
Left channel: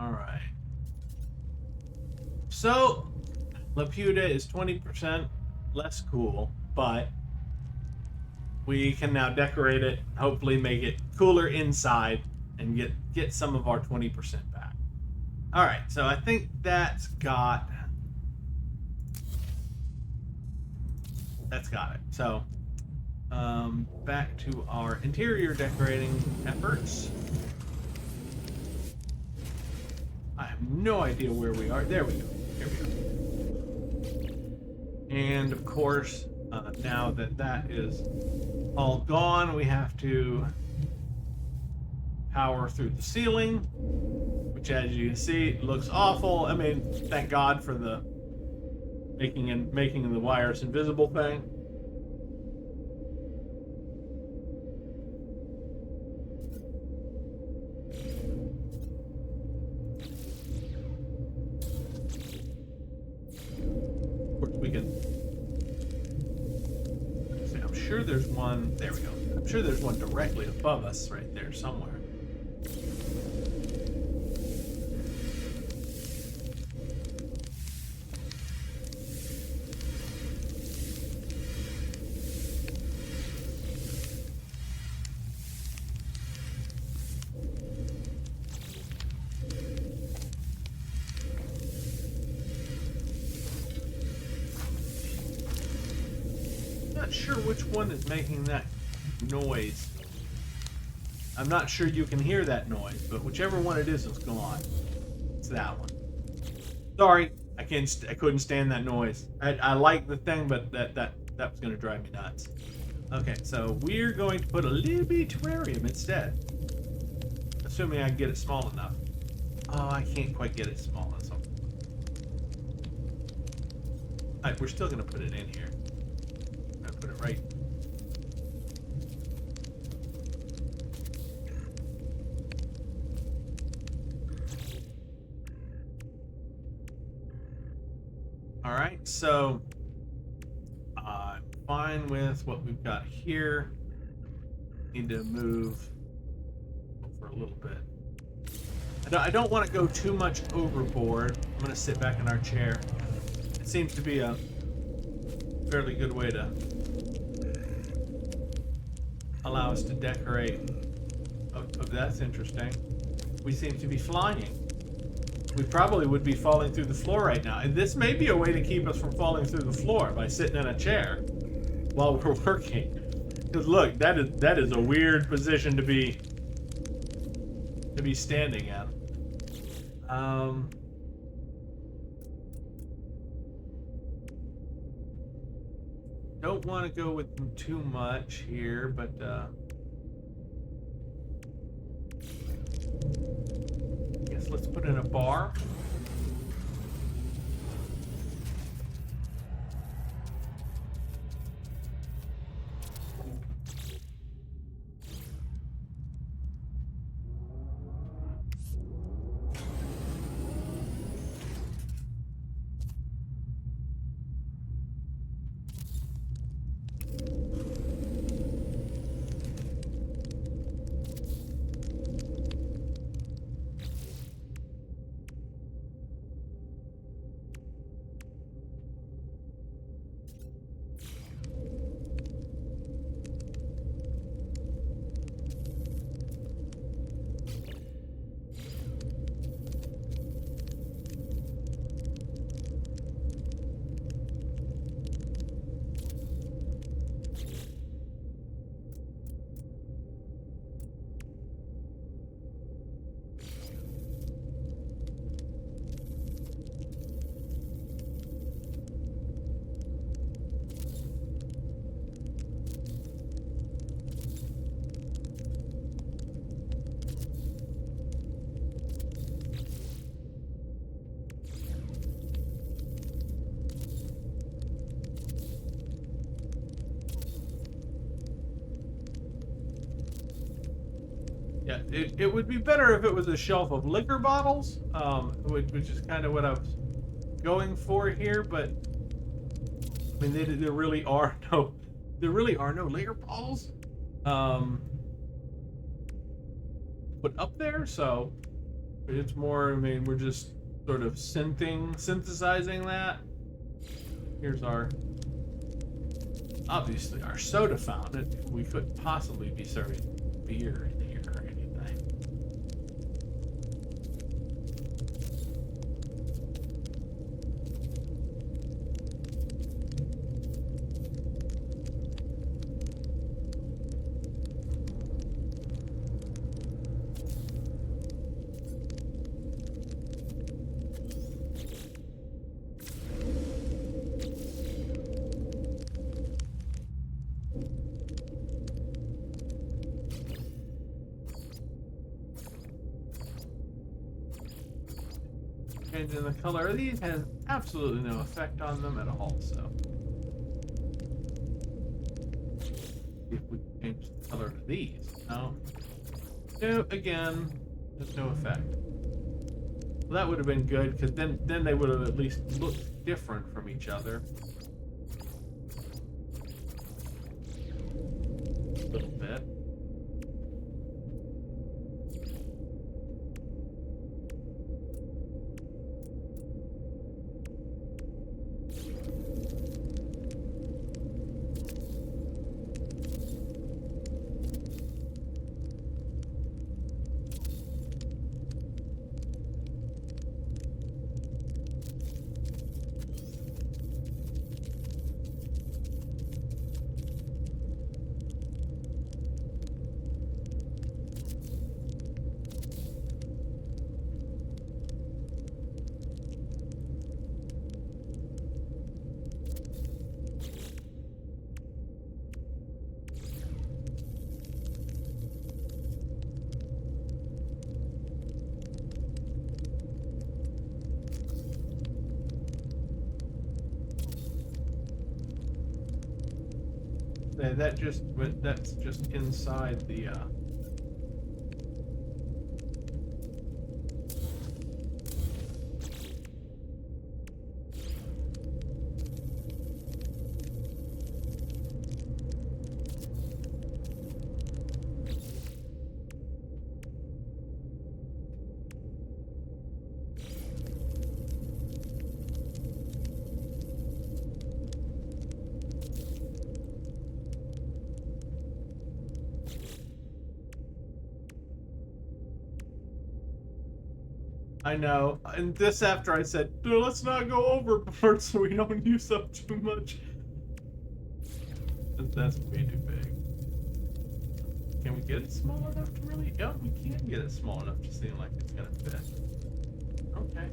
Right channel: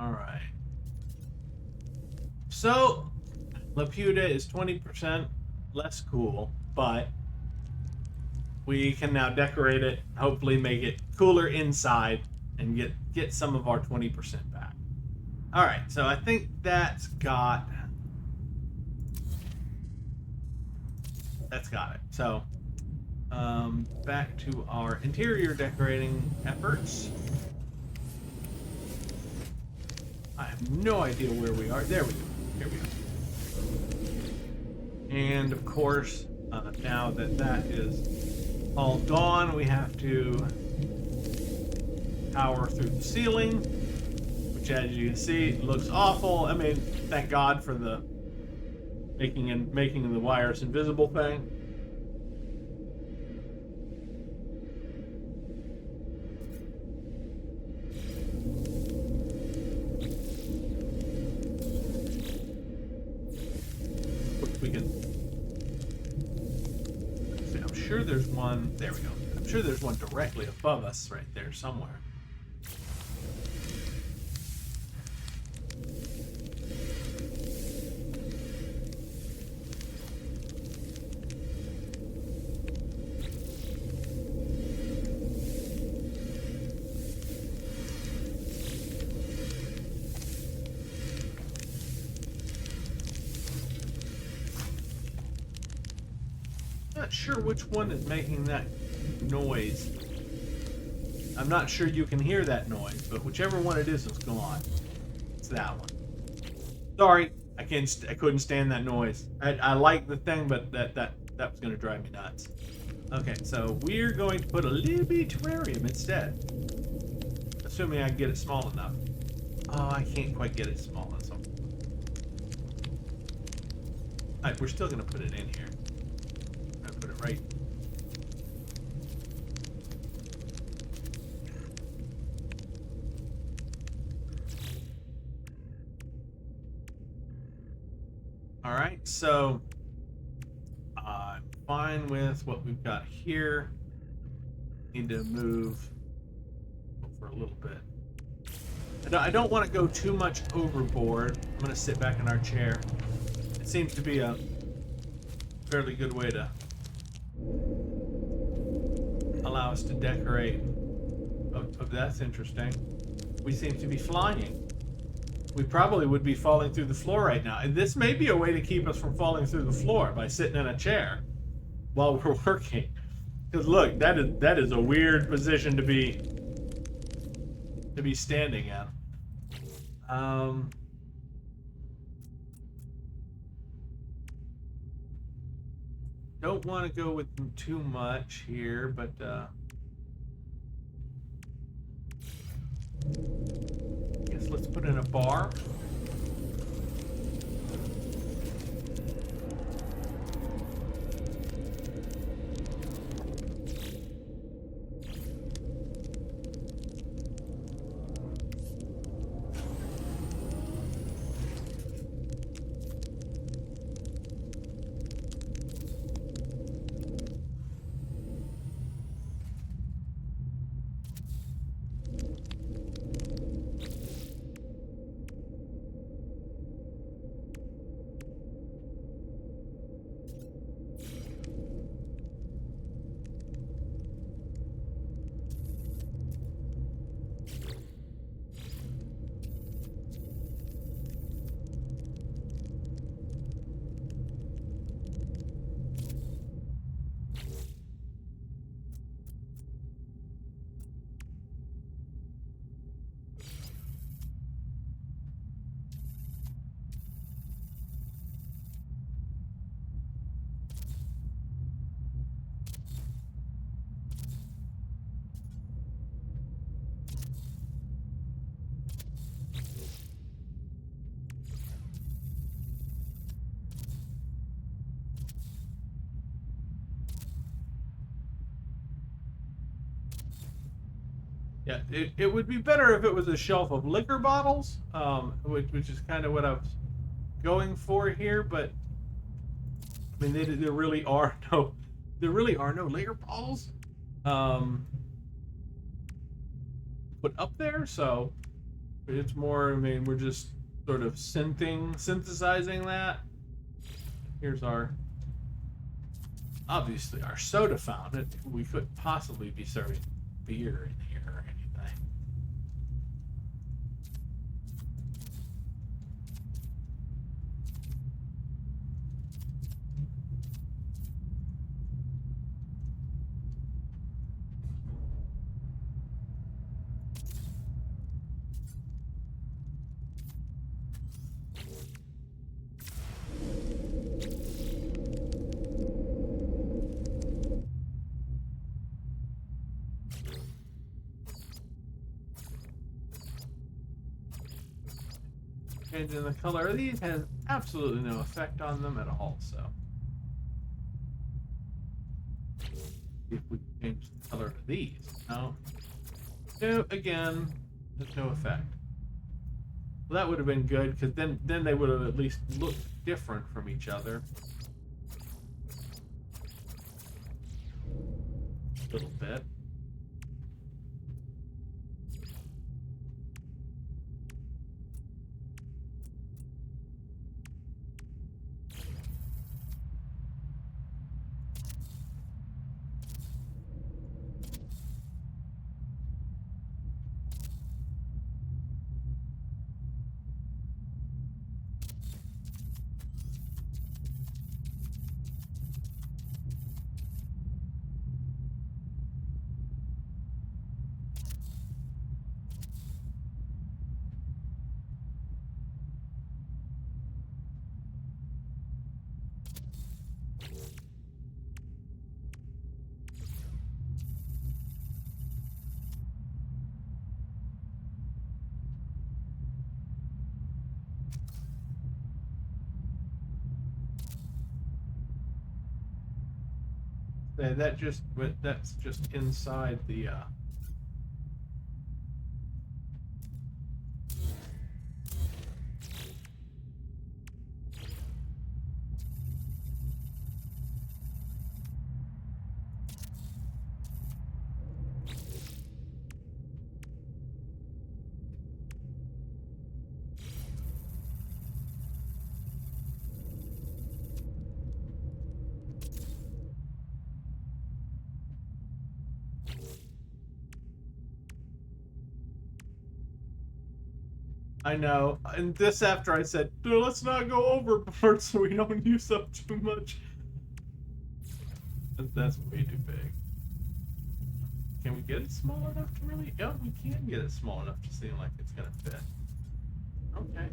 All right. So, Laputa is 20% less cool, but we can now decorate it, hopefully make it cooler inside, and get some of our 20% back. All right, so I think that's got it. So, back to our interior decorating efforts. I have no idea where we are. There we go. Here we are. And of course, now that is all gone, we have to power through the ceiling, which, as you can see, looks awful. I mean, thank God for the making the wires invisible thing. We can see. I'm sure there's one. There we go. I'm sure there's one directly above us right there somewhere. Not sure which one is making that noise. I'm not sure you can hear that noise, but whichever one it is gone. It's that one. Sorry, I couldn't stand that noise. I like the thing, but that was going to drive me nuts. Okay, so we're going to put a little bit of terrarium instead, assuming I can get it small enough. Oh, I can't quite get it small enough. Alright, we're still going to put it in here. Put it right. All right, so I'm fine with what we've got here. Need to move for a little bit. I don't want to go too much overboard. I'm going to sit back in our chair. It seems to be a fairly good way to allow us to decorate. Oh, that's interesting. We seem to be flying. We probably would be falling through the floor right now. And this may be a way to keep us from falling through the floor, by sitting in a chair while we're working. Because look, that is a weird position to be standing in. Don't want to go with them too much here, but guess let's put in a bar. Yeah, it would be better if it was a shelf of liquor bottles, which is kind of what I was going for here. But I mean, there really are no liquor bottles put up there. So it's more. I mean, we're just sort of synthesizing that. Here's obviously our soda fountain. We couldn't possibly be serving beer in here or anything. Changing the color of these has absolutely no effect on them at all, so. See if we can change the color of these. No. No, again, there's no effect. Well, that would have been good, because then they would have at least looked different from each other. A little bit. That's just inside the I know. And this after I said, let's not go overboard so we don't use up too much. That's way too big. Can we get it small enough to really? Yeah, we can get it small enough to seem like it's gonna fit. Okay.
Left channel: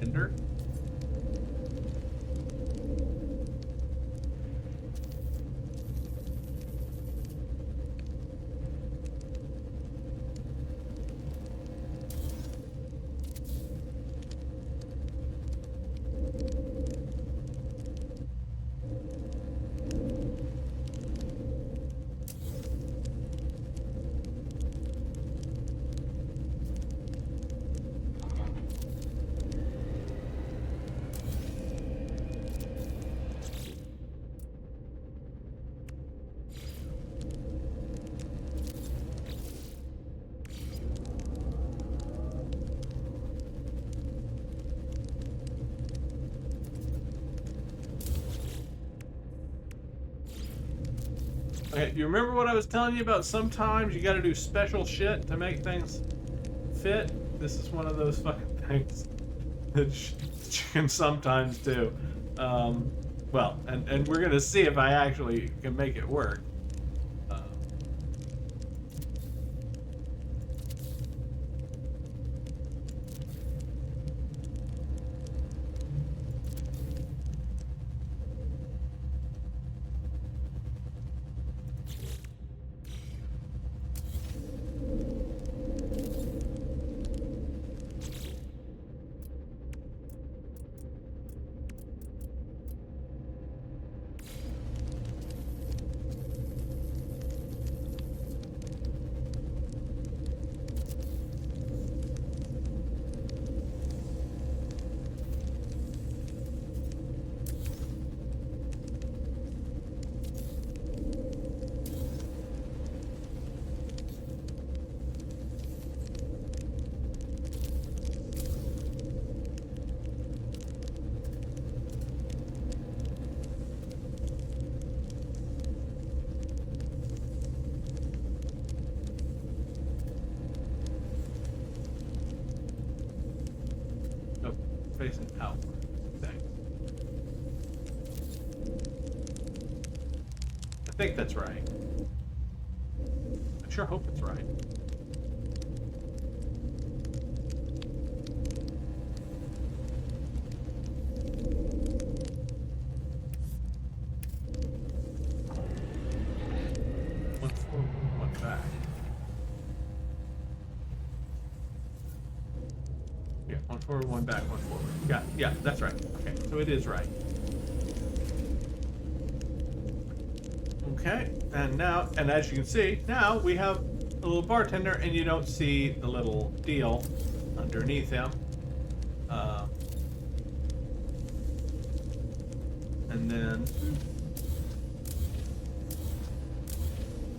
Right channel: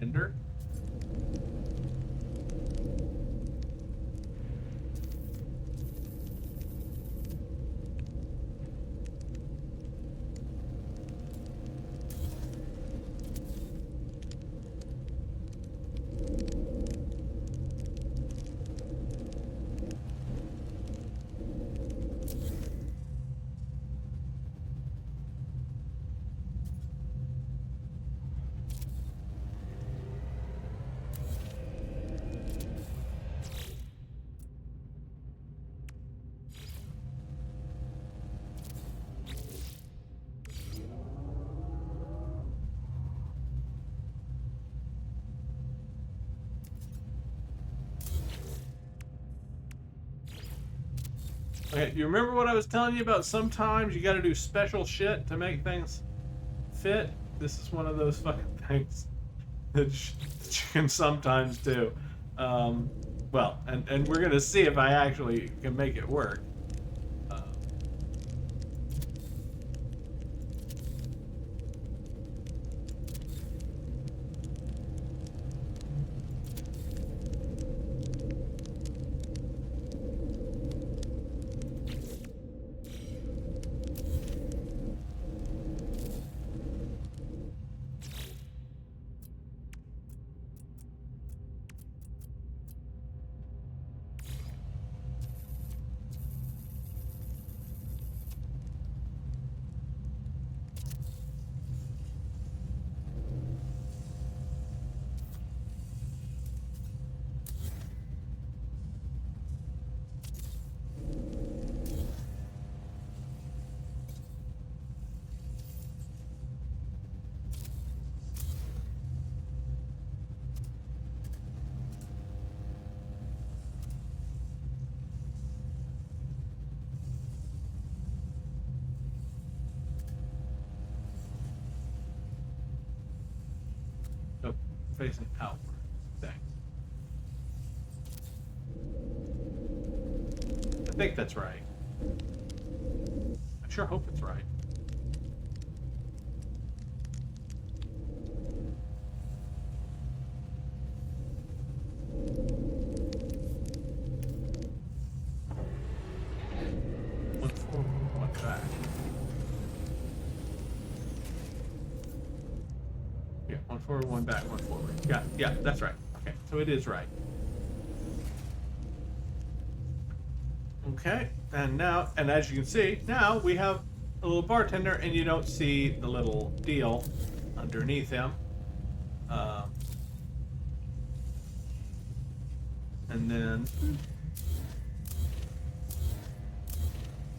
Ender. Okay, you remember what I was telling you about? Sometimes you gotta do special shit to make things fit? This is one of those fucking things that you can sometimes do. Well, and we're gonna see if I actually can make it work. No, facing outward. Thanks. I think that's right. I sure hope it's right. One forward, one back. Yeah, one forward, one back, one forward. Yeah, that's right. Okay, so it is right. Okay, and as you can see, now we have a little bartender, and you don't see the little deal underneath him. And then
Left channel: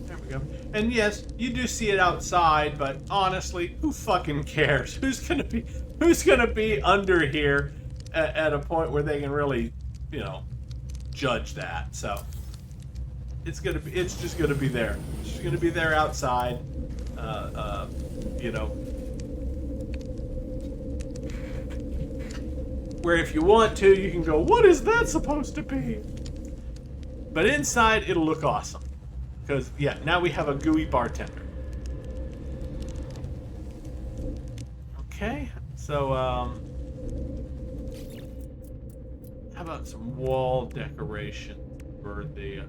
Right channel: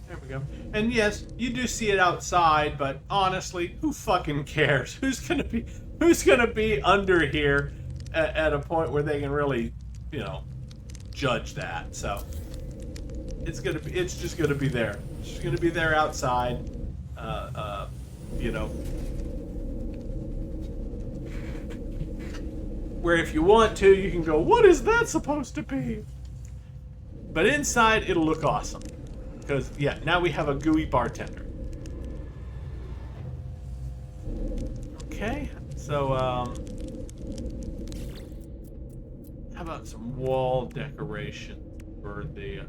there we go. And yes, you do see it outside, but honestly, who fucking cares? Who's gonna be under here at a point where they can really, judge that? So it's just gonna be there. It's just gonna be there outside. Where if you want to, you can go, what is that supposed to be? But inside, it'll look awesome. Because, yeah, now we have a gooey bartender. Okay, so, how about some wall decoration for the...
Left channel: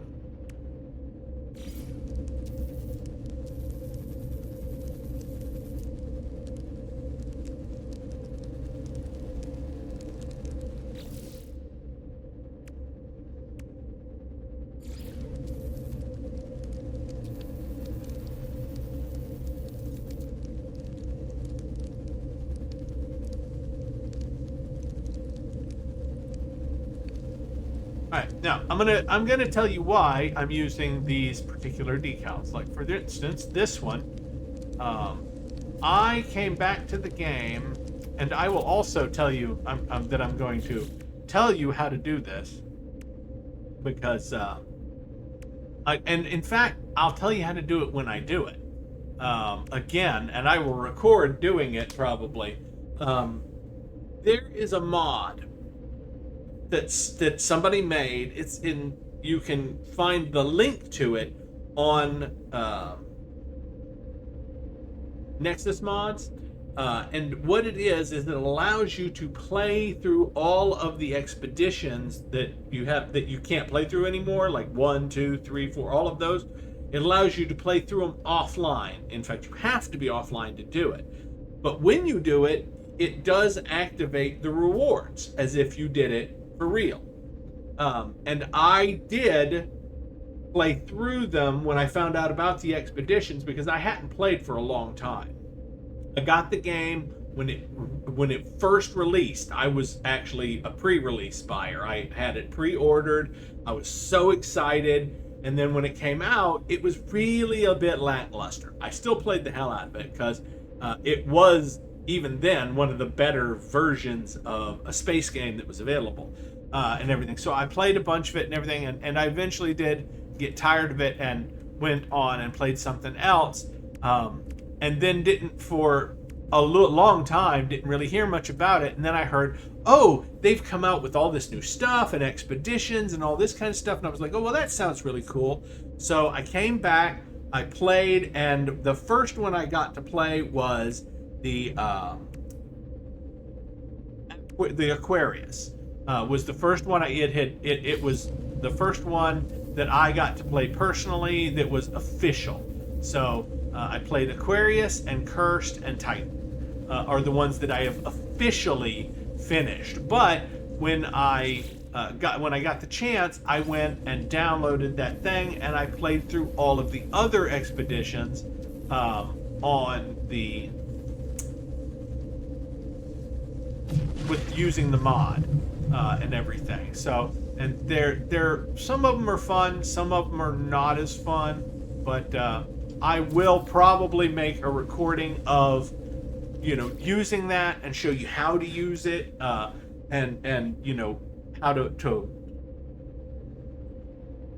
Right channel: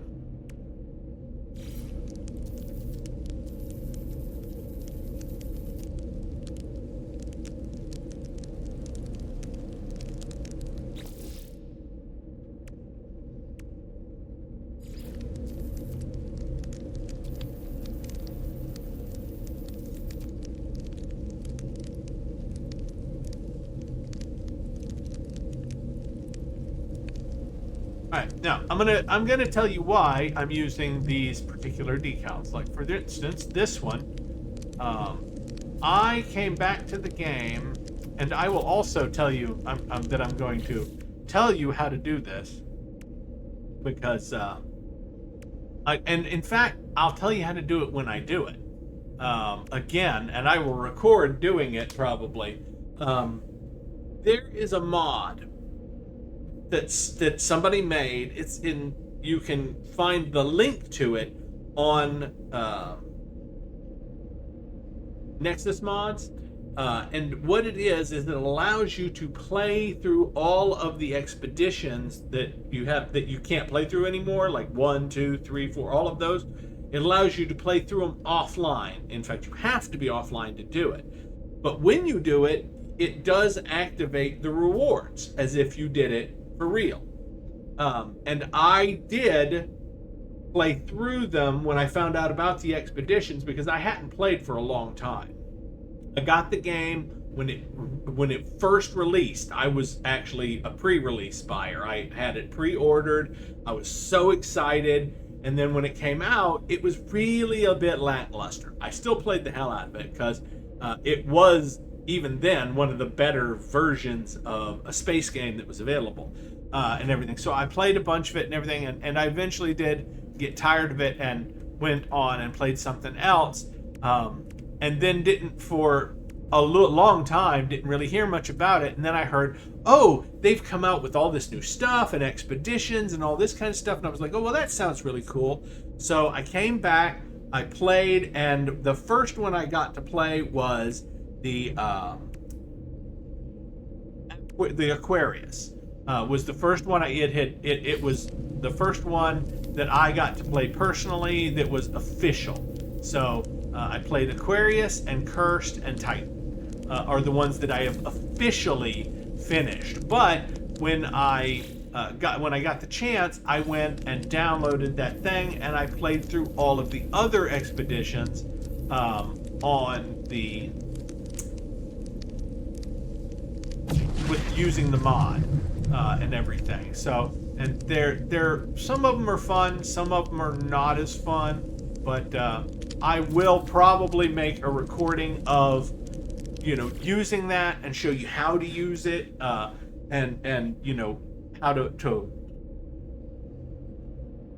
Alright, now I'm gonna tell you why I'm using these particular decals. Like for instance, this one, I came back to the game, and I will also tell you that I'm going to tell you how to do this, because and in fact I'll tell you how to do it when I do it again, and I will record doing it probably. There is a mod that somebody made. You can find the link to it on Nexus Mods, and what it is it allows you to play through all of the expeditions that you can't play through anymore, like 1, 2, 3, 4, all of those. It allows you to play through them offline. In fact, you have to be offline to do it. But when you do it, it does activate the rewards as if you did it for real. And I did play through them when I found out about the expeditions, because I hadn't played for a long time. I got the game when it first released. I was actually a pre-release buyer. I had it pre-ordered. I was so excited. And then when it came out, it was really a bit lackluster. I still played the hell out of it because it was, even then, one of the better versions of a space game that was available and everything. So I played a bunch of it and everything, and I eventually did get tired of it and went on and played something else, and then didn't, for long time, didn't really hear much about it, and then I heard, oh, they've come out with all this new stuff and expeditions and all this kind of stuff, and I was like, oh, well, that sounds really cool. So I came back, I played, and the first one I got to play was the Aquarius. Was the first one it was the first one that I got to play personally that was official. So I played Aquarius and Cursed and Titan are the ones that I have officially finished. But when I got the chance, I went and downloaded that thing and I played through all of the other expeditions on the with using the mod and everything. So, and they're some of them are fun, some of them are not as fun, but I will probably make a recording of, you know, using that and show you how to use it, and you know, how to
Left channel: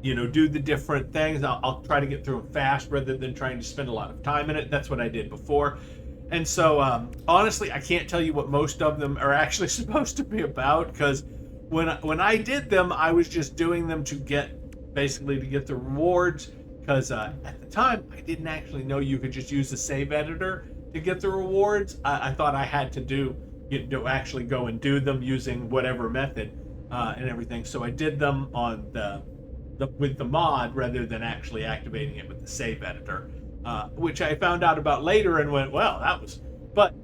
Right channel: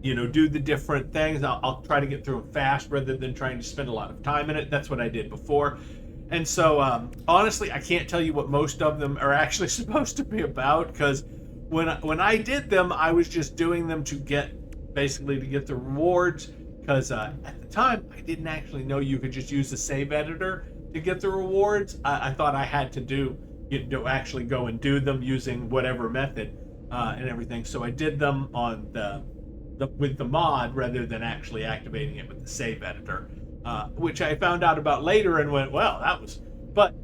you know, do the different things. I'll try to get through them fast rather than trying to spend a lot of time in it. That's what I did before. And so, honestly, I can't tell you what most of them are actually supposed to be about, because when I did them, I was just doing them to get the rewards. Because at the time, I didn't actually know you could just use the save editor to get the rewards. I thought I had to actually go and do them using whatever method and everything. So I did them on with the mod rather than actually activating it with the save editor. Which I found out about later and went, well, that was... But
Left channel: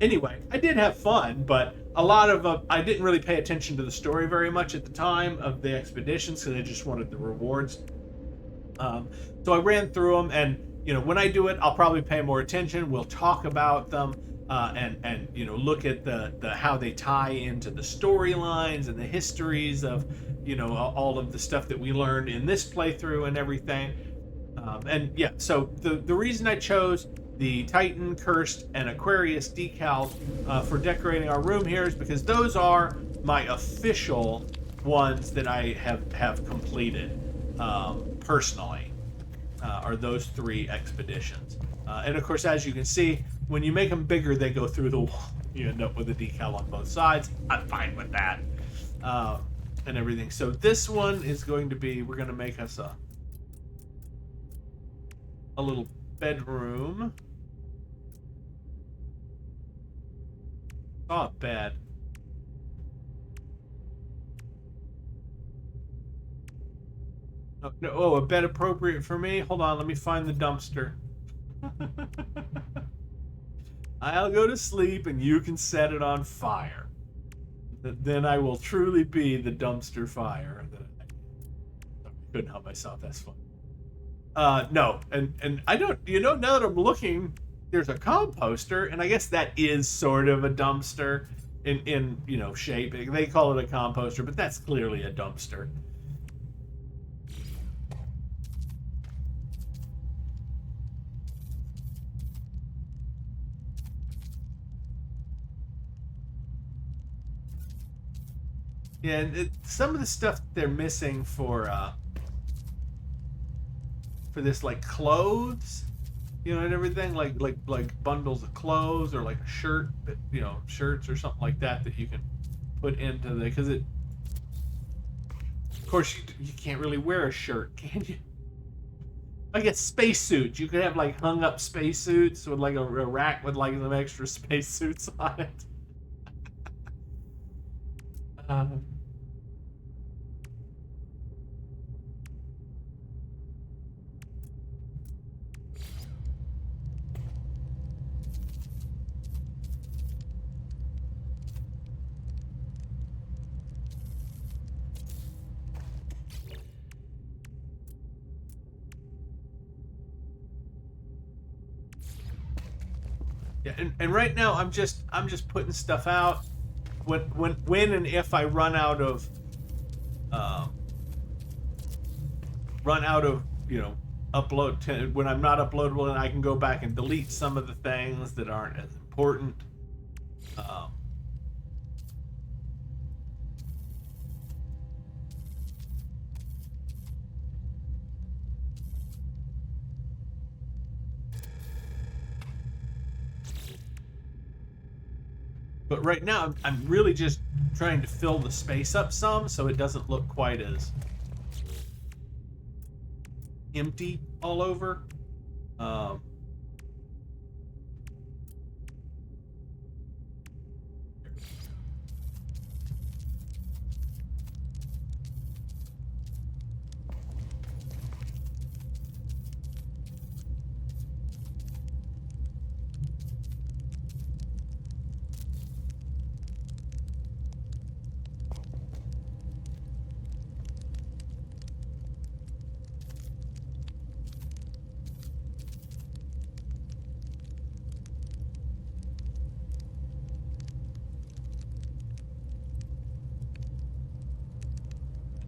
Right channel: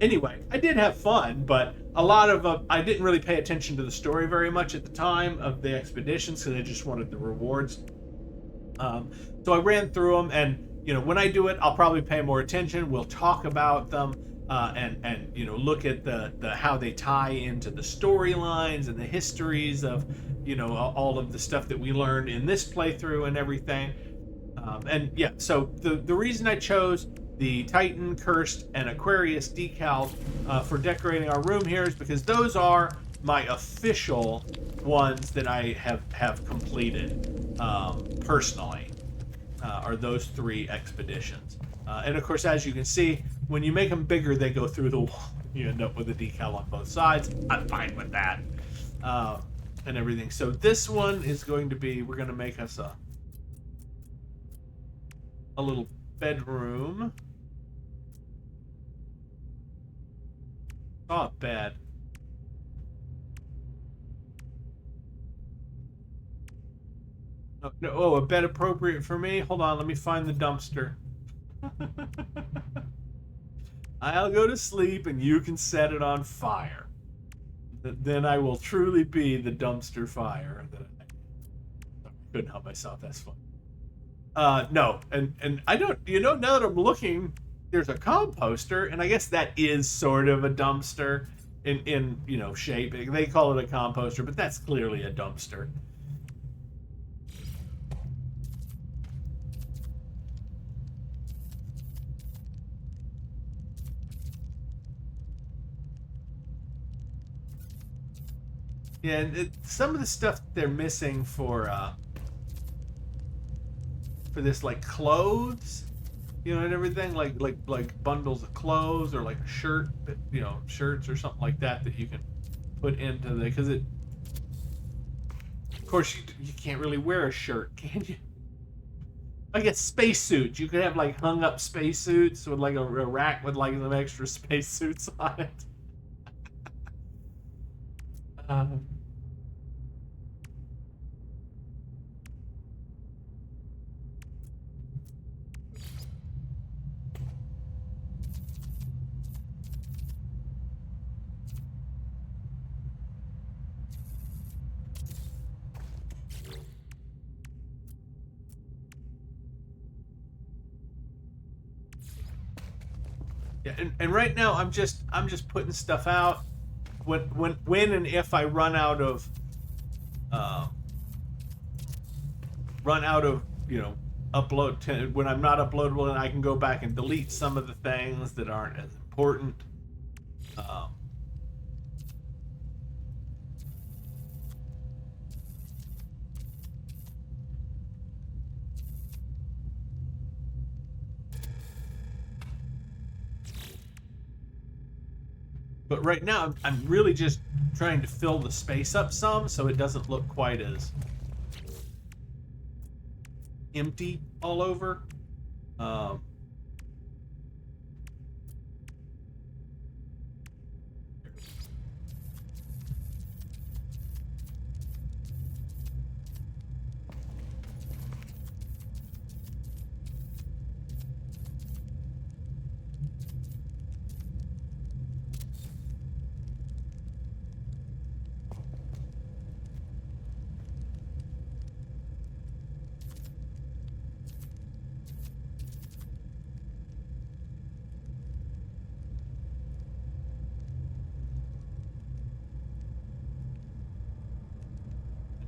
anyway, I did have fun, but a lot of... I didn't really pay attention to the story very much at the time of the expeditions because I just wanted the rewards. So I ran through them, and, you know, when I do it, I'll probably pay more attention. We'll talk about them, and you know, look at the how they tie into the storylines and the histories of, you know, all of the stuff that we learned in this playthrough and everything. And yeah, so the reason I chose the Titan, Cursed, and Aquarius decals for decorating our room here is because those are my official ones that I have completed personally, are those 3 expeditions. And of course, as you can see, when you make them bigger, they go through the wall. You end up with a decal on both sides. I'm fine with that, and everything. So this one is going to be, we're going to make us a little bedroom. Oh, bad. No, oh, a bed appropriate for me? Hold on, let me find the dumpster. I'll go to sleep and you can set it on fire. Then I will truly be the dumpster fire. I couldn't help myself, that's fun. No, and I don't, you know, now that I'm looking, there's a composter, and I guess that is sort of a dumpster in you know, shape. They call it a composter, but that's clearly a dumpster. Yeah, and some of the stuff they're missing for this, like clothes, you know, and everything, like bundles of clothes, or like a shirt, you know, shirts or something like that you can put into the, because it, of course, you can't really wear a shirt, can you? I guess spacesuits. You could have like hung up spacesuits with like a rack with like some extra spacesuits on it. Yeah, and right now I'm just putting stuff out. When and if I run out of you know, when I'm not uploadable, and I can go back and delete some of the things that aren't as important. But right now, I'm really just trying to fill the space up some so it doesn't look quite as empty all over.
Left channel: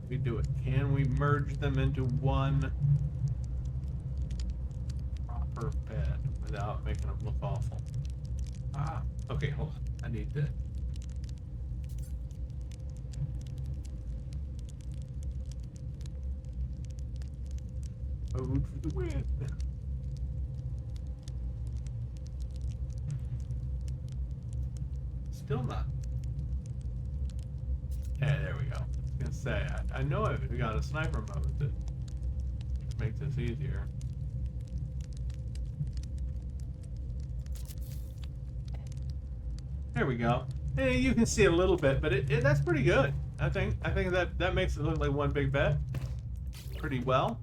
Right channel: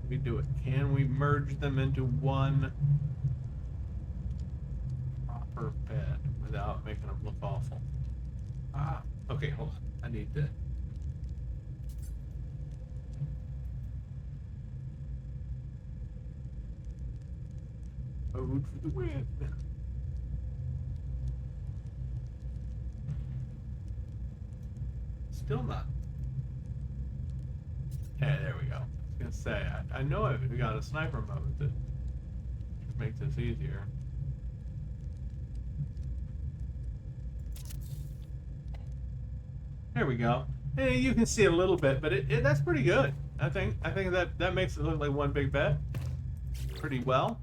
We do it. Can we merge them into one proper bed without making them look awful? Okay, hold on. I need to. Ode for the win. Still not. Yeah, there we go. I was gonna say, I know we got a sniper mode that makes this easier. There we go. Hey, you can see a little bit, but that's pretty good. I think that makes it look like one big bed pretty well.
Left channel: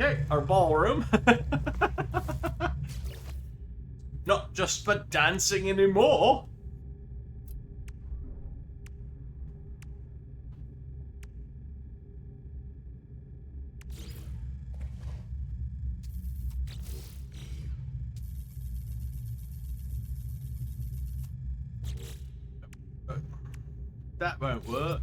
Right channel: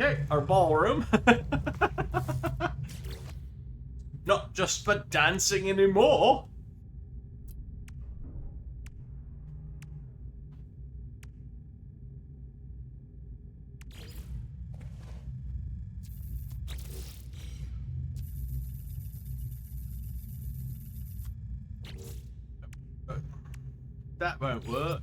Okay, our ballroom. Not just for dancing anymore. That won't work.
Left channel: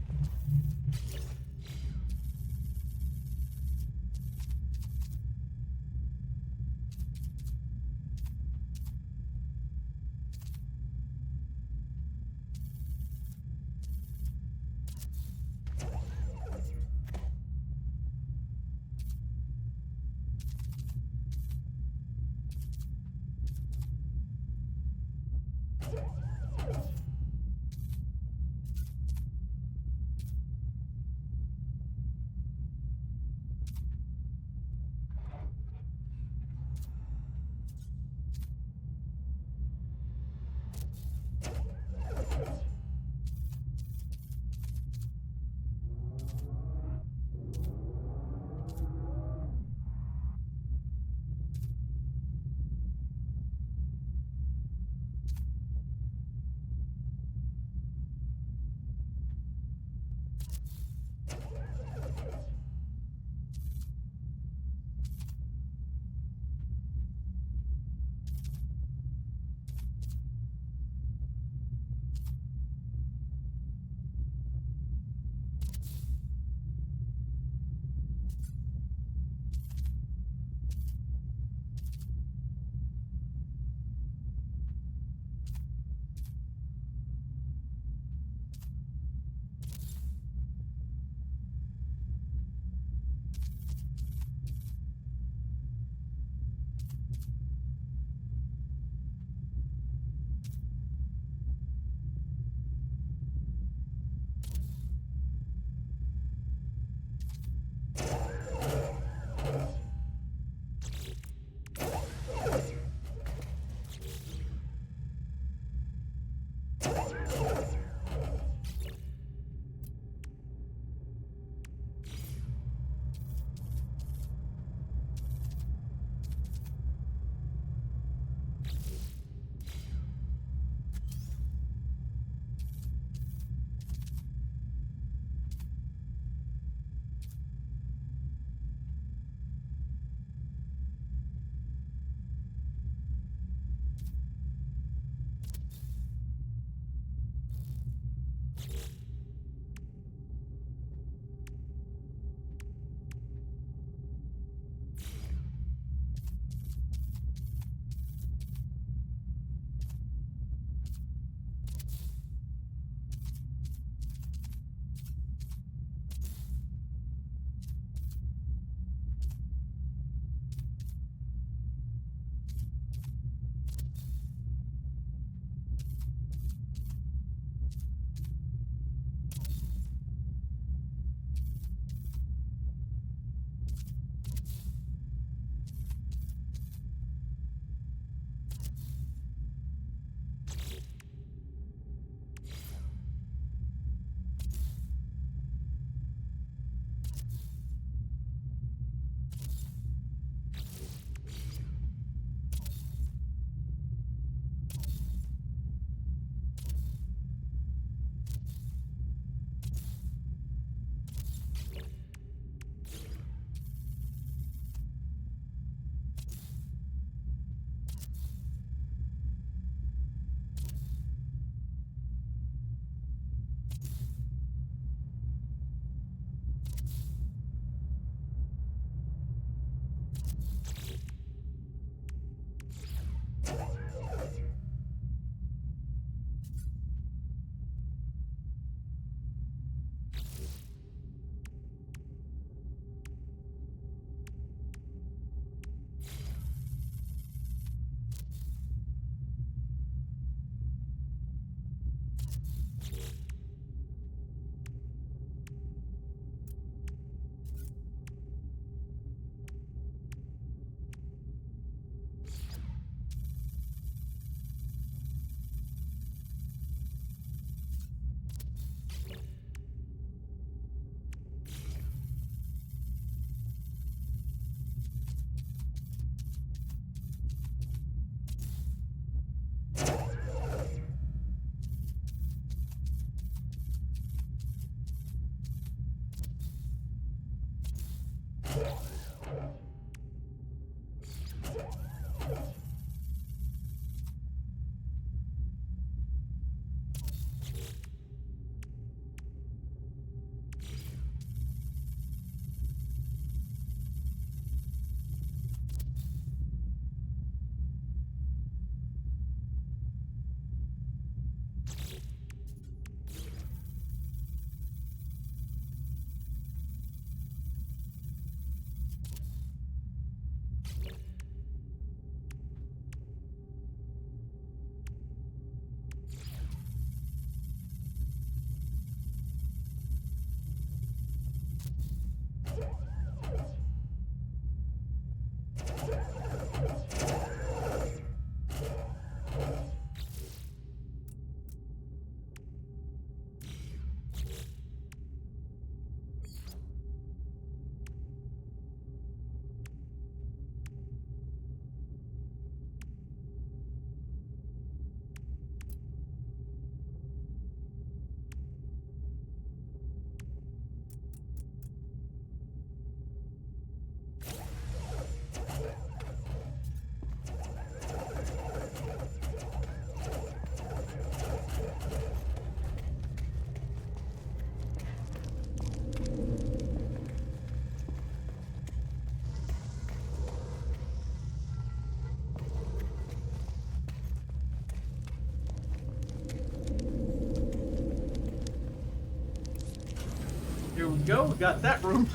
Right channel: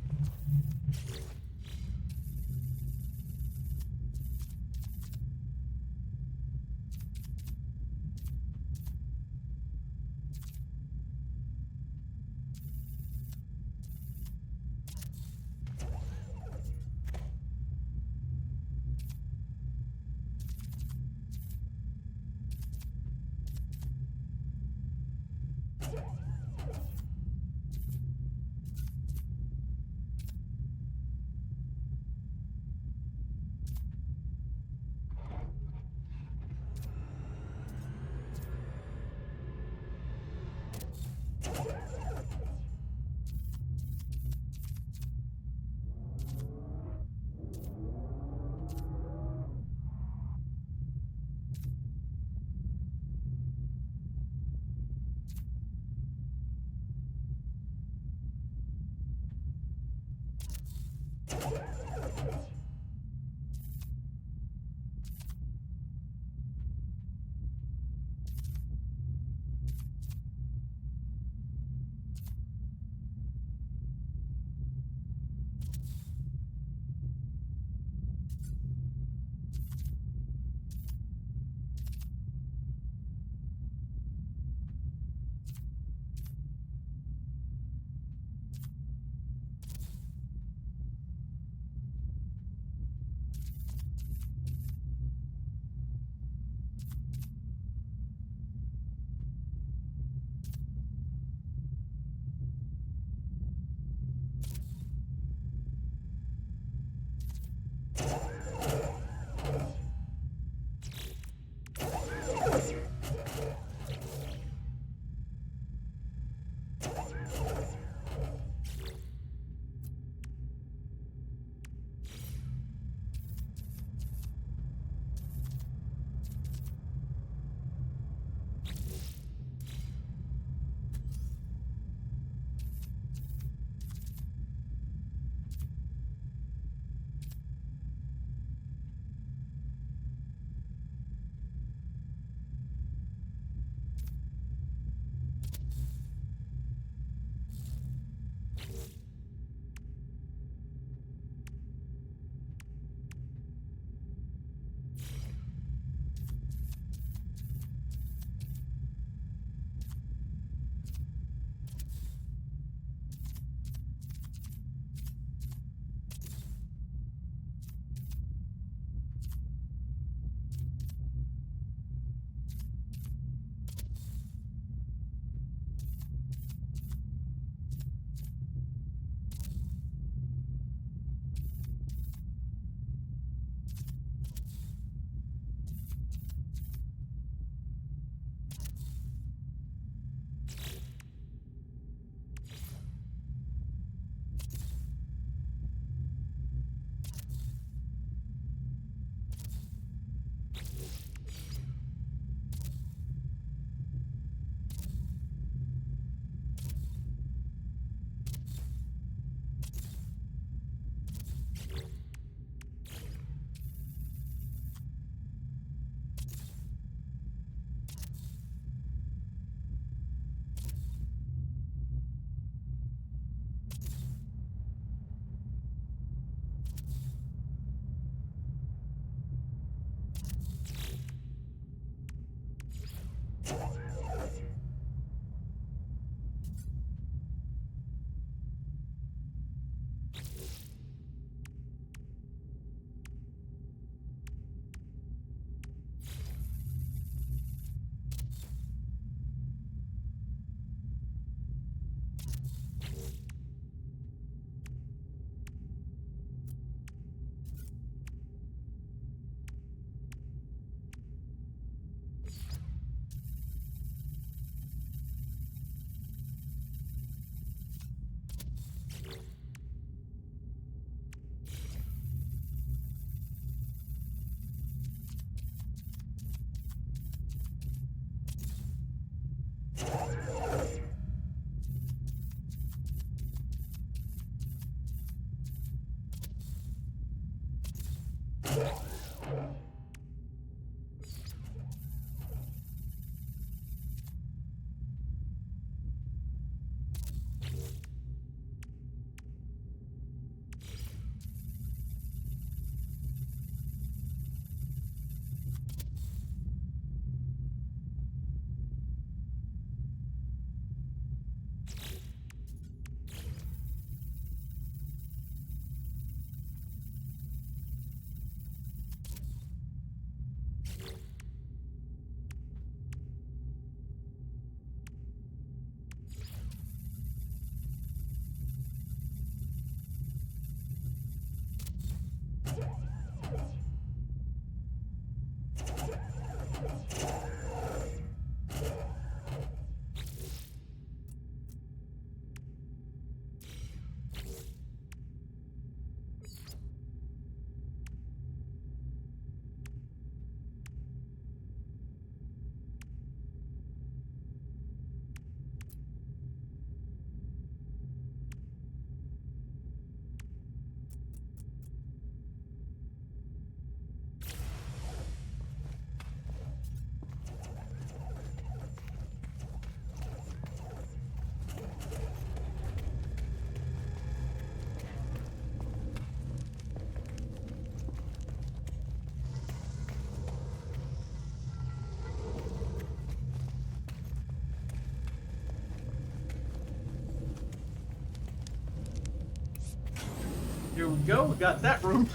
Here we go. We got that room.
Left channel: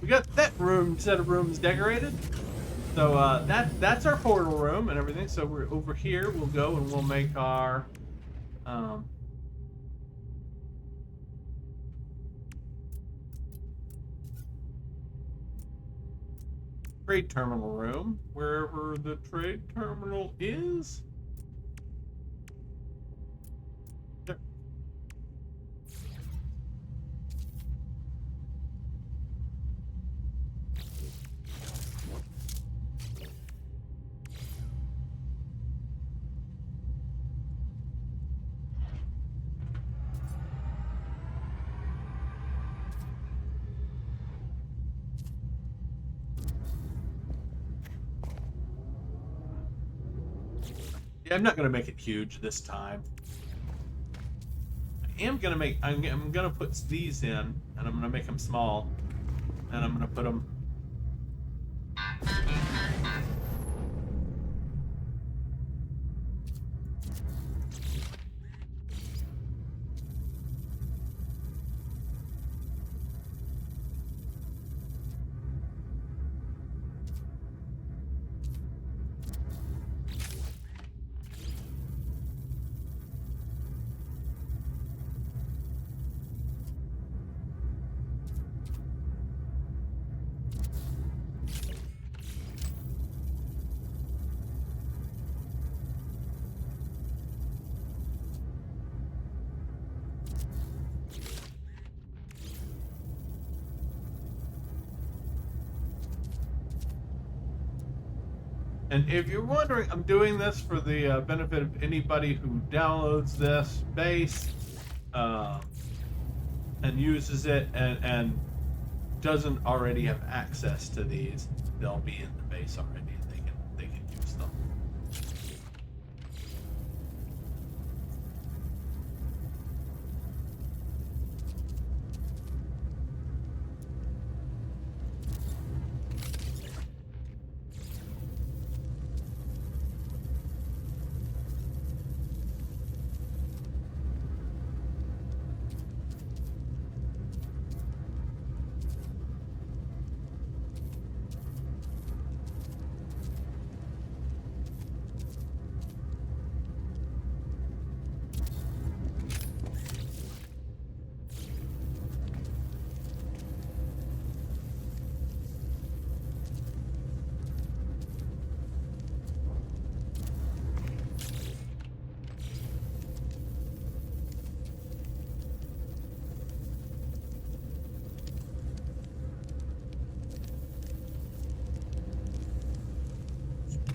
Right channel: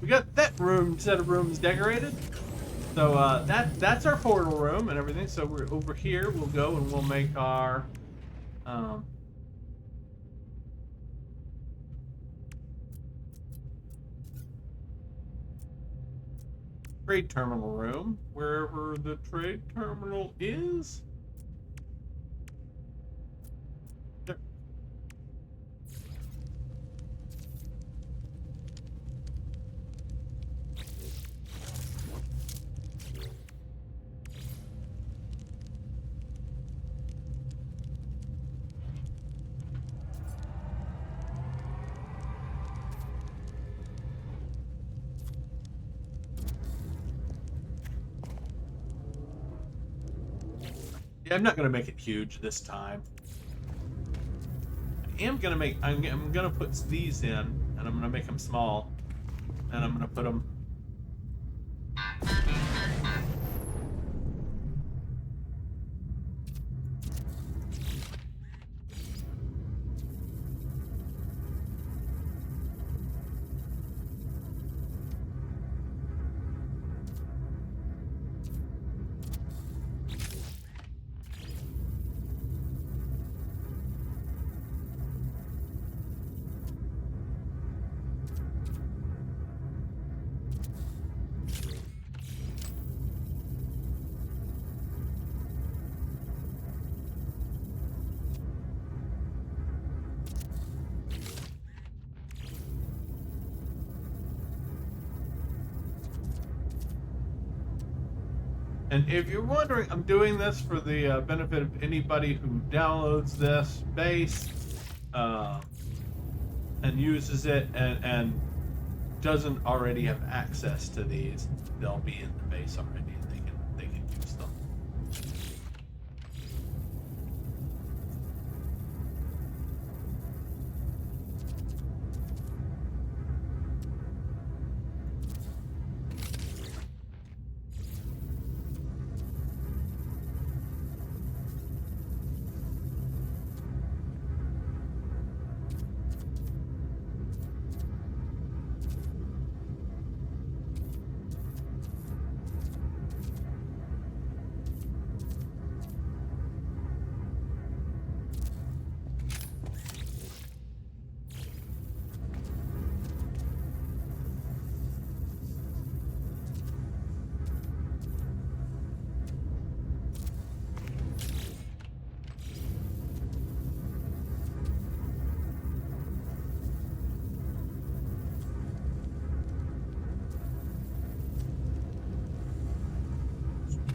We got that room set of rooms decorated. So that's our portal room and everything. So we're over here. We'll go and we'll make our trade terminal room, wherever the trade terminal is. There. Yeah, I'm not gonna make it huge this time. I'm gonna put these in, and I'm gonna make them small, and I'm gonna put them. And if you're wondering, I'm doing this for the benefit of anybody who downloads this base and uses it and doesn't already have access to these. They'll be in the base already, and they can use them.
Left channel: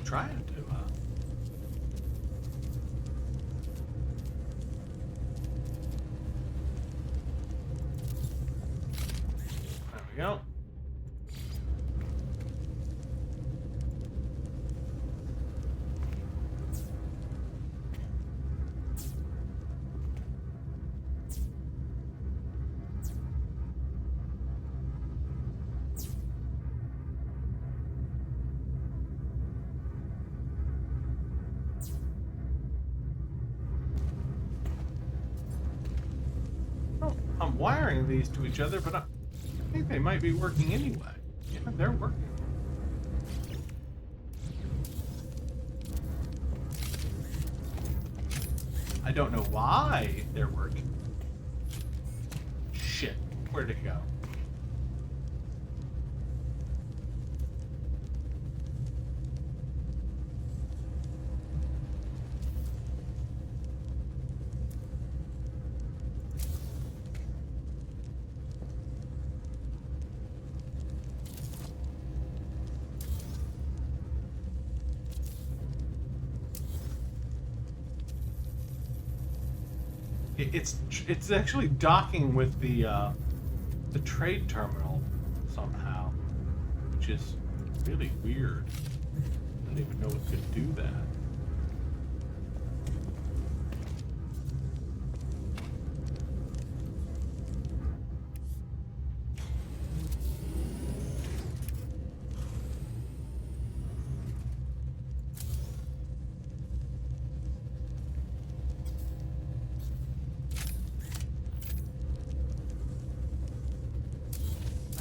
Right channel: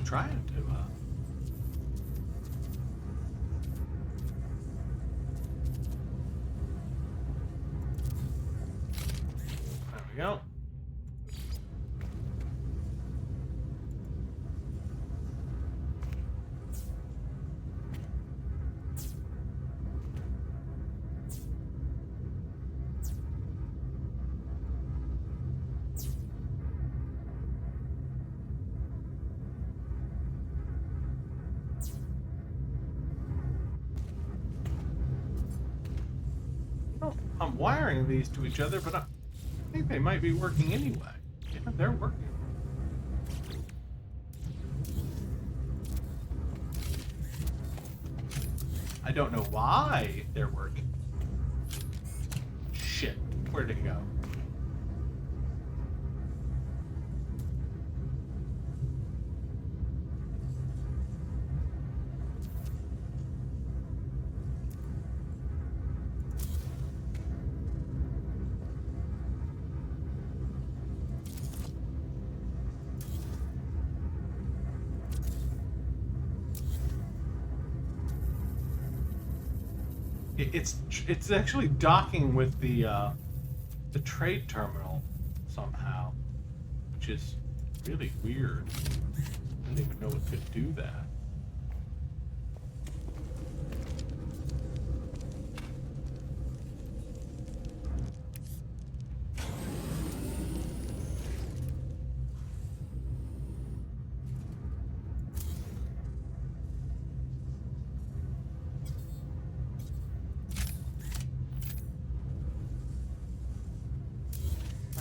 Trying to. There we go. I'm wiring these to each other, but I think they might be working anyway. Yeah, they're working. I don't know why they're working. Shit, where'd it go? It's actually docking with the trade terminal somehow, which is really weird. I didn't even know it could do that.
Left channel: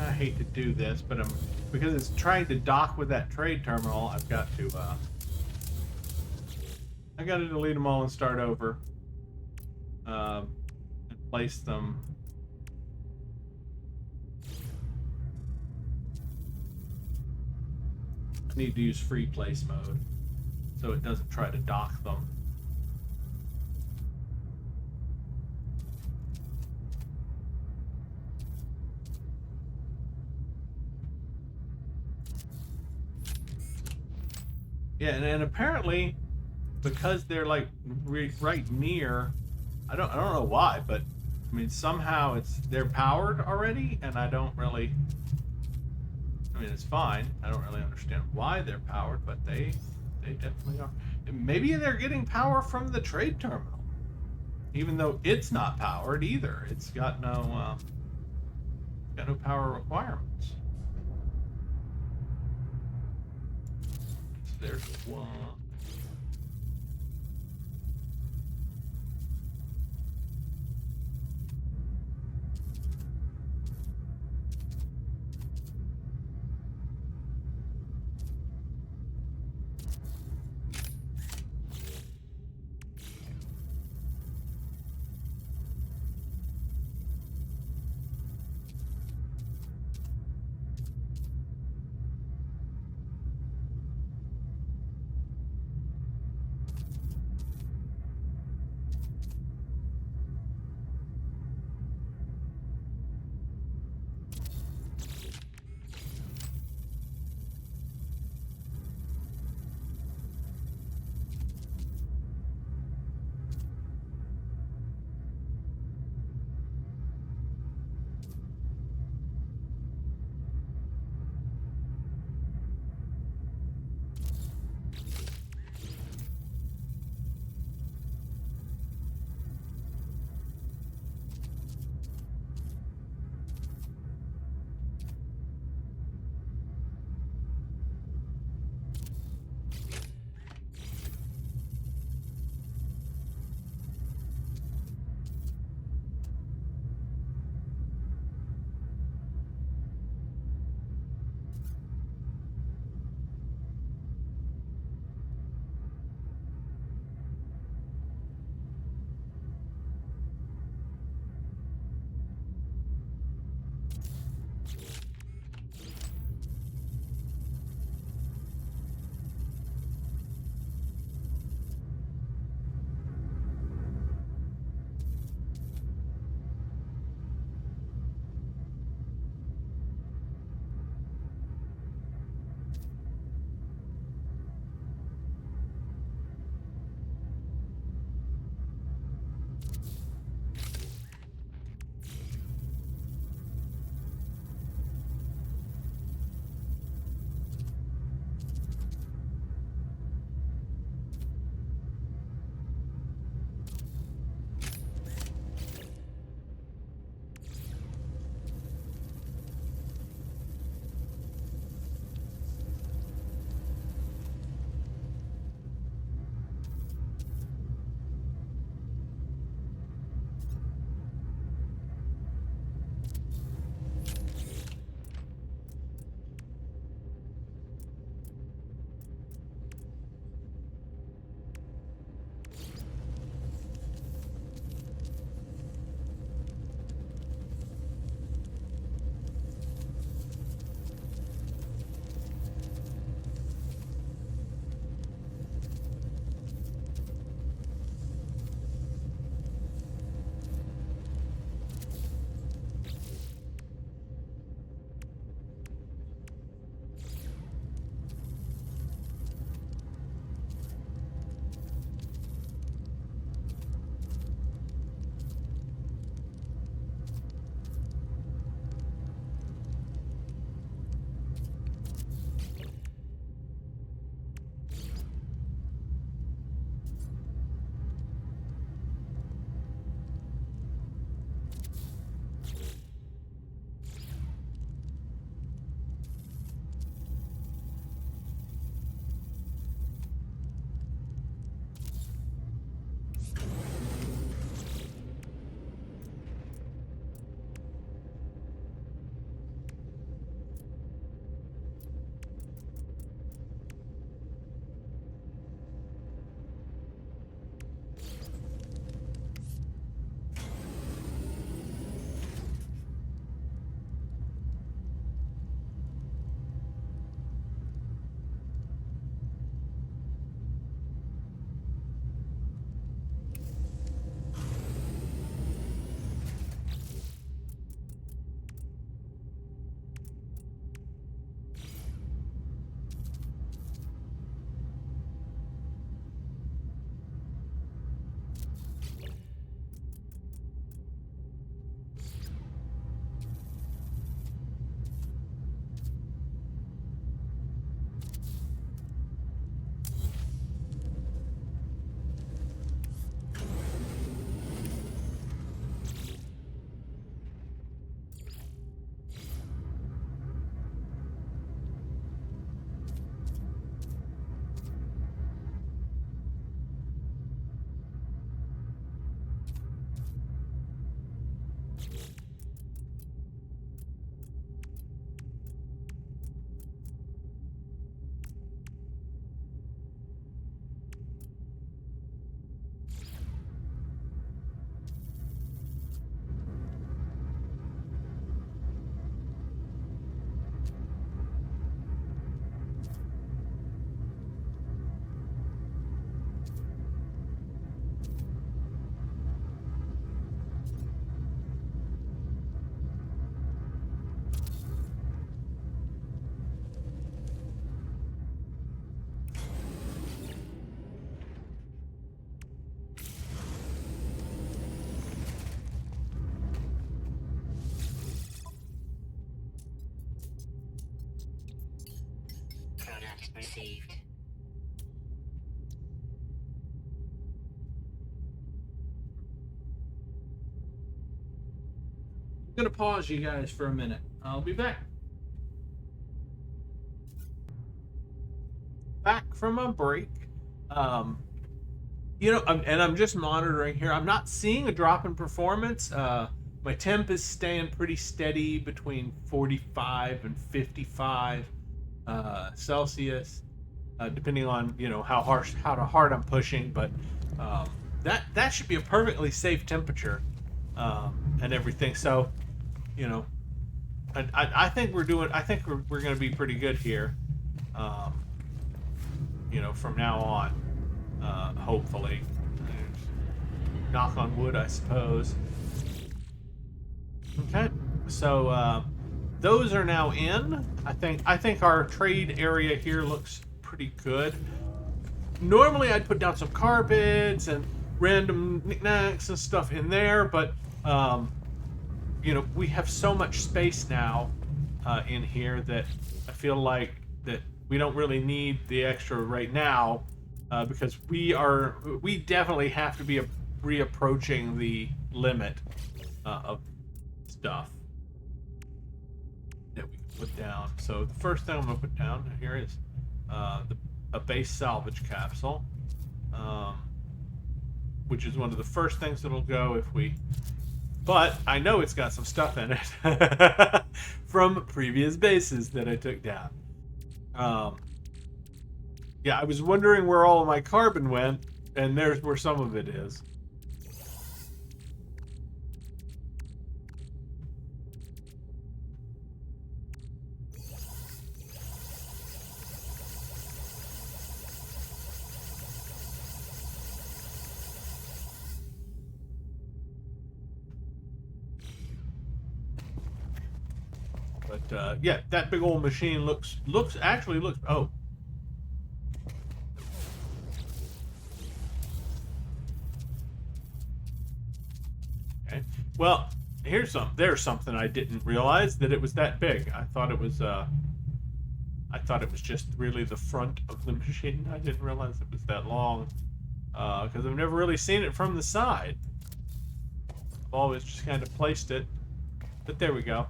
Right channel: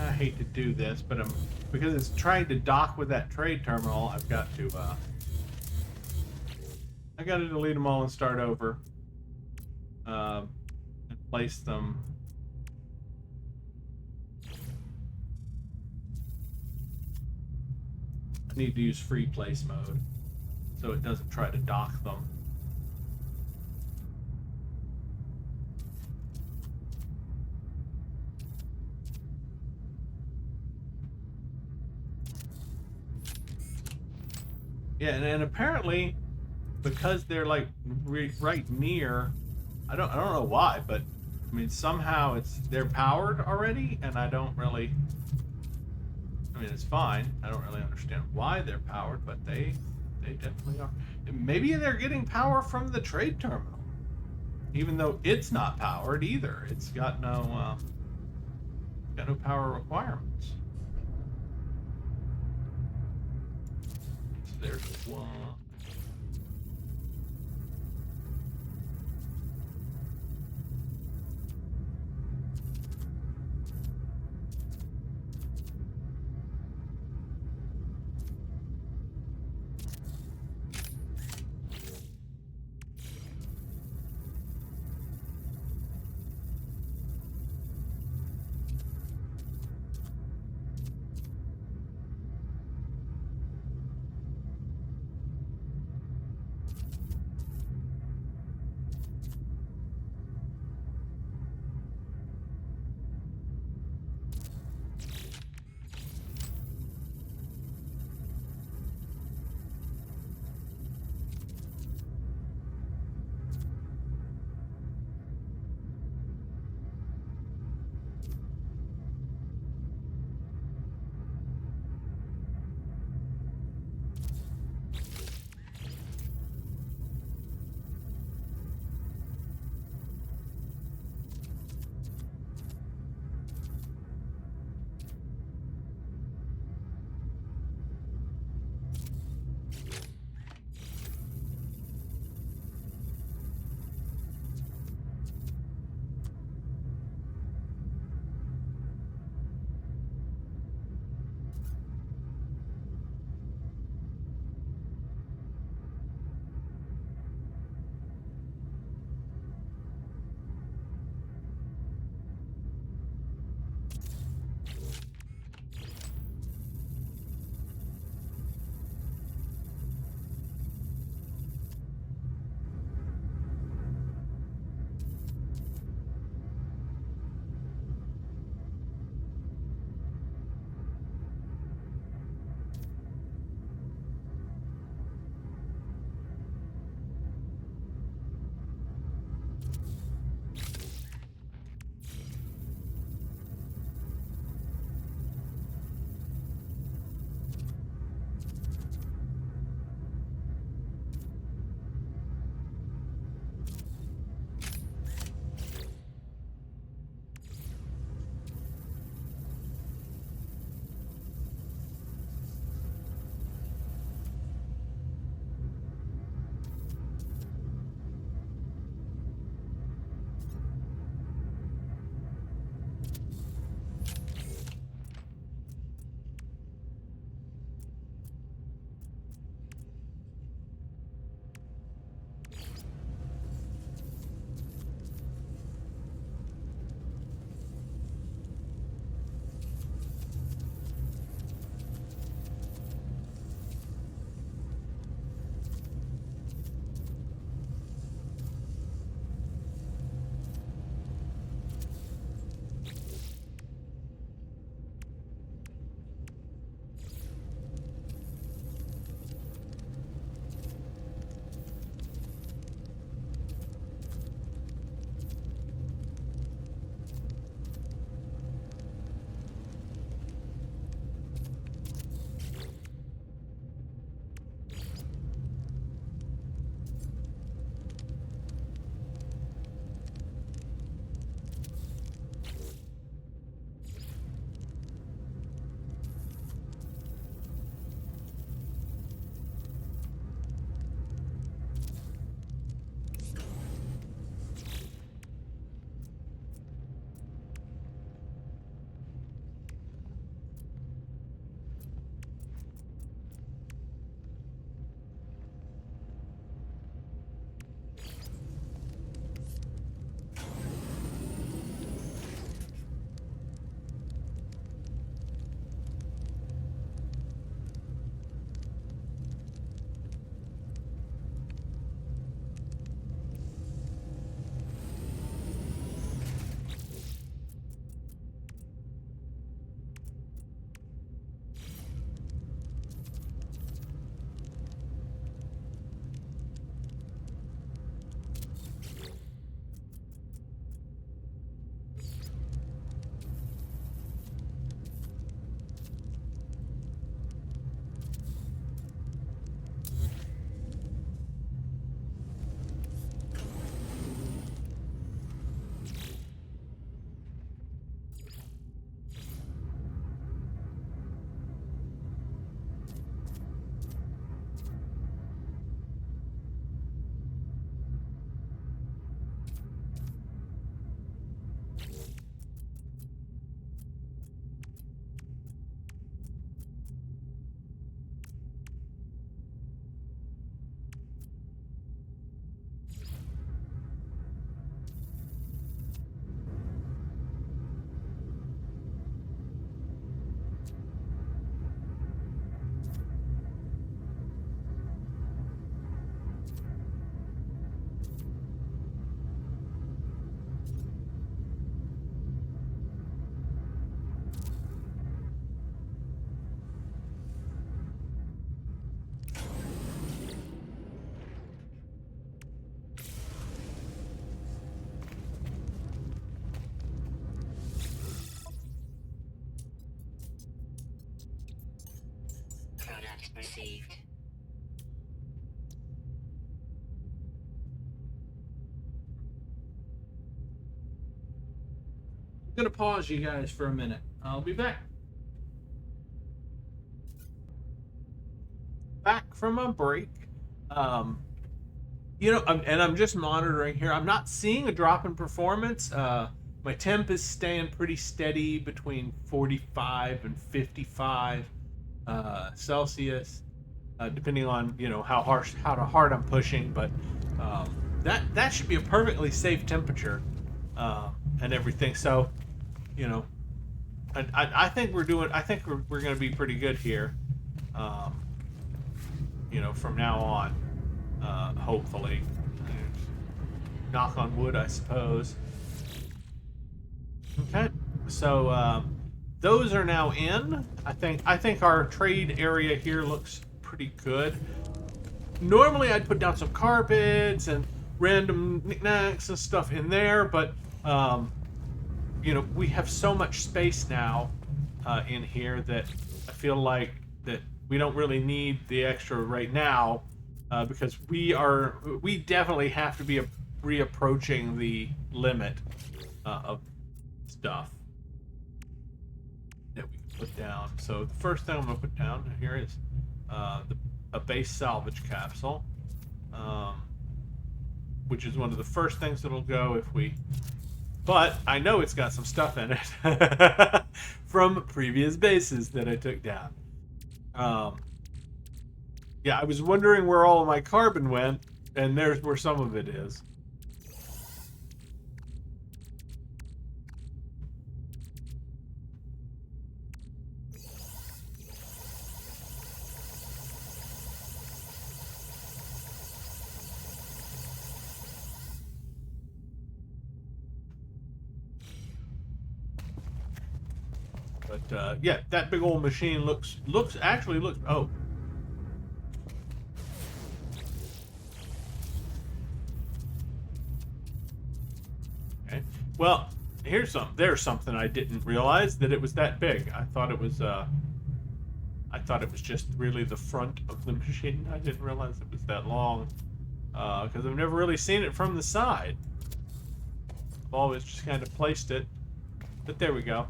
I hate to do this, but because it's trying to dock with that trade terminal, I've got to I got to delete them all and start over, and place them. I need to use free place mode, so it doesn't try to dock them. Yeah, and apparently, because they're like right near, I don't know why, but I mean somehow they're powered already, and I don't really. I mean, it's fine. I don't really understand why they're powered, but they definitely are. Maybe they're getting power from the trade terminal, even though it's not powered either. It's got no power requirements. So there's one. received. I'm gonna pause you guys for a minute. I'll be back. Back from a break. I'm just monitoring here. I'm not seeing a drop in performance. My temp is staying pretty steady between 45 and 55 Celsius, depending on how hard I'm pushing. But that should be a perfectly safe temperature and everything. So, I think we're doing. I think we're going to be pretty good here. From now on, hopefully. Knock on wood, I suppose. Okay, so those are now in. I think our trade area here looks pretty good. Normally, I'd put down some carpets and random knickknacks and stuff in there, but we have so much space now in here that I feel like that we don't really need the extra right now because we definitely have to be reapproaching the limit of stuff that we can put down. So the first thing I'm going to put down here is a base salvage capsule, which is one of the first things that'll go if we... But I know it's got some stuff in it from previous bases that I took down. Yeah, I was wondering where all of my carbon went, and there's where some of it is. But yeah, that big old machine looks. Oh. Okay. Well, there's something I didn't realize that it was that big. I thought it was just really the front of the machine. I didn't realize it was that long because I've never really seen it from the side. I've always just kind of placed it. But there we go.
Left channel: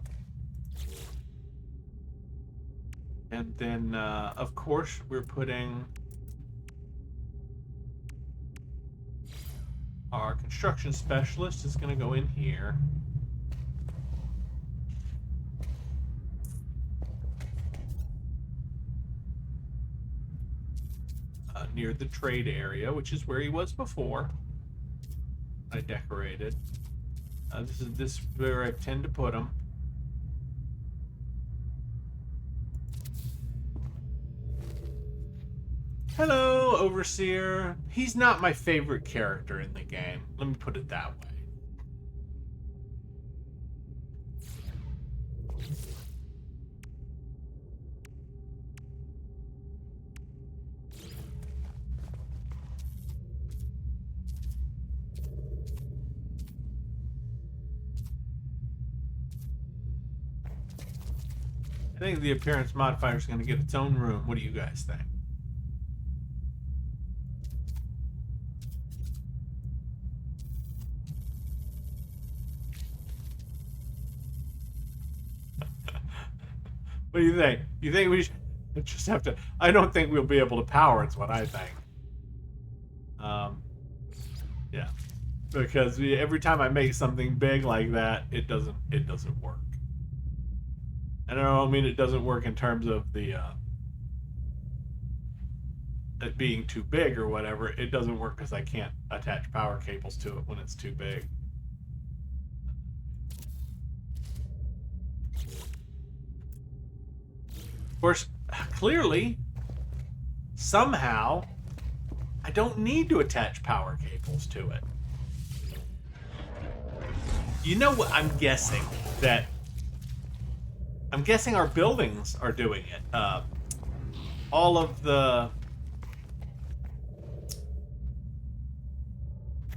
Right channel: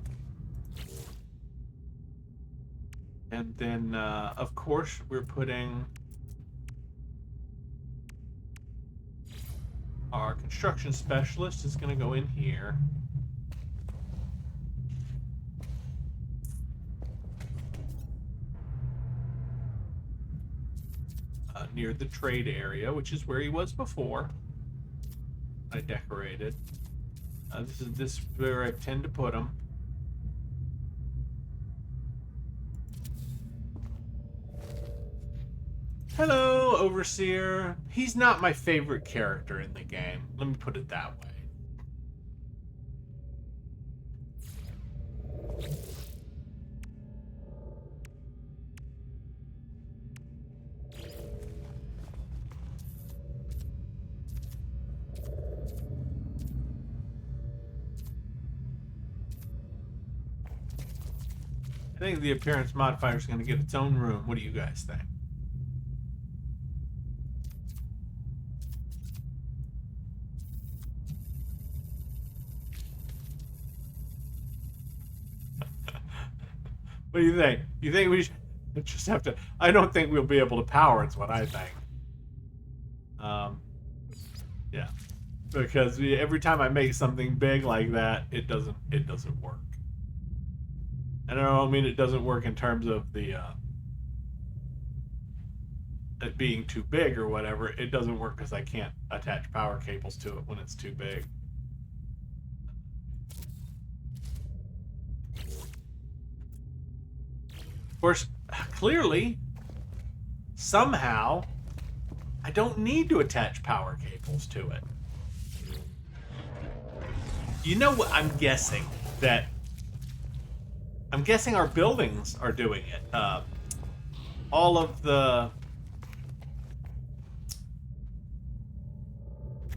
And then, of course, we're putting our construction specialist is going to go in here. Near the trade area, which is where he was before. I decorated. This is where I tend to put him. Hello, Overseer. He's not my favorite character in the game. Let me put it that way. I think the appearance modifier is going to get its own room. What do you guys think? What do you think? You think we should just have to... I don't think we'll be able to power, it's what I think. Yeah. Because every time I make something big like that, it doesn't work. And I don't mean it doesn't work in terms of the it being too big or whatever. It doesn't work because I can't attach power cables to it when it's too big. Of course, clearly, somehow, I don't need to attach power cables to it. You know what? I'm guessing our buildings are doing it. All of the...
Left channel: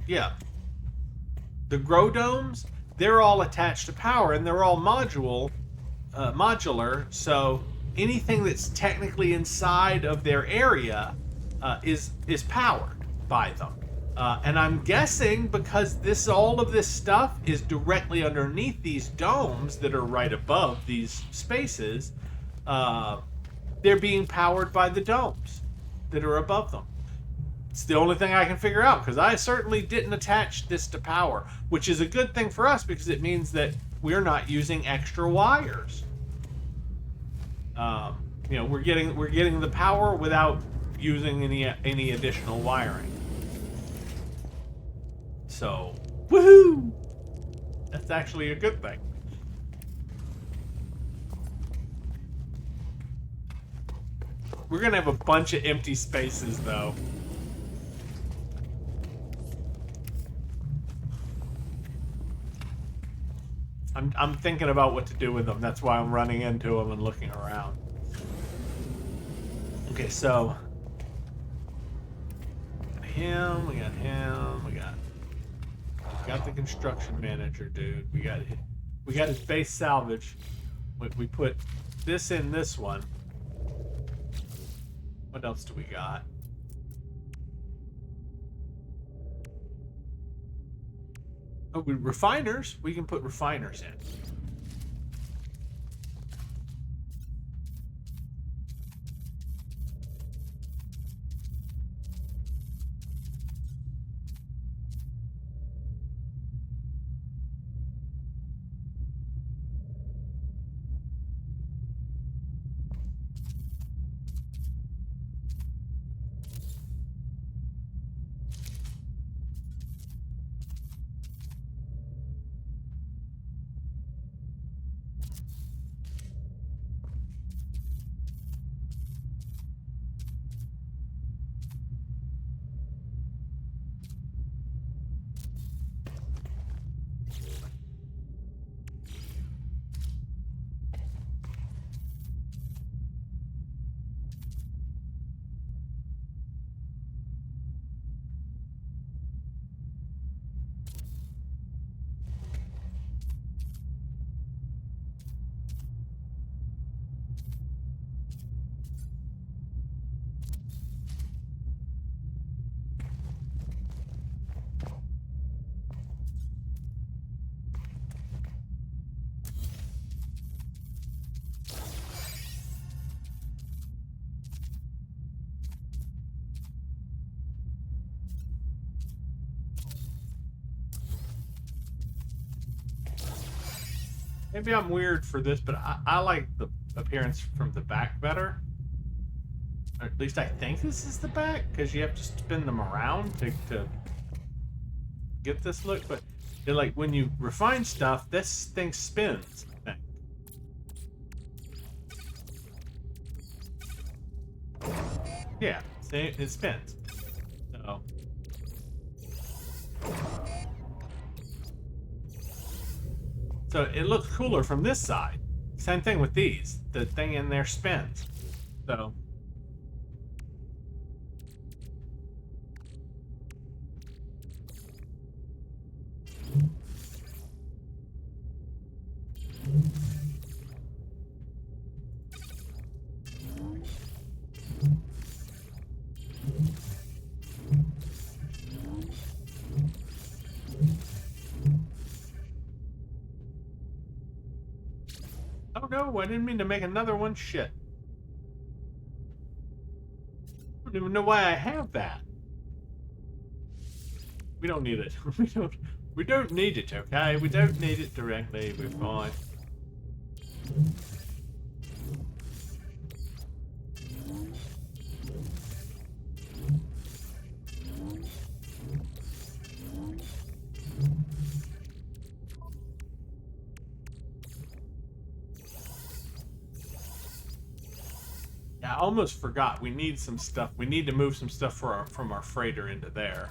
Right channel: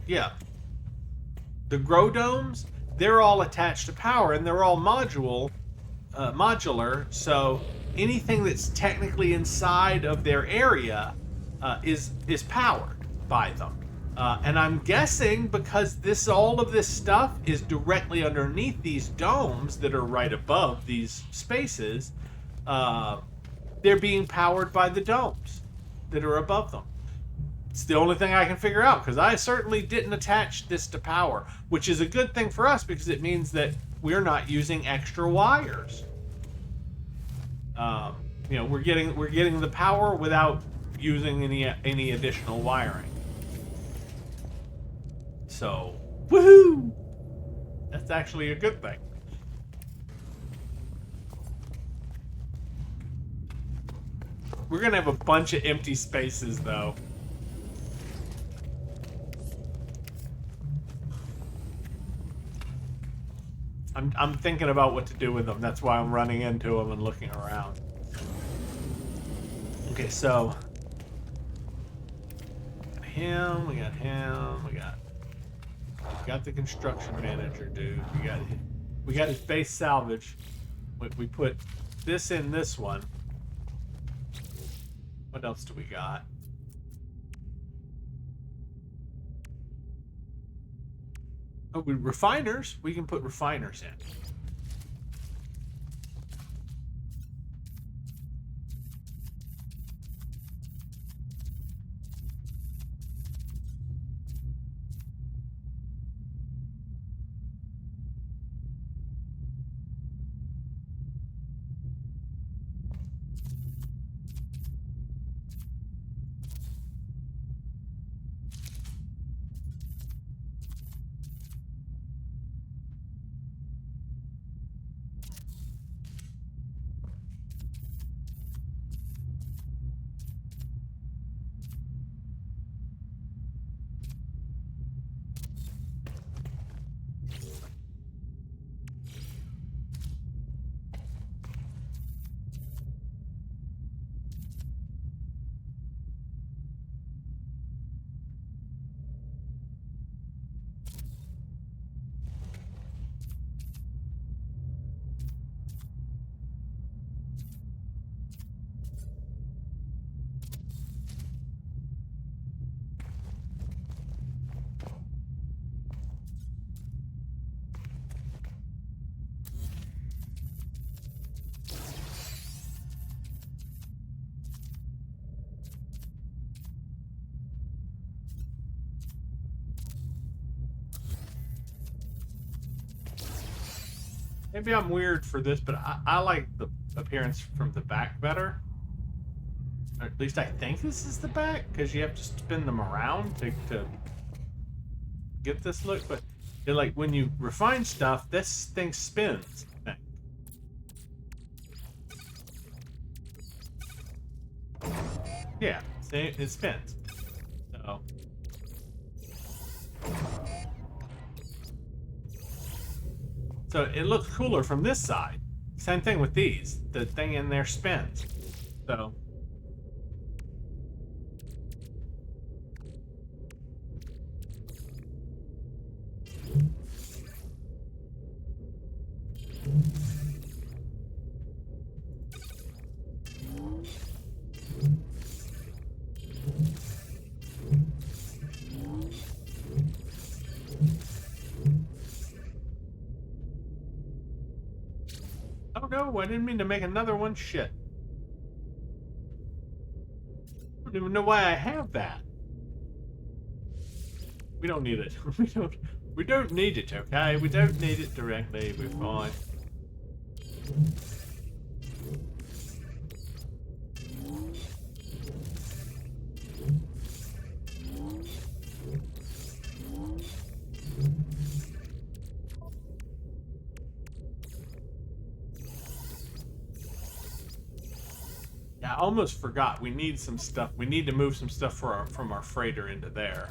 Yeah. The grow domes, they're all attached to power, and they're all modular, so anything that's technically inside of their area is powered by them. And I'm guessing because all of this stuff is directly underneath these domes that are right above these spaces, they're being powered by the domes that are above them. It's the only thing I can figure out, because I certainly didn't attach this to power, which is a good thing for us because it means that we're not using extra wires. We're getting the power without using any additional wiring. So, woohoo! That's actually a good thing. We're gonna have a bunch of empty spaces, though. I'm thinking about what to do with them. That's why I'm running into them and looking around. Okay, so we got him, we got the construction manager dude. We got his base salvage. We put this in this one. What else do we got? Oh, refiners. We can put refiners in. Maybe I'm weird for this, but I like the appearance from the back better. Or at least I think this is the back, because you have to spin them around to get this look. But like when you refine stuff, this thing spins, I think. Yeah, see, it spins. So it looks cooler from this side. Same thing with these. The thing in there spins. So oh no, I didn't mean to make another one. Shit. I don't even know why I have that. We don't need it. We don't need it, okay? We don't need it directly. We're fine. Yeah, I almost forgot. We need some stuff. We need to move some stuff from our freighter into there.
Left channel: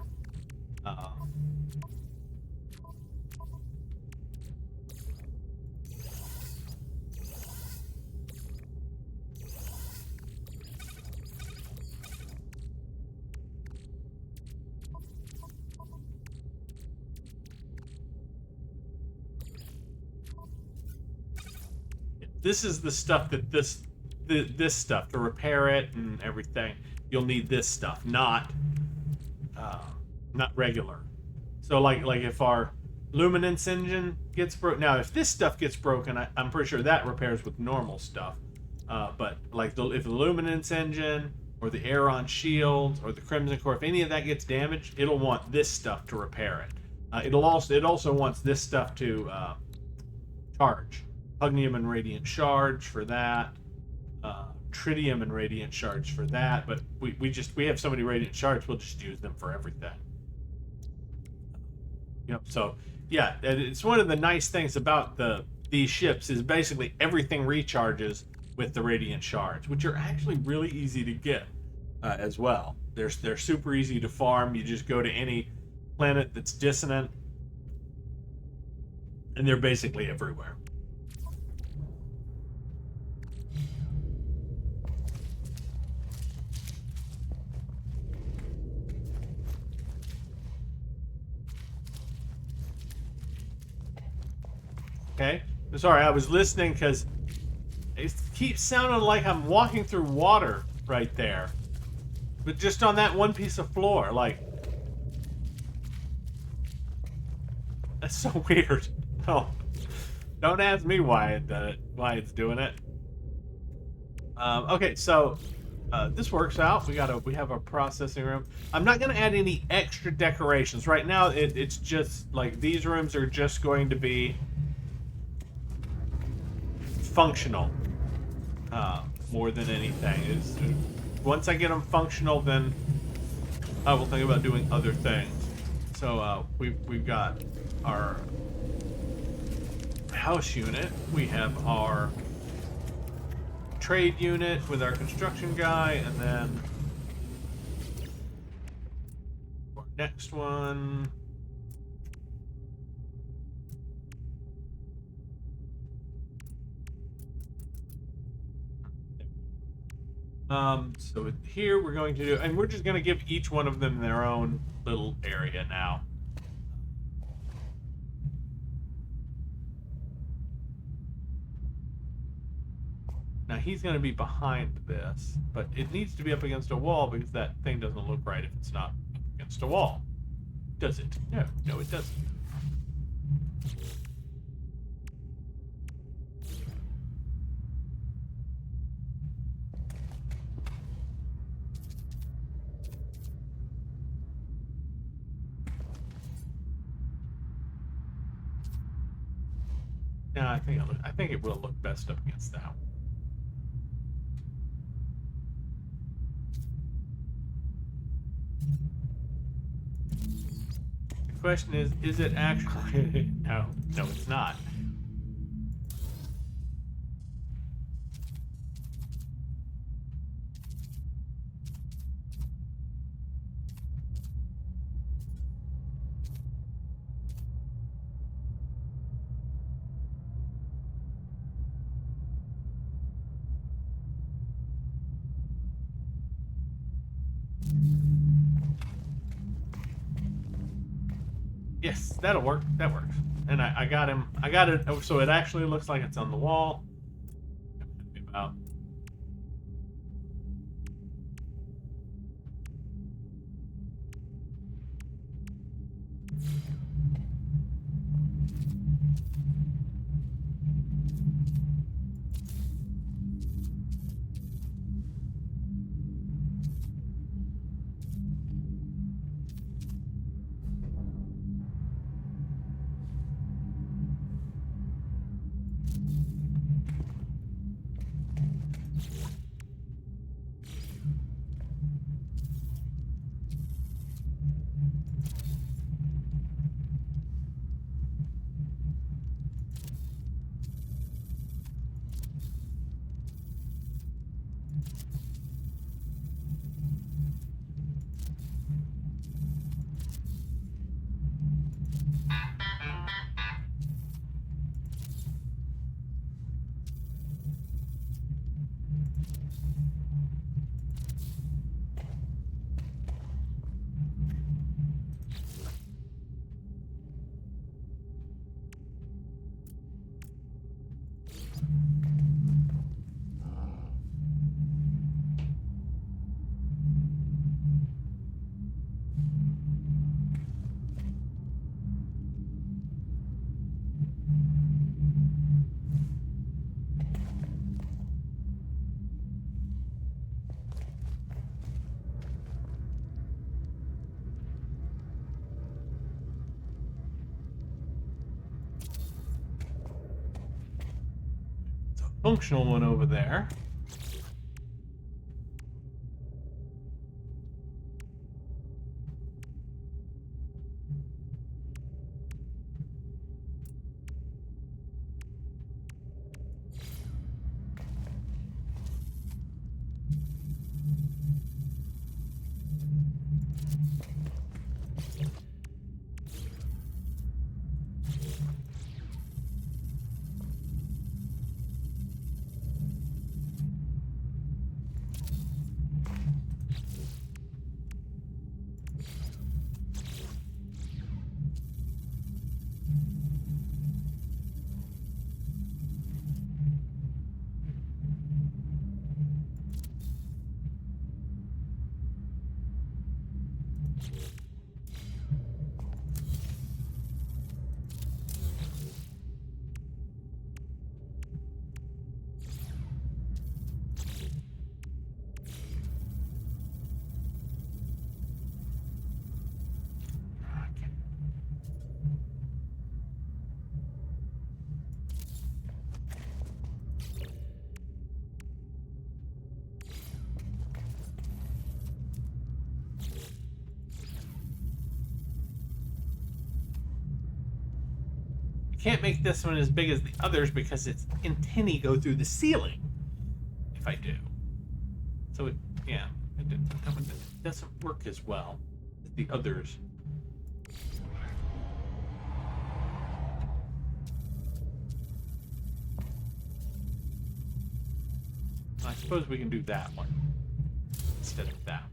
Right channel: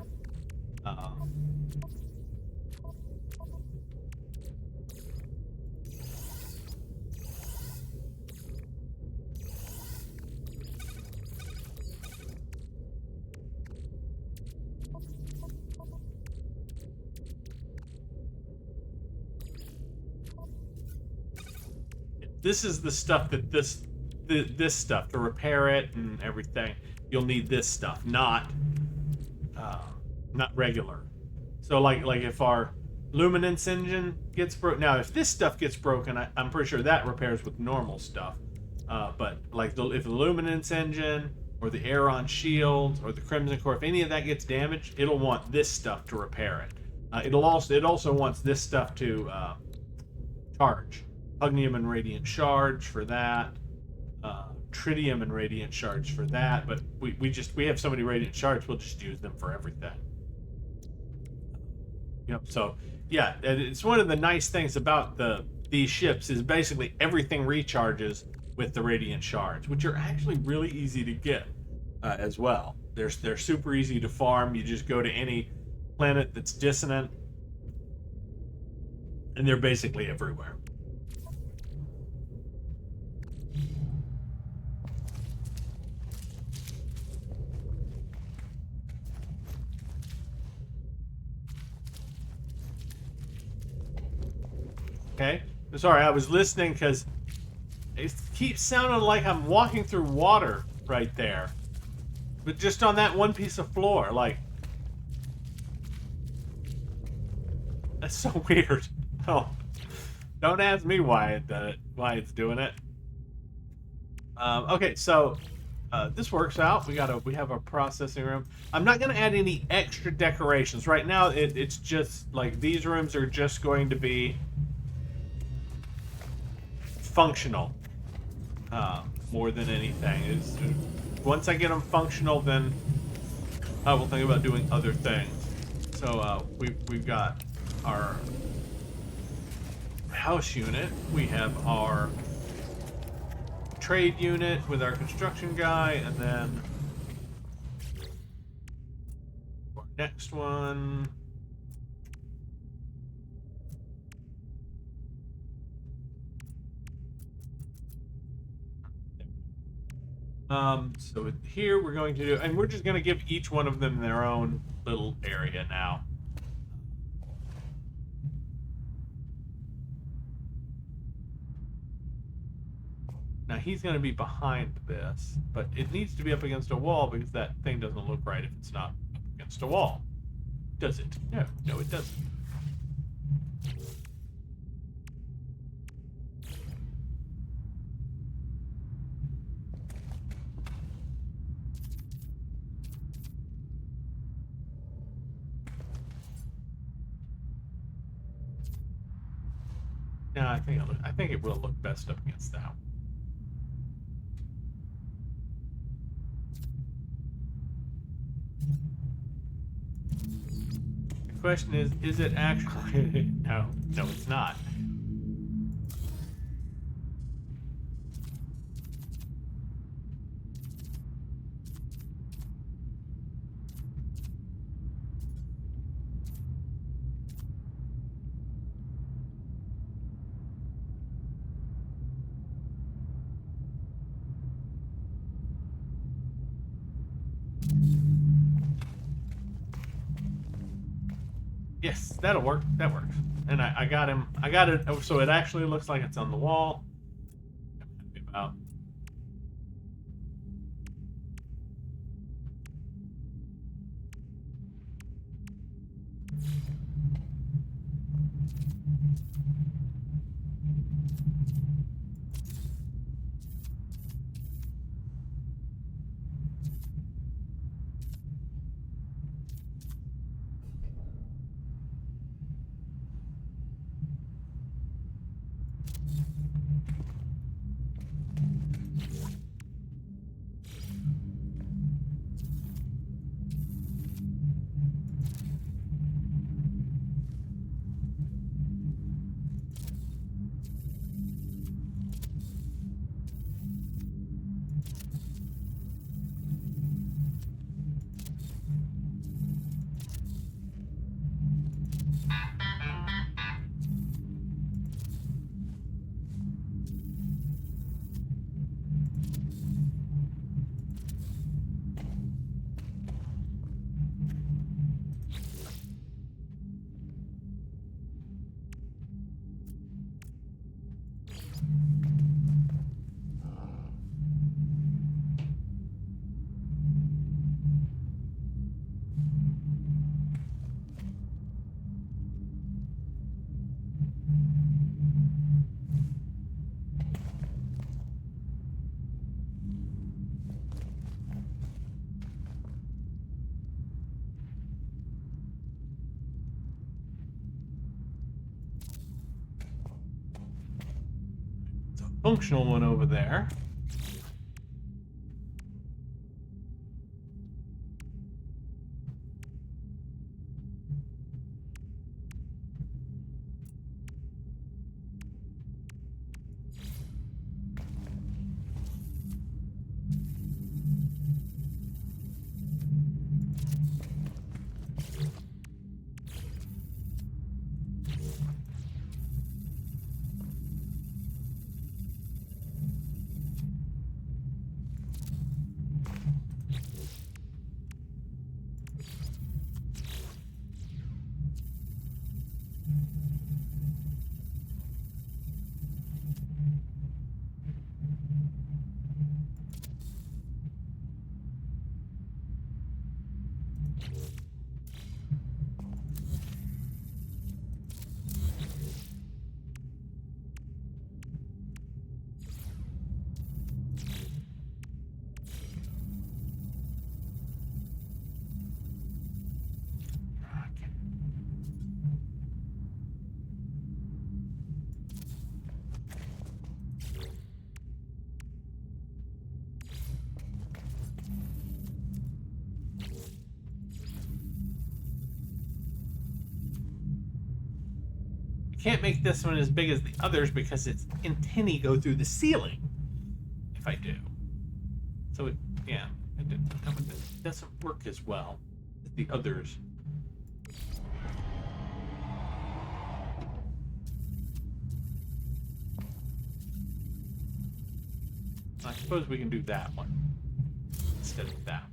This is the stuff that this this stuff to repair it and everything. You'll need this stuff, not regular. So like if our luminance engine gets broken, now if this stuff gets broken, I'm pretty sure that repairs with normal stuff. But like if the luminance engine or the Aeron shield or the Crimson Core, if any of that gets damaged, it'll want this stuff to repair it. It also wants this stuff to charge. Pugnium and Radiant Shards for that. Tritium and Radiant Shards for that. But we have so many Radiant Shards, we'll just use them for everything. Yep. So yeah, it's one of the nice things about these ships is basically everything recharges with the Radiant Shards, which are actually really easy to get as well. They're super easy to farm. You just go to any planet that's dissonant, and they're basically everywhere. Okay. Sorry, I was listening because it keeps sounding like I'm walking through water right there. But just on that one piece of floor, like... That's so weird. Oh, don't ask me why it's doing it. Okay, so this works out. We have our processing room. I'm not gonna add any extra decorations right now. It's just like these rooms are just going to be functional more than anything. Once I get them functional, then I will think about doing other things. So we've got our house unit. We have our trade unit with our construction guy, and then our next one. So here we're going to do, and we're just going to give each one of them their own little area now. Now he's going to be behind this, but it needs to be up against a wall because that thing doesn't look right if it's not up against a wall. Does it? No, it doesn't. No, I think it will look best up against that one. The question is it actually... No, it's not. Yes, that'll work. That works. And I got him. I got it so it actually looks like it's on the wall. About. functional one over there. Can't make this one as big as the others because its antennae go through the ceiling. If I do, so that one doesn't work as well as the others. I suppose we can do that one instead of that one.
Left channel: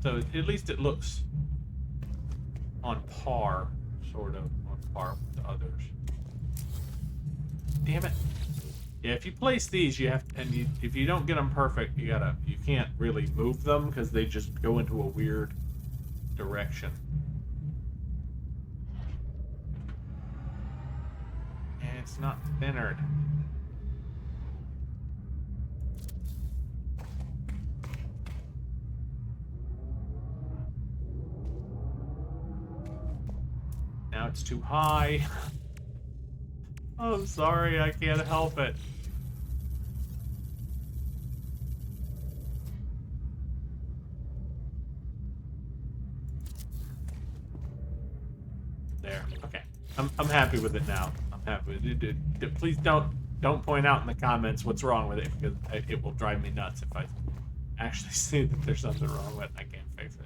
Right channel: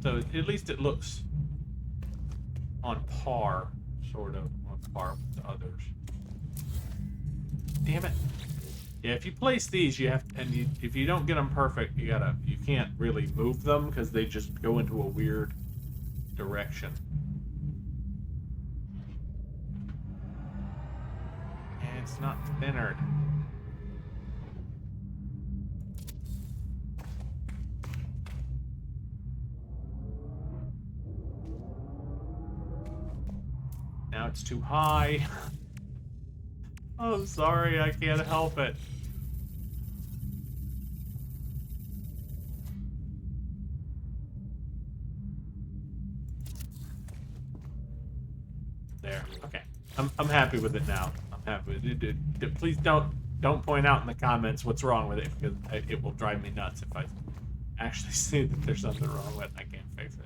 So at least it looks on par, sort of on par with the others. Damn it! Yeah, if you place these, you have, if you don't get them perfect, you can't really move them because they just go into a weird direction. And it's not centered. Now it's too high. Oh, I'm sorry, I can't help it. There. Okay. I'm happy with it now. I'm happy with it. Please don't point out in the comments what's wrong with it, because it will drive me nuts if I actually see that there's something wrong with it and I can't fix it.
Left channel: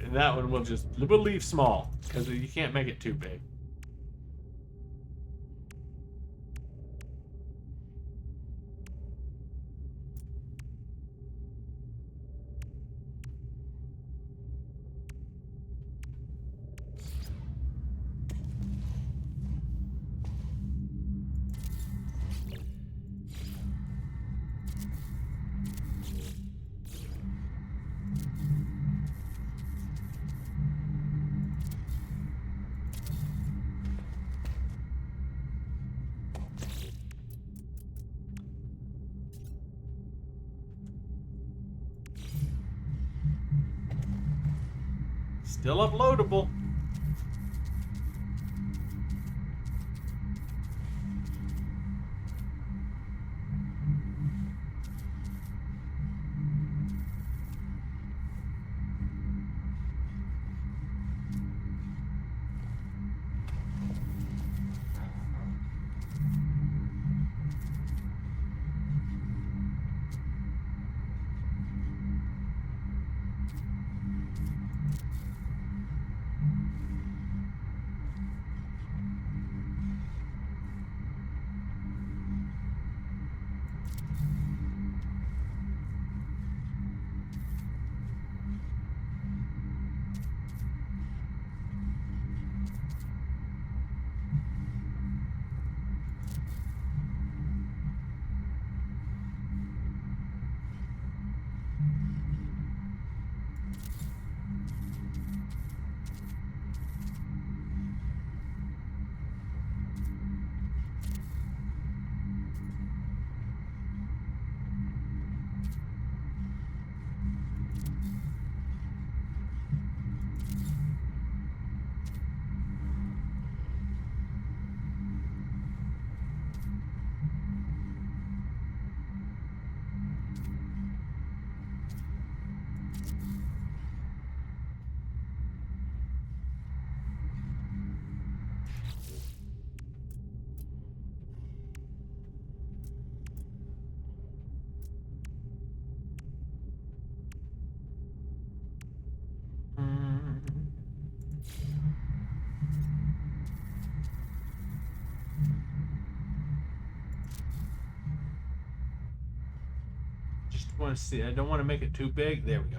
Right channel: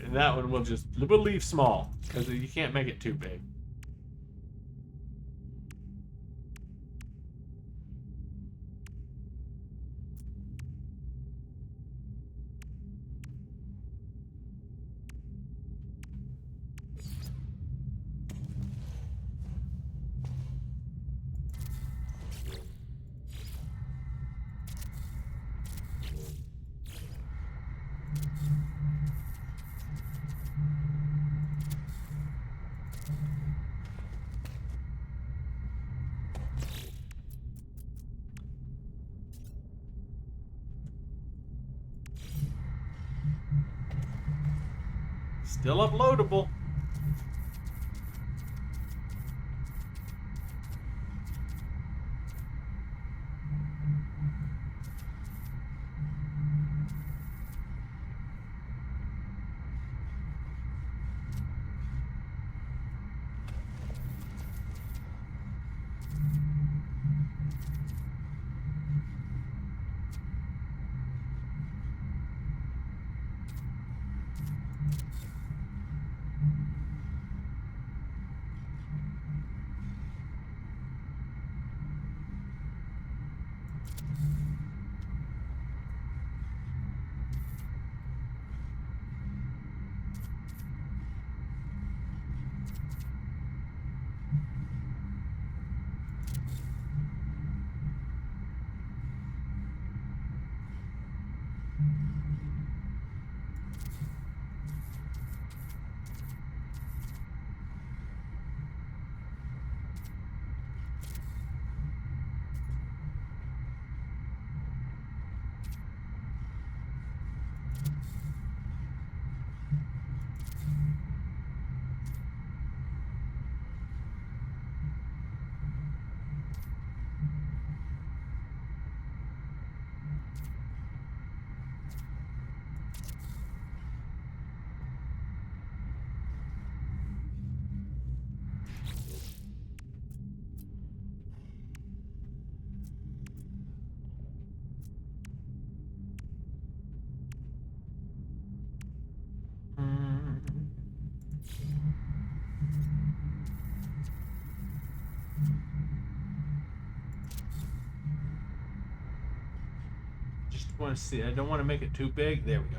And that one we'll leave small because you can't make it too big. Still uploadable. just want to see. I don't want to make it too big. There we go.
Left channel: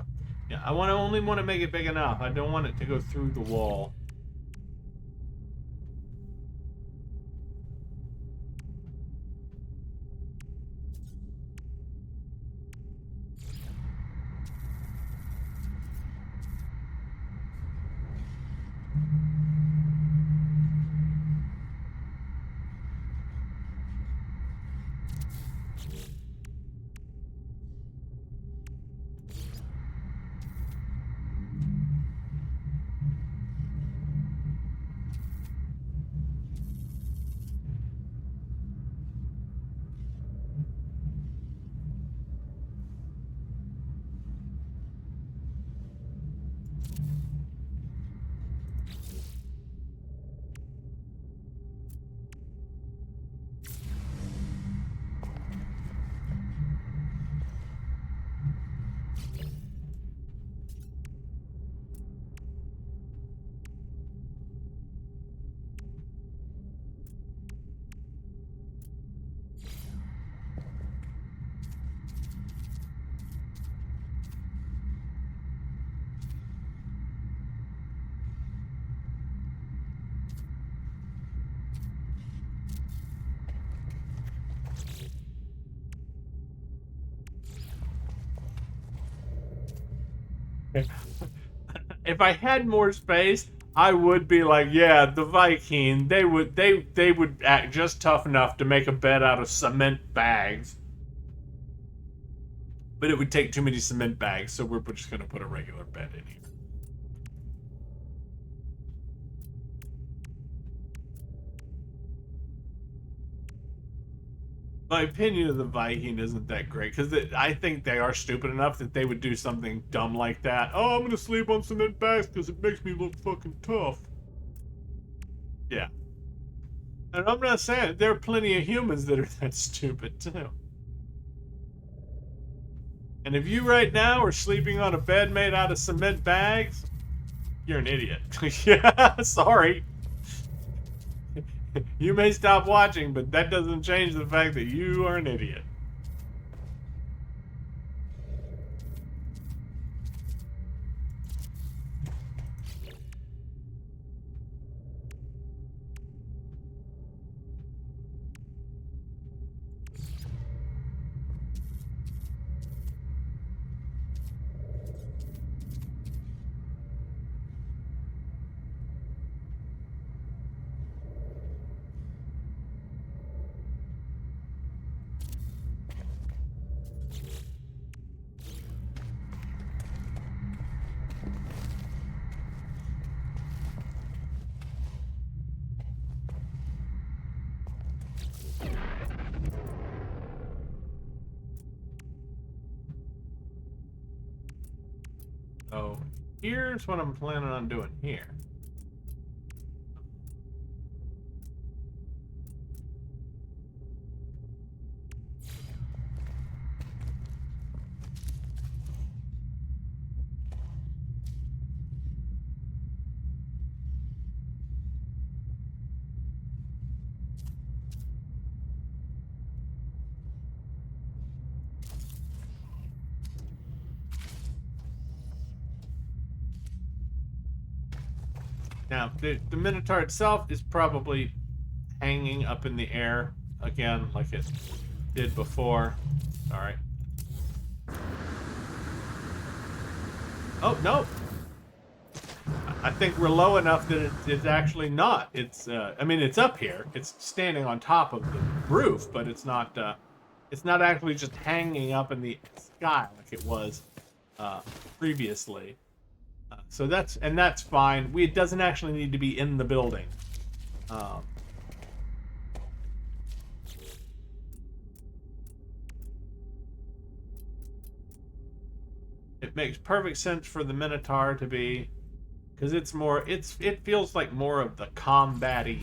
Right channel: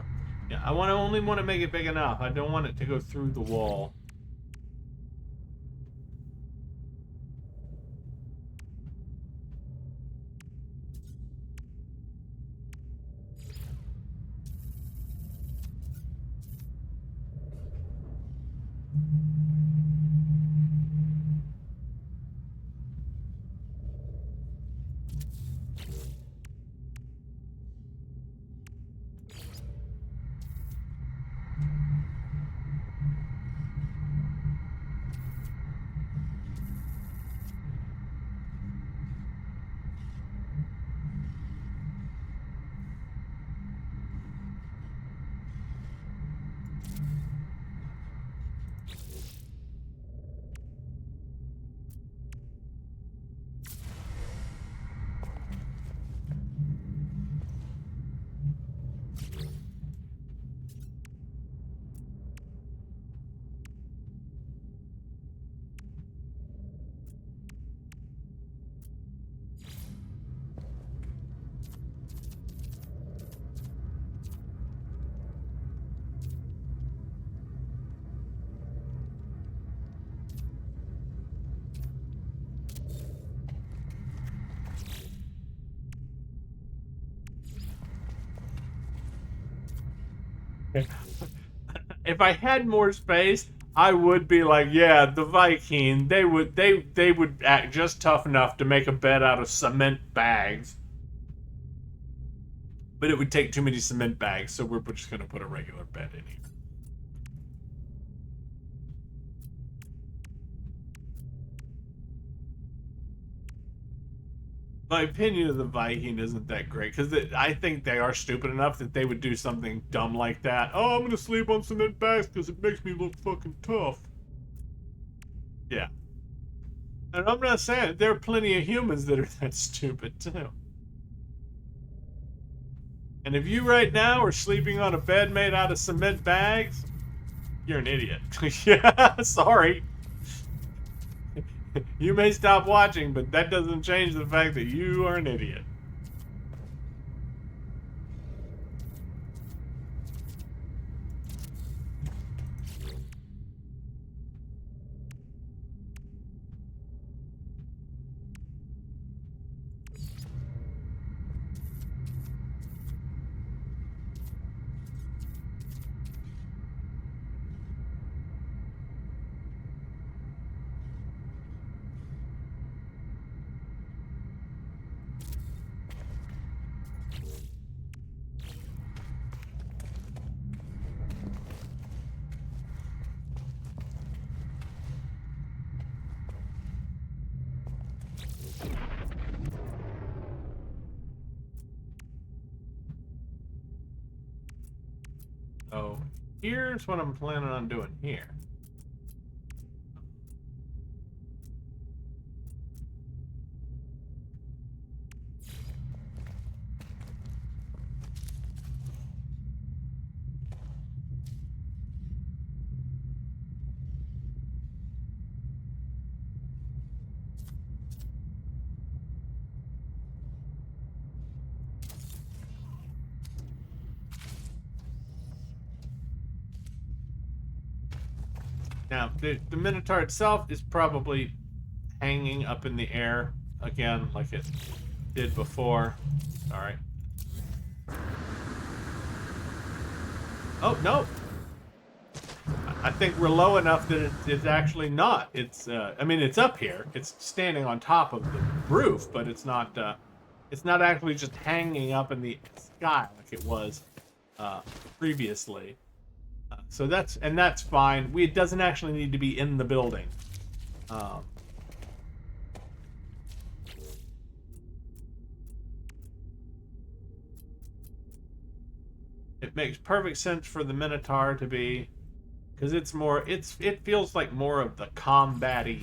Yeah, I only want to make it big enough. I don't want it to go through the wall. If I had more space, I would be like, yeah, the Viking. They would act just tough enough to make a bed out of cement bags. But it would take too many cement bags, so we're just gonna put a regular bed in here. My opinion of the Viking isn't that great, because I think they are stupid enough that they would do something dumb like that. Oh, I'm gonna sleep on cement bags because it makes me look fucking tough. Yeah. And I'm not saying, there are plenty of humans that are that stupid, too. And if you right now are sleeping on a bed made out of cement bags, you're an idiot. Yeah, sorry. You may stop watching, but that doesn't change the fact that you are an idiot. So here's what I'm planning on doing here. Now, the Minotaur itself is probably hanging up in the air again, like it did before. Sorry. Oh, no! I think we're low enough that it's actually not. It's, I mean, it's up here. It's standing on top of the roof, but it's not actually just hanging up in the sky like it was previously. So that's fine. It doesn't actually need to be in the building. It makes perfect sense for the Minotaur to be, because it feels like more of the combat-y.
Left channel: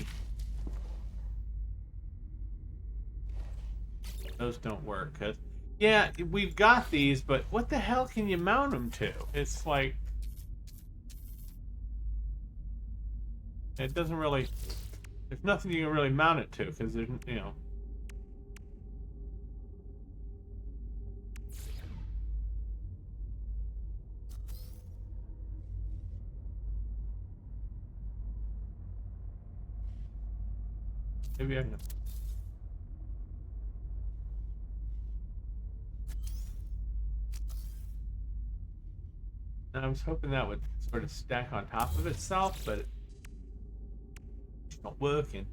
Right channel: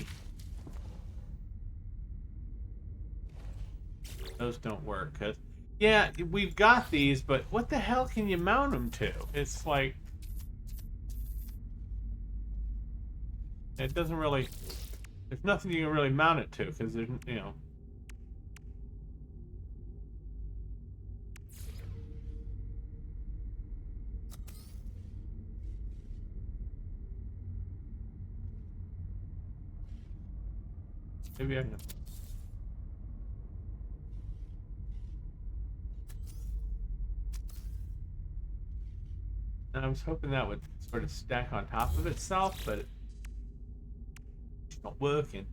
Those don't work, 'cause yeah, we've got these, but what the hell can you mount them to? It's like, it doesn't really, there's nothing you can really mount it to, because there's, you know. Maybe I can. And I was hoping that would sort of stack on top of itself, but it's not working.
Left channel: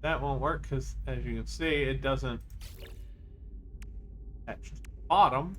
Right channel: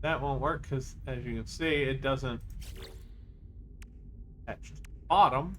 That won't work because, as you can see, it doesn't attach to the bottom.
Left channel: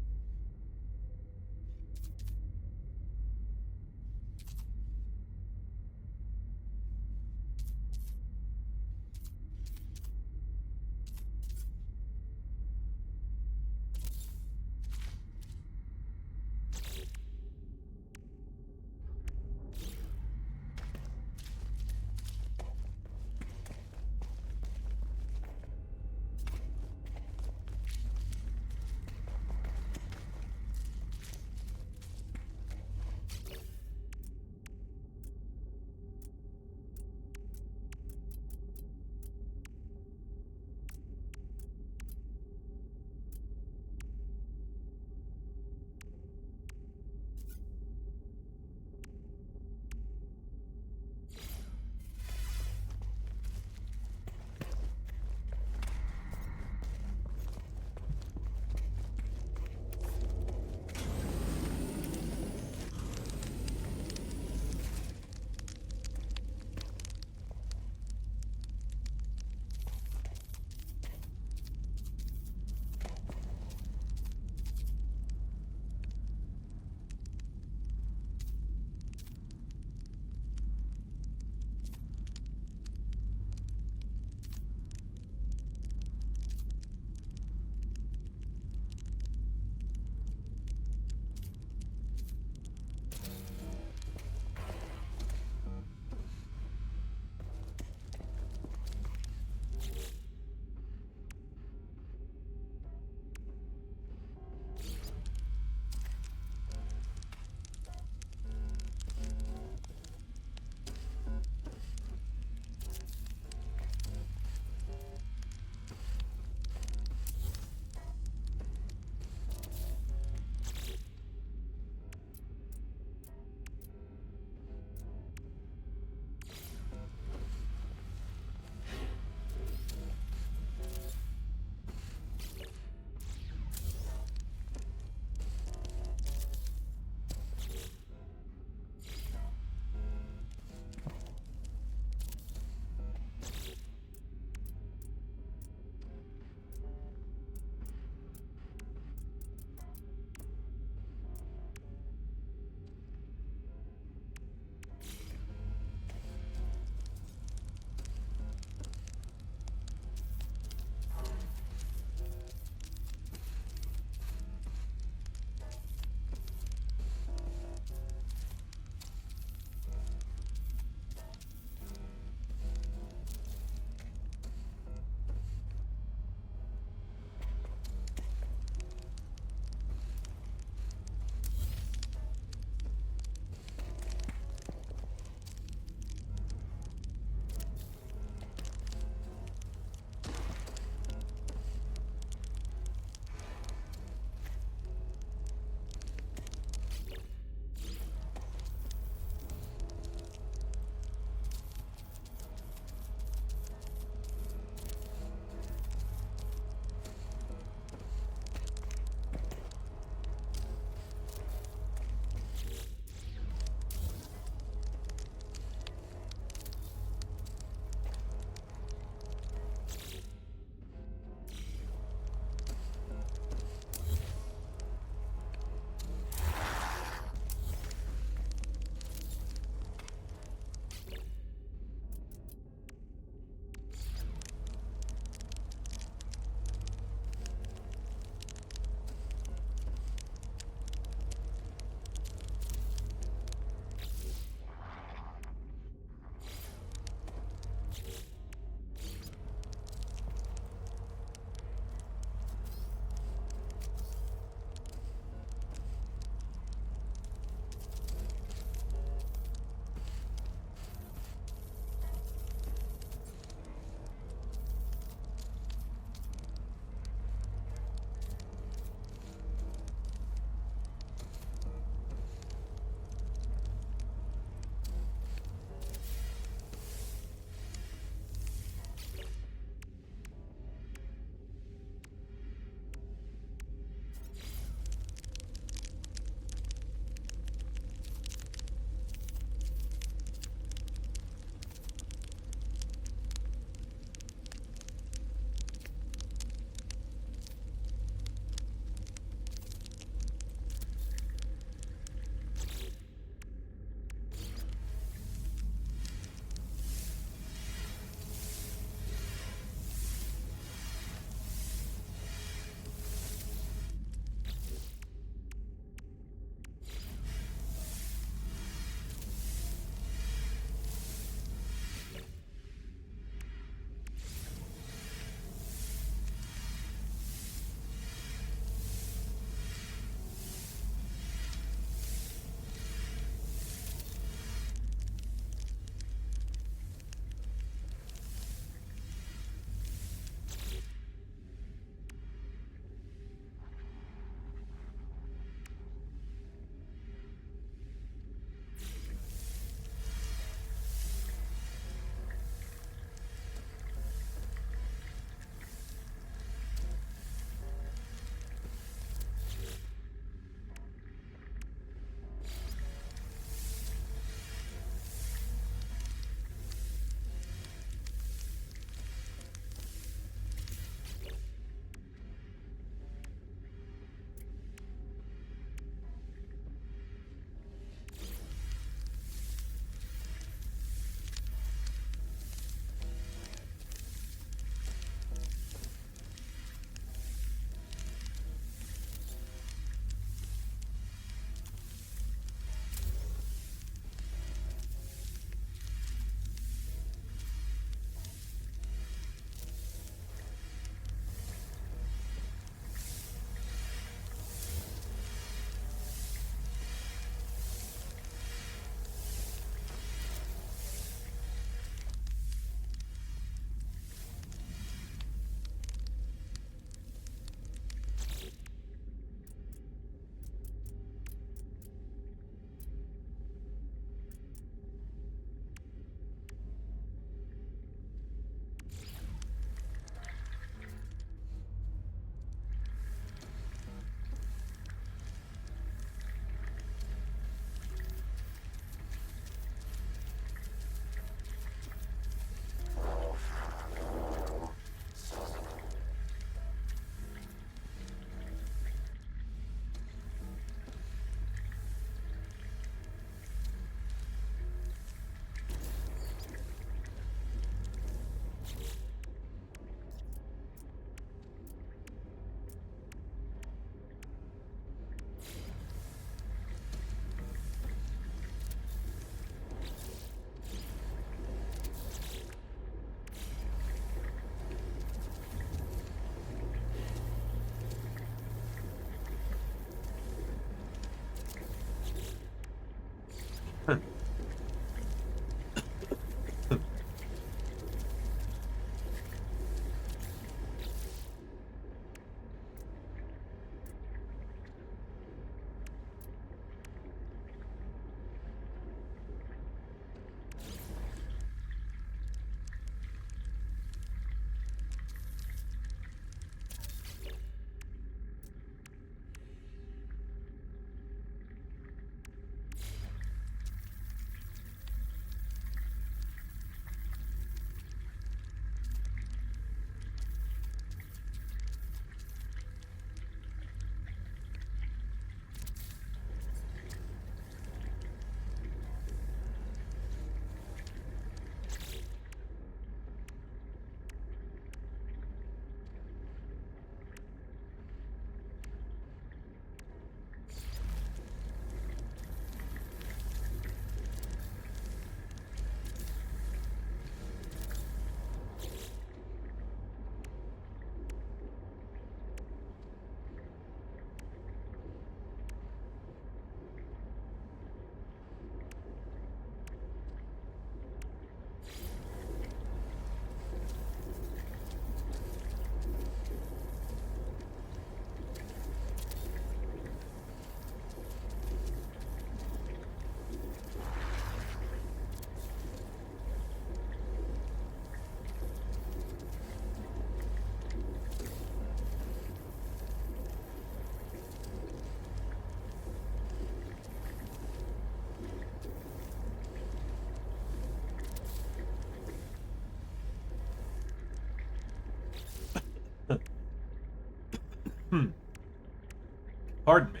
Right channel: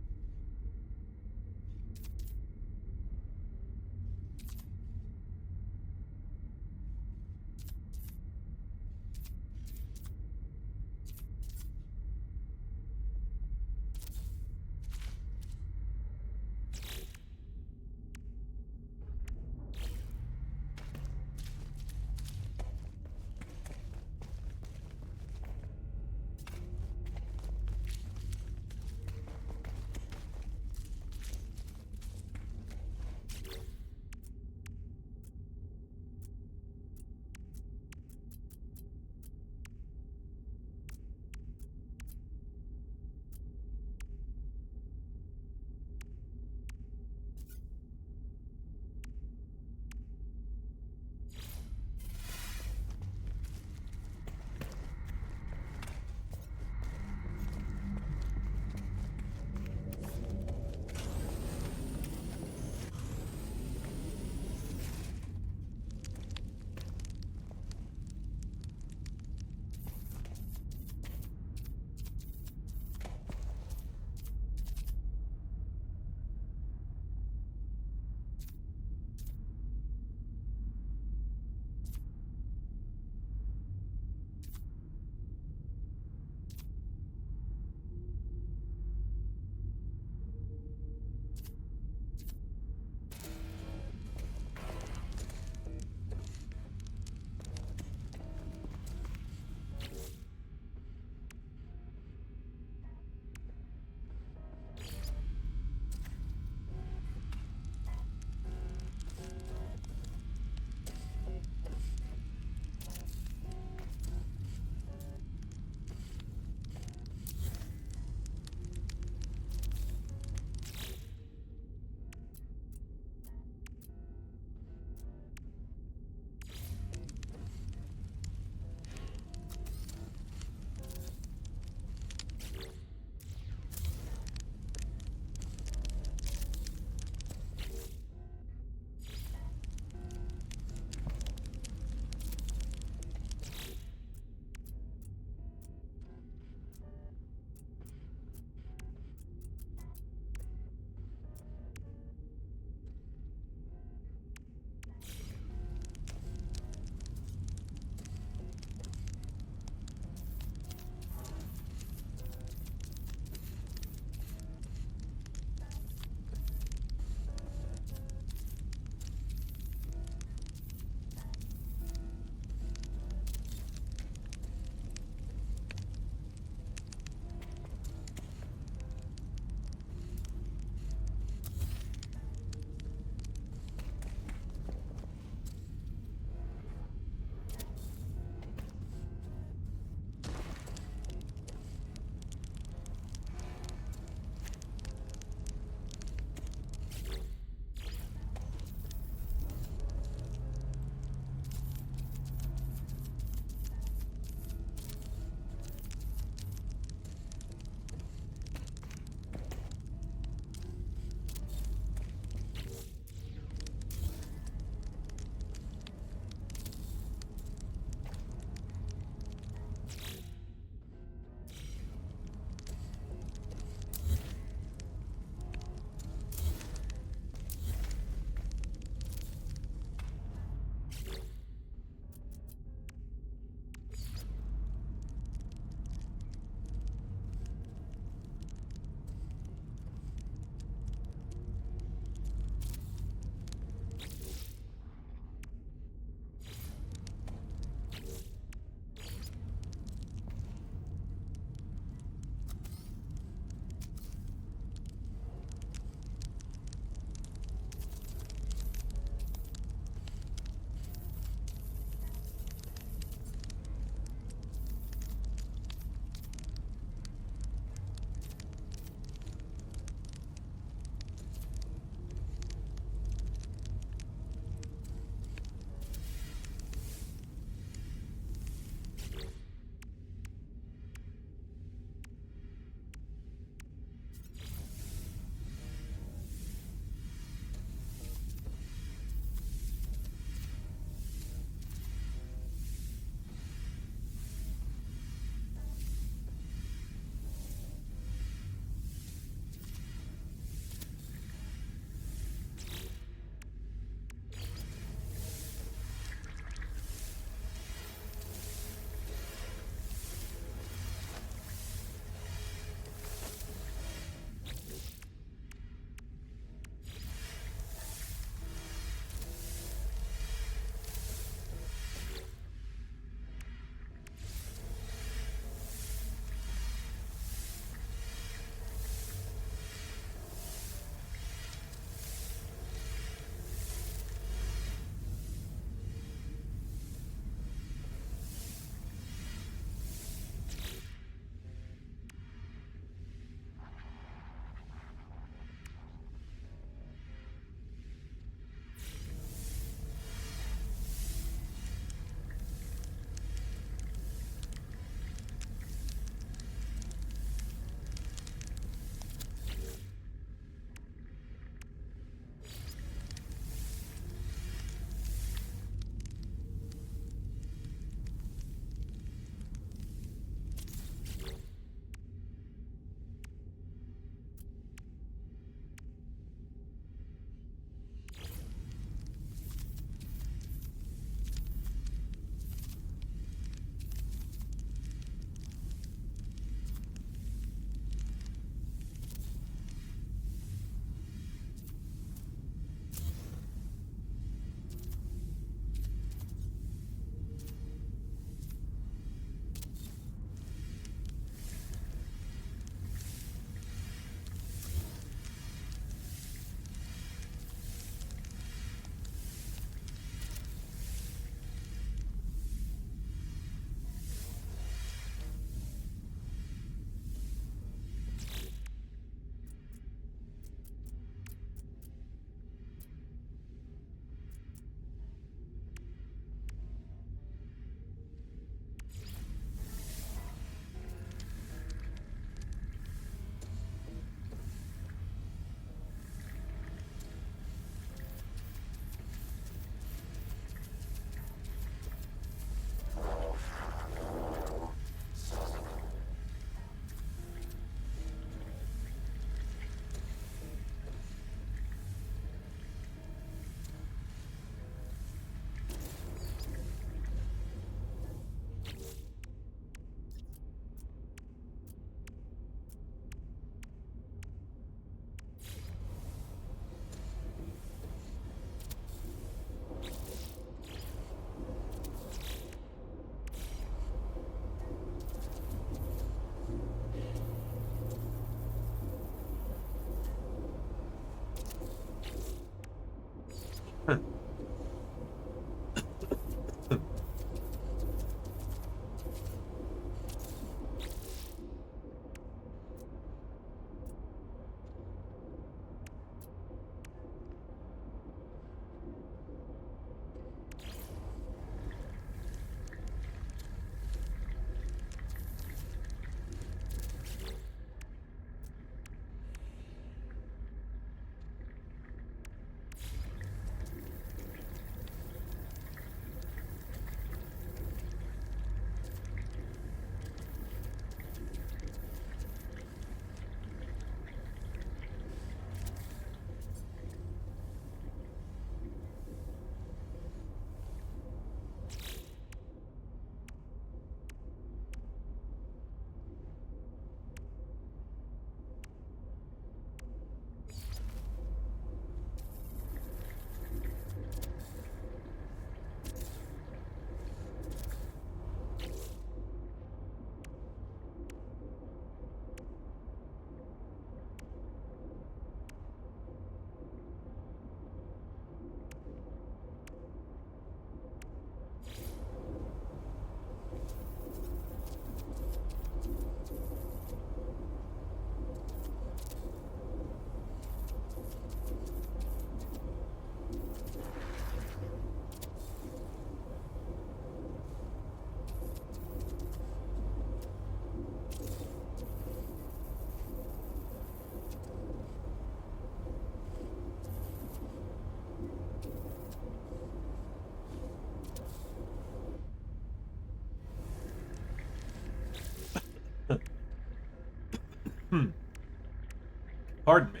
Pardon me.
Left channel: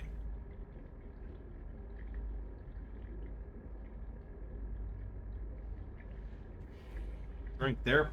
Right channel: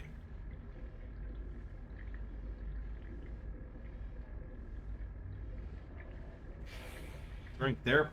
Drink there.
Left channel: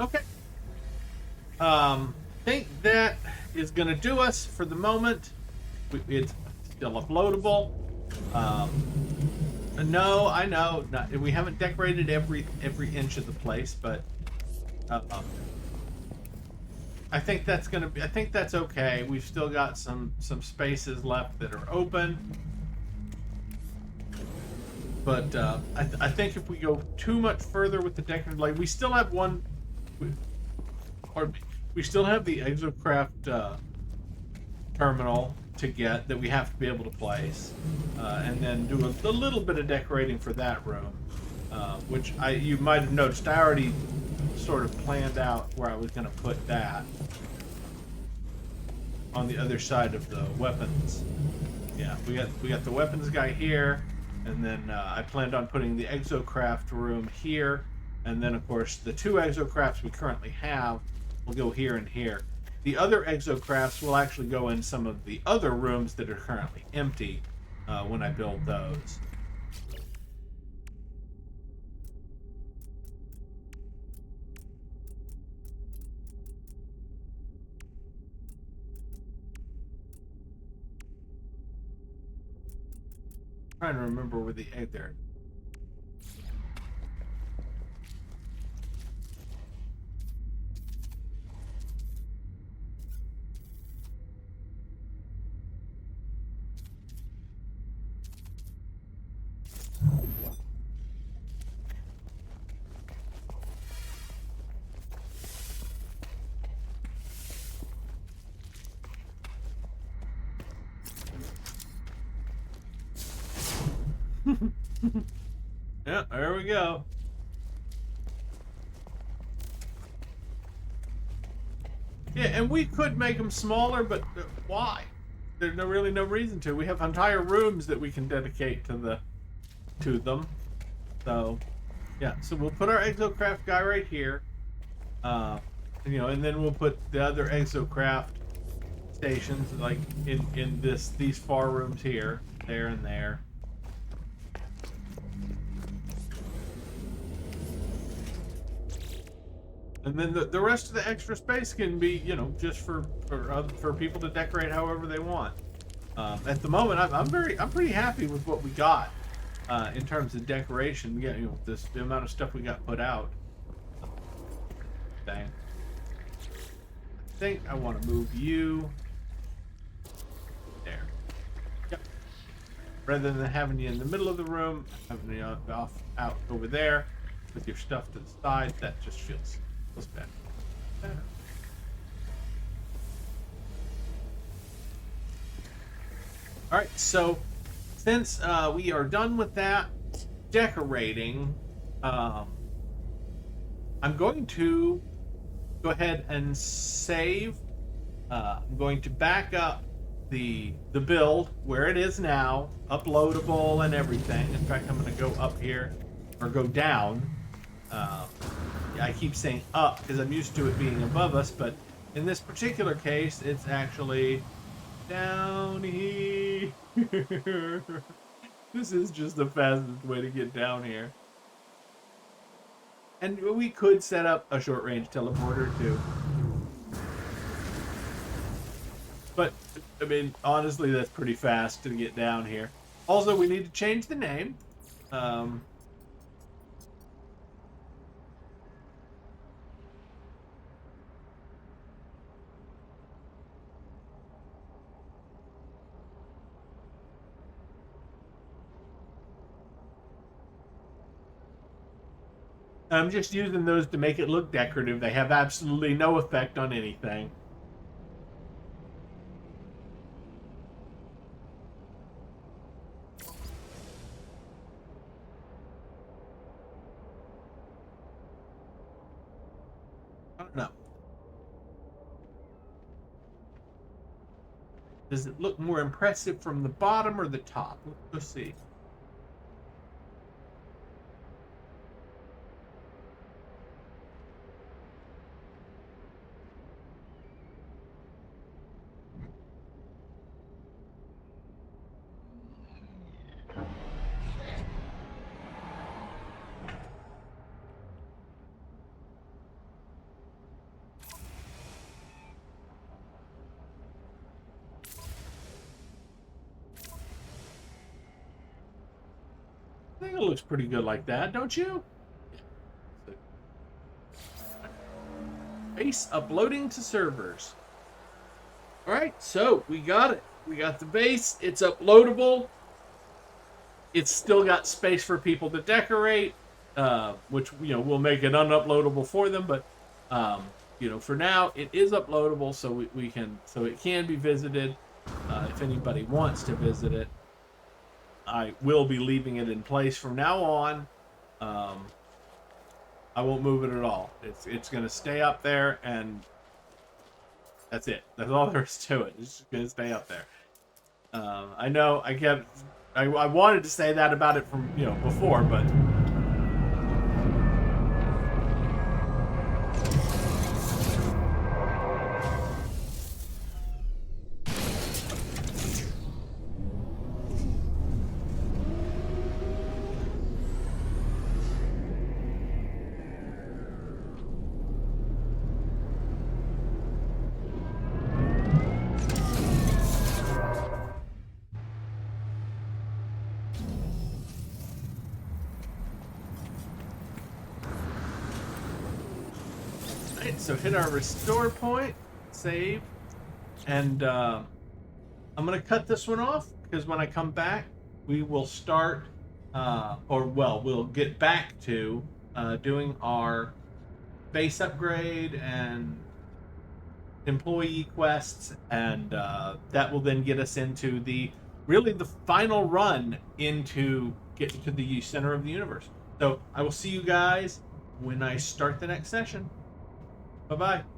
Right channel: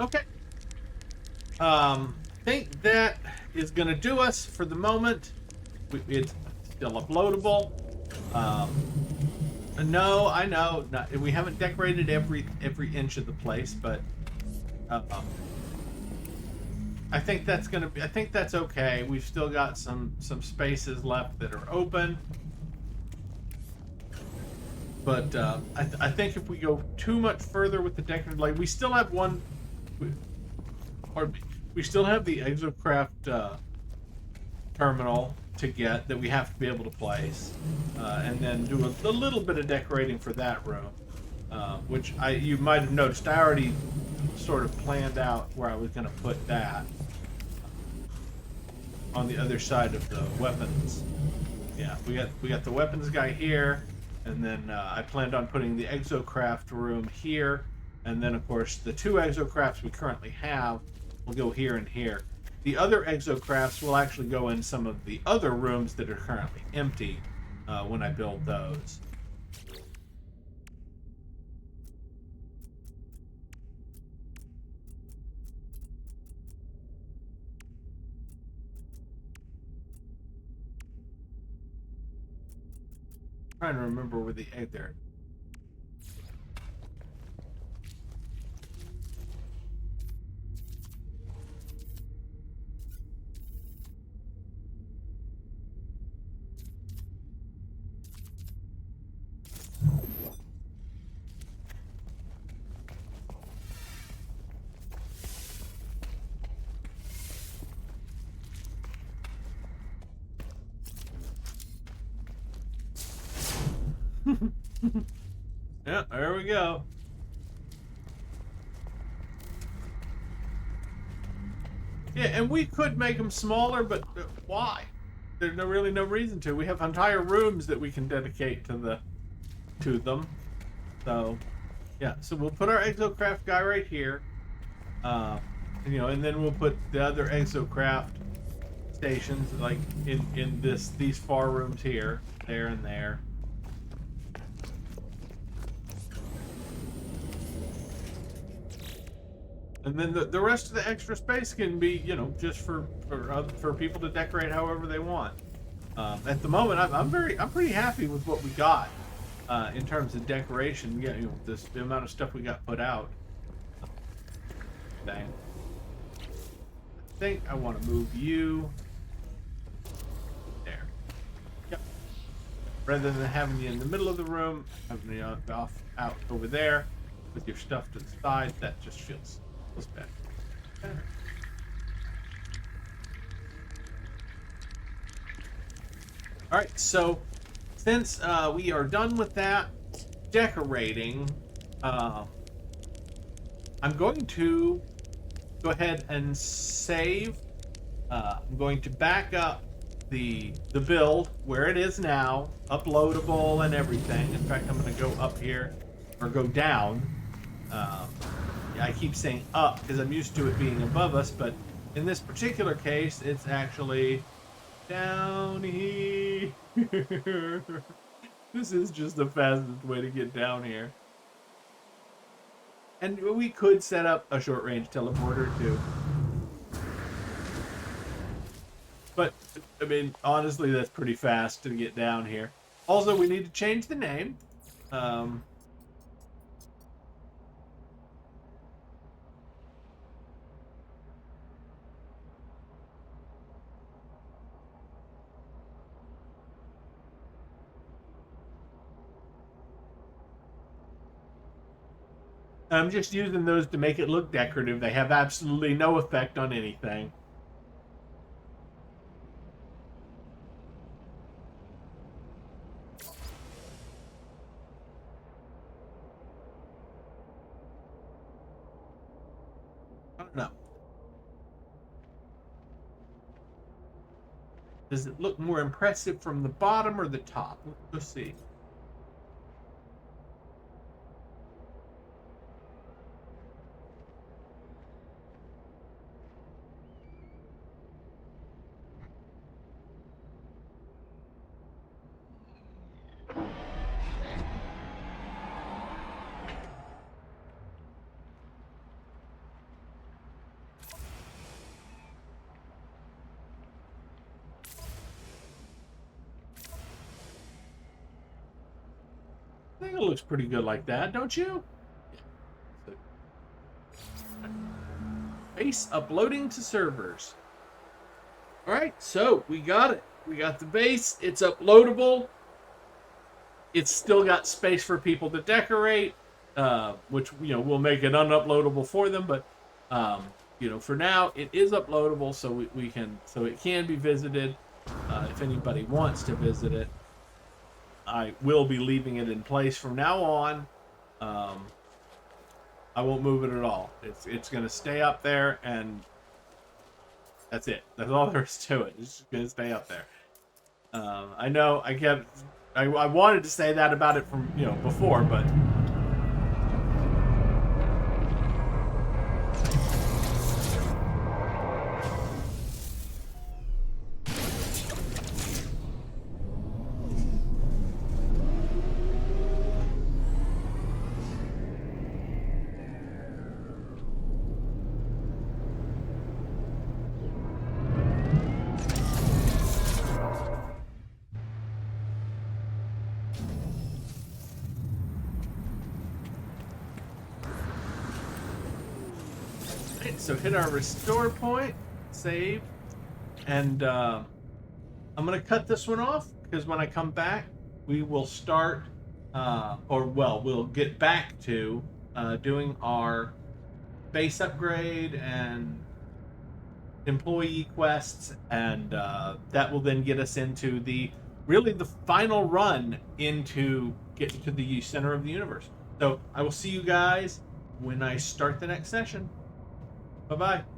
Okay. Think that is going to do us for the moment. It's still uploadable. Um, no, I know we haven't decorated every inch of the place, but I think that's gonna be. I think that's okay. We've still got some spaces left that are open, but I think if we go too much further with the decorative, like we still have one. Pardon me. We still have the Exocraft terminal to get that we have to be able to place, and then do a little bit of decorating for that room, which you might have noticed. I already sort of planned out where I was going to put that on the other side of the weapons. Yeah, we got the weapons guy here, and then I planned on putting the Exocraft room here, and then of course the two Exocrafts we currently have will go here and here. The other Exocrafts will actually go in some of the other rooms that are currently empty when I build those. I'm trying to remember where the egg there. Yeah, there we go. Yeah, and we could make them smaller, but why? There's really no reason to. We have entire rooms that we can dedicate to them. So, yeah. So we'll put our exocraft guy right here. And then we'll put the other exocraft stations like in these far rooms here, there and there. And then the rest of the extra space can be, just for people to decorate however they want. At the moment, I'm pretty happy with what we got in terms of decoration. Yeah, the amount of stuff we got put out. Dang. I think I want to move you there. Yep. Rather than having you in the middle of the room, having you out over there with your stuff to the side, that just feels better. All right, so since we are done with that decorating, I'm going to go ahead and save. I'm going to back up the build where it is now, uploadable and everything. In fact, I'm going to go up here or go down. I keep saying up because I'm used to it being above us, but in this particular case, it's actually down here. This is just the fastest way to get down here. And we could set up a short-range teleporter too. But, I mean, honestly, that's pretty fast to get down here. Also, we need to change the name. I'm just using those to make it look decorative. They have absolutely no effect on anything. I don't know. Does it look more impressive from the bottom or the top? Let's see. I think it looks pretty good like that, don't you? Base uploading to servers. All right, so we got it. We got the base. It's uploadable. It's still got space for people to decorate, which we'll make it unuploadable for them. But for now, it is uploadable, so it can be visited if anybody wants to visit it. I will be leaving it in place from now on. I won't move it at all. It's going to stay up there, and that's it. That's all there is to it. It's just going to stay up there. I know I wanted to say that about it from before, but so hit our restore point, save, and I'm going to cut this one off because when I come back, we will start, we'll get back to doing our base upgrade and employee quests, and that will then get us into the final run into get into the center of the universe. So I will see you guys when I start the next session. Bye bye.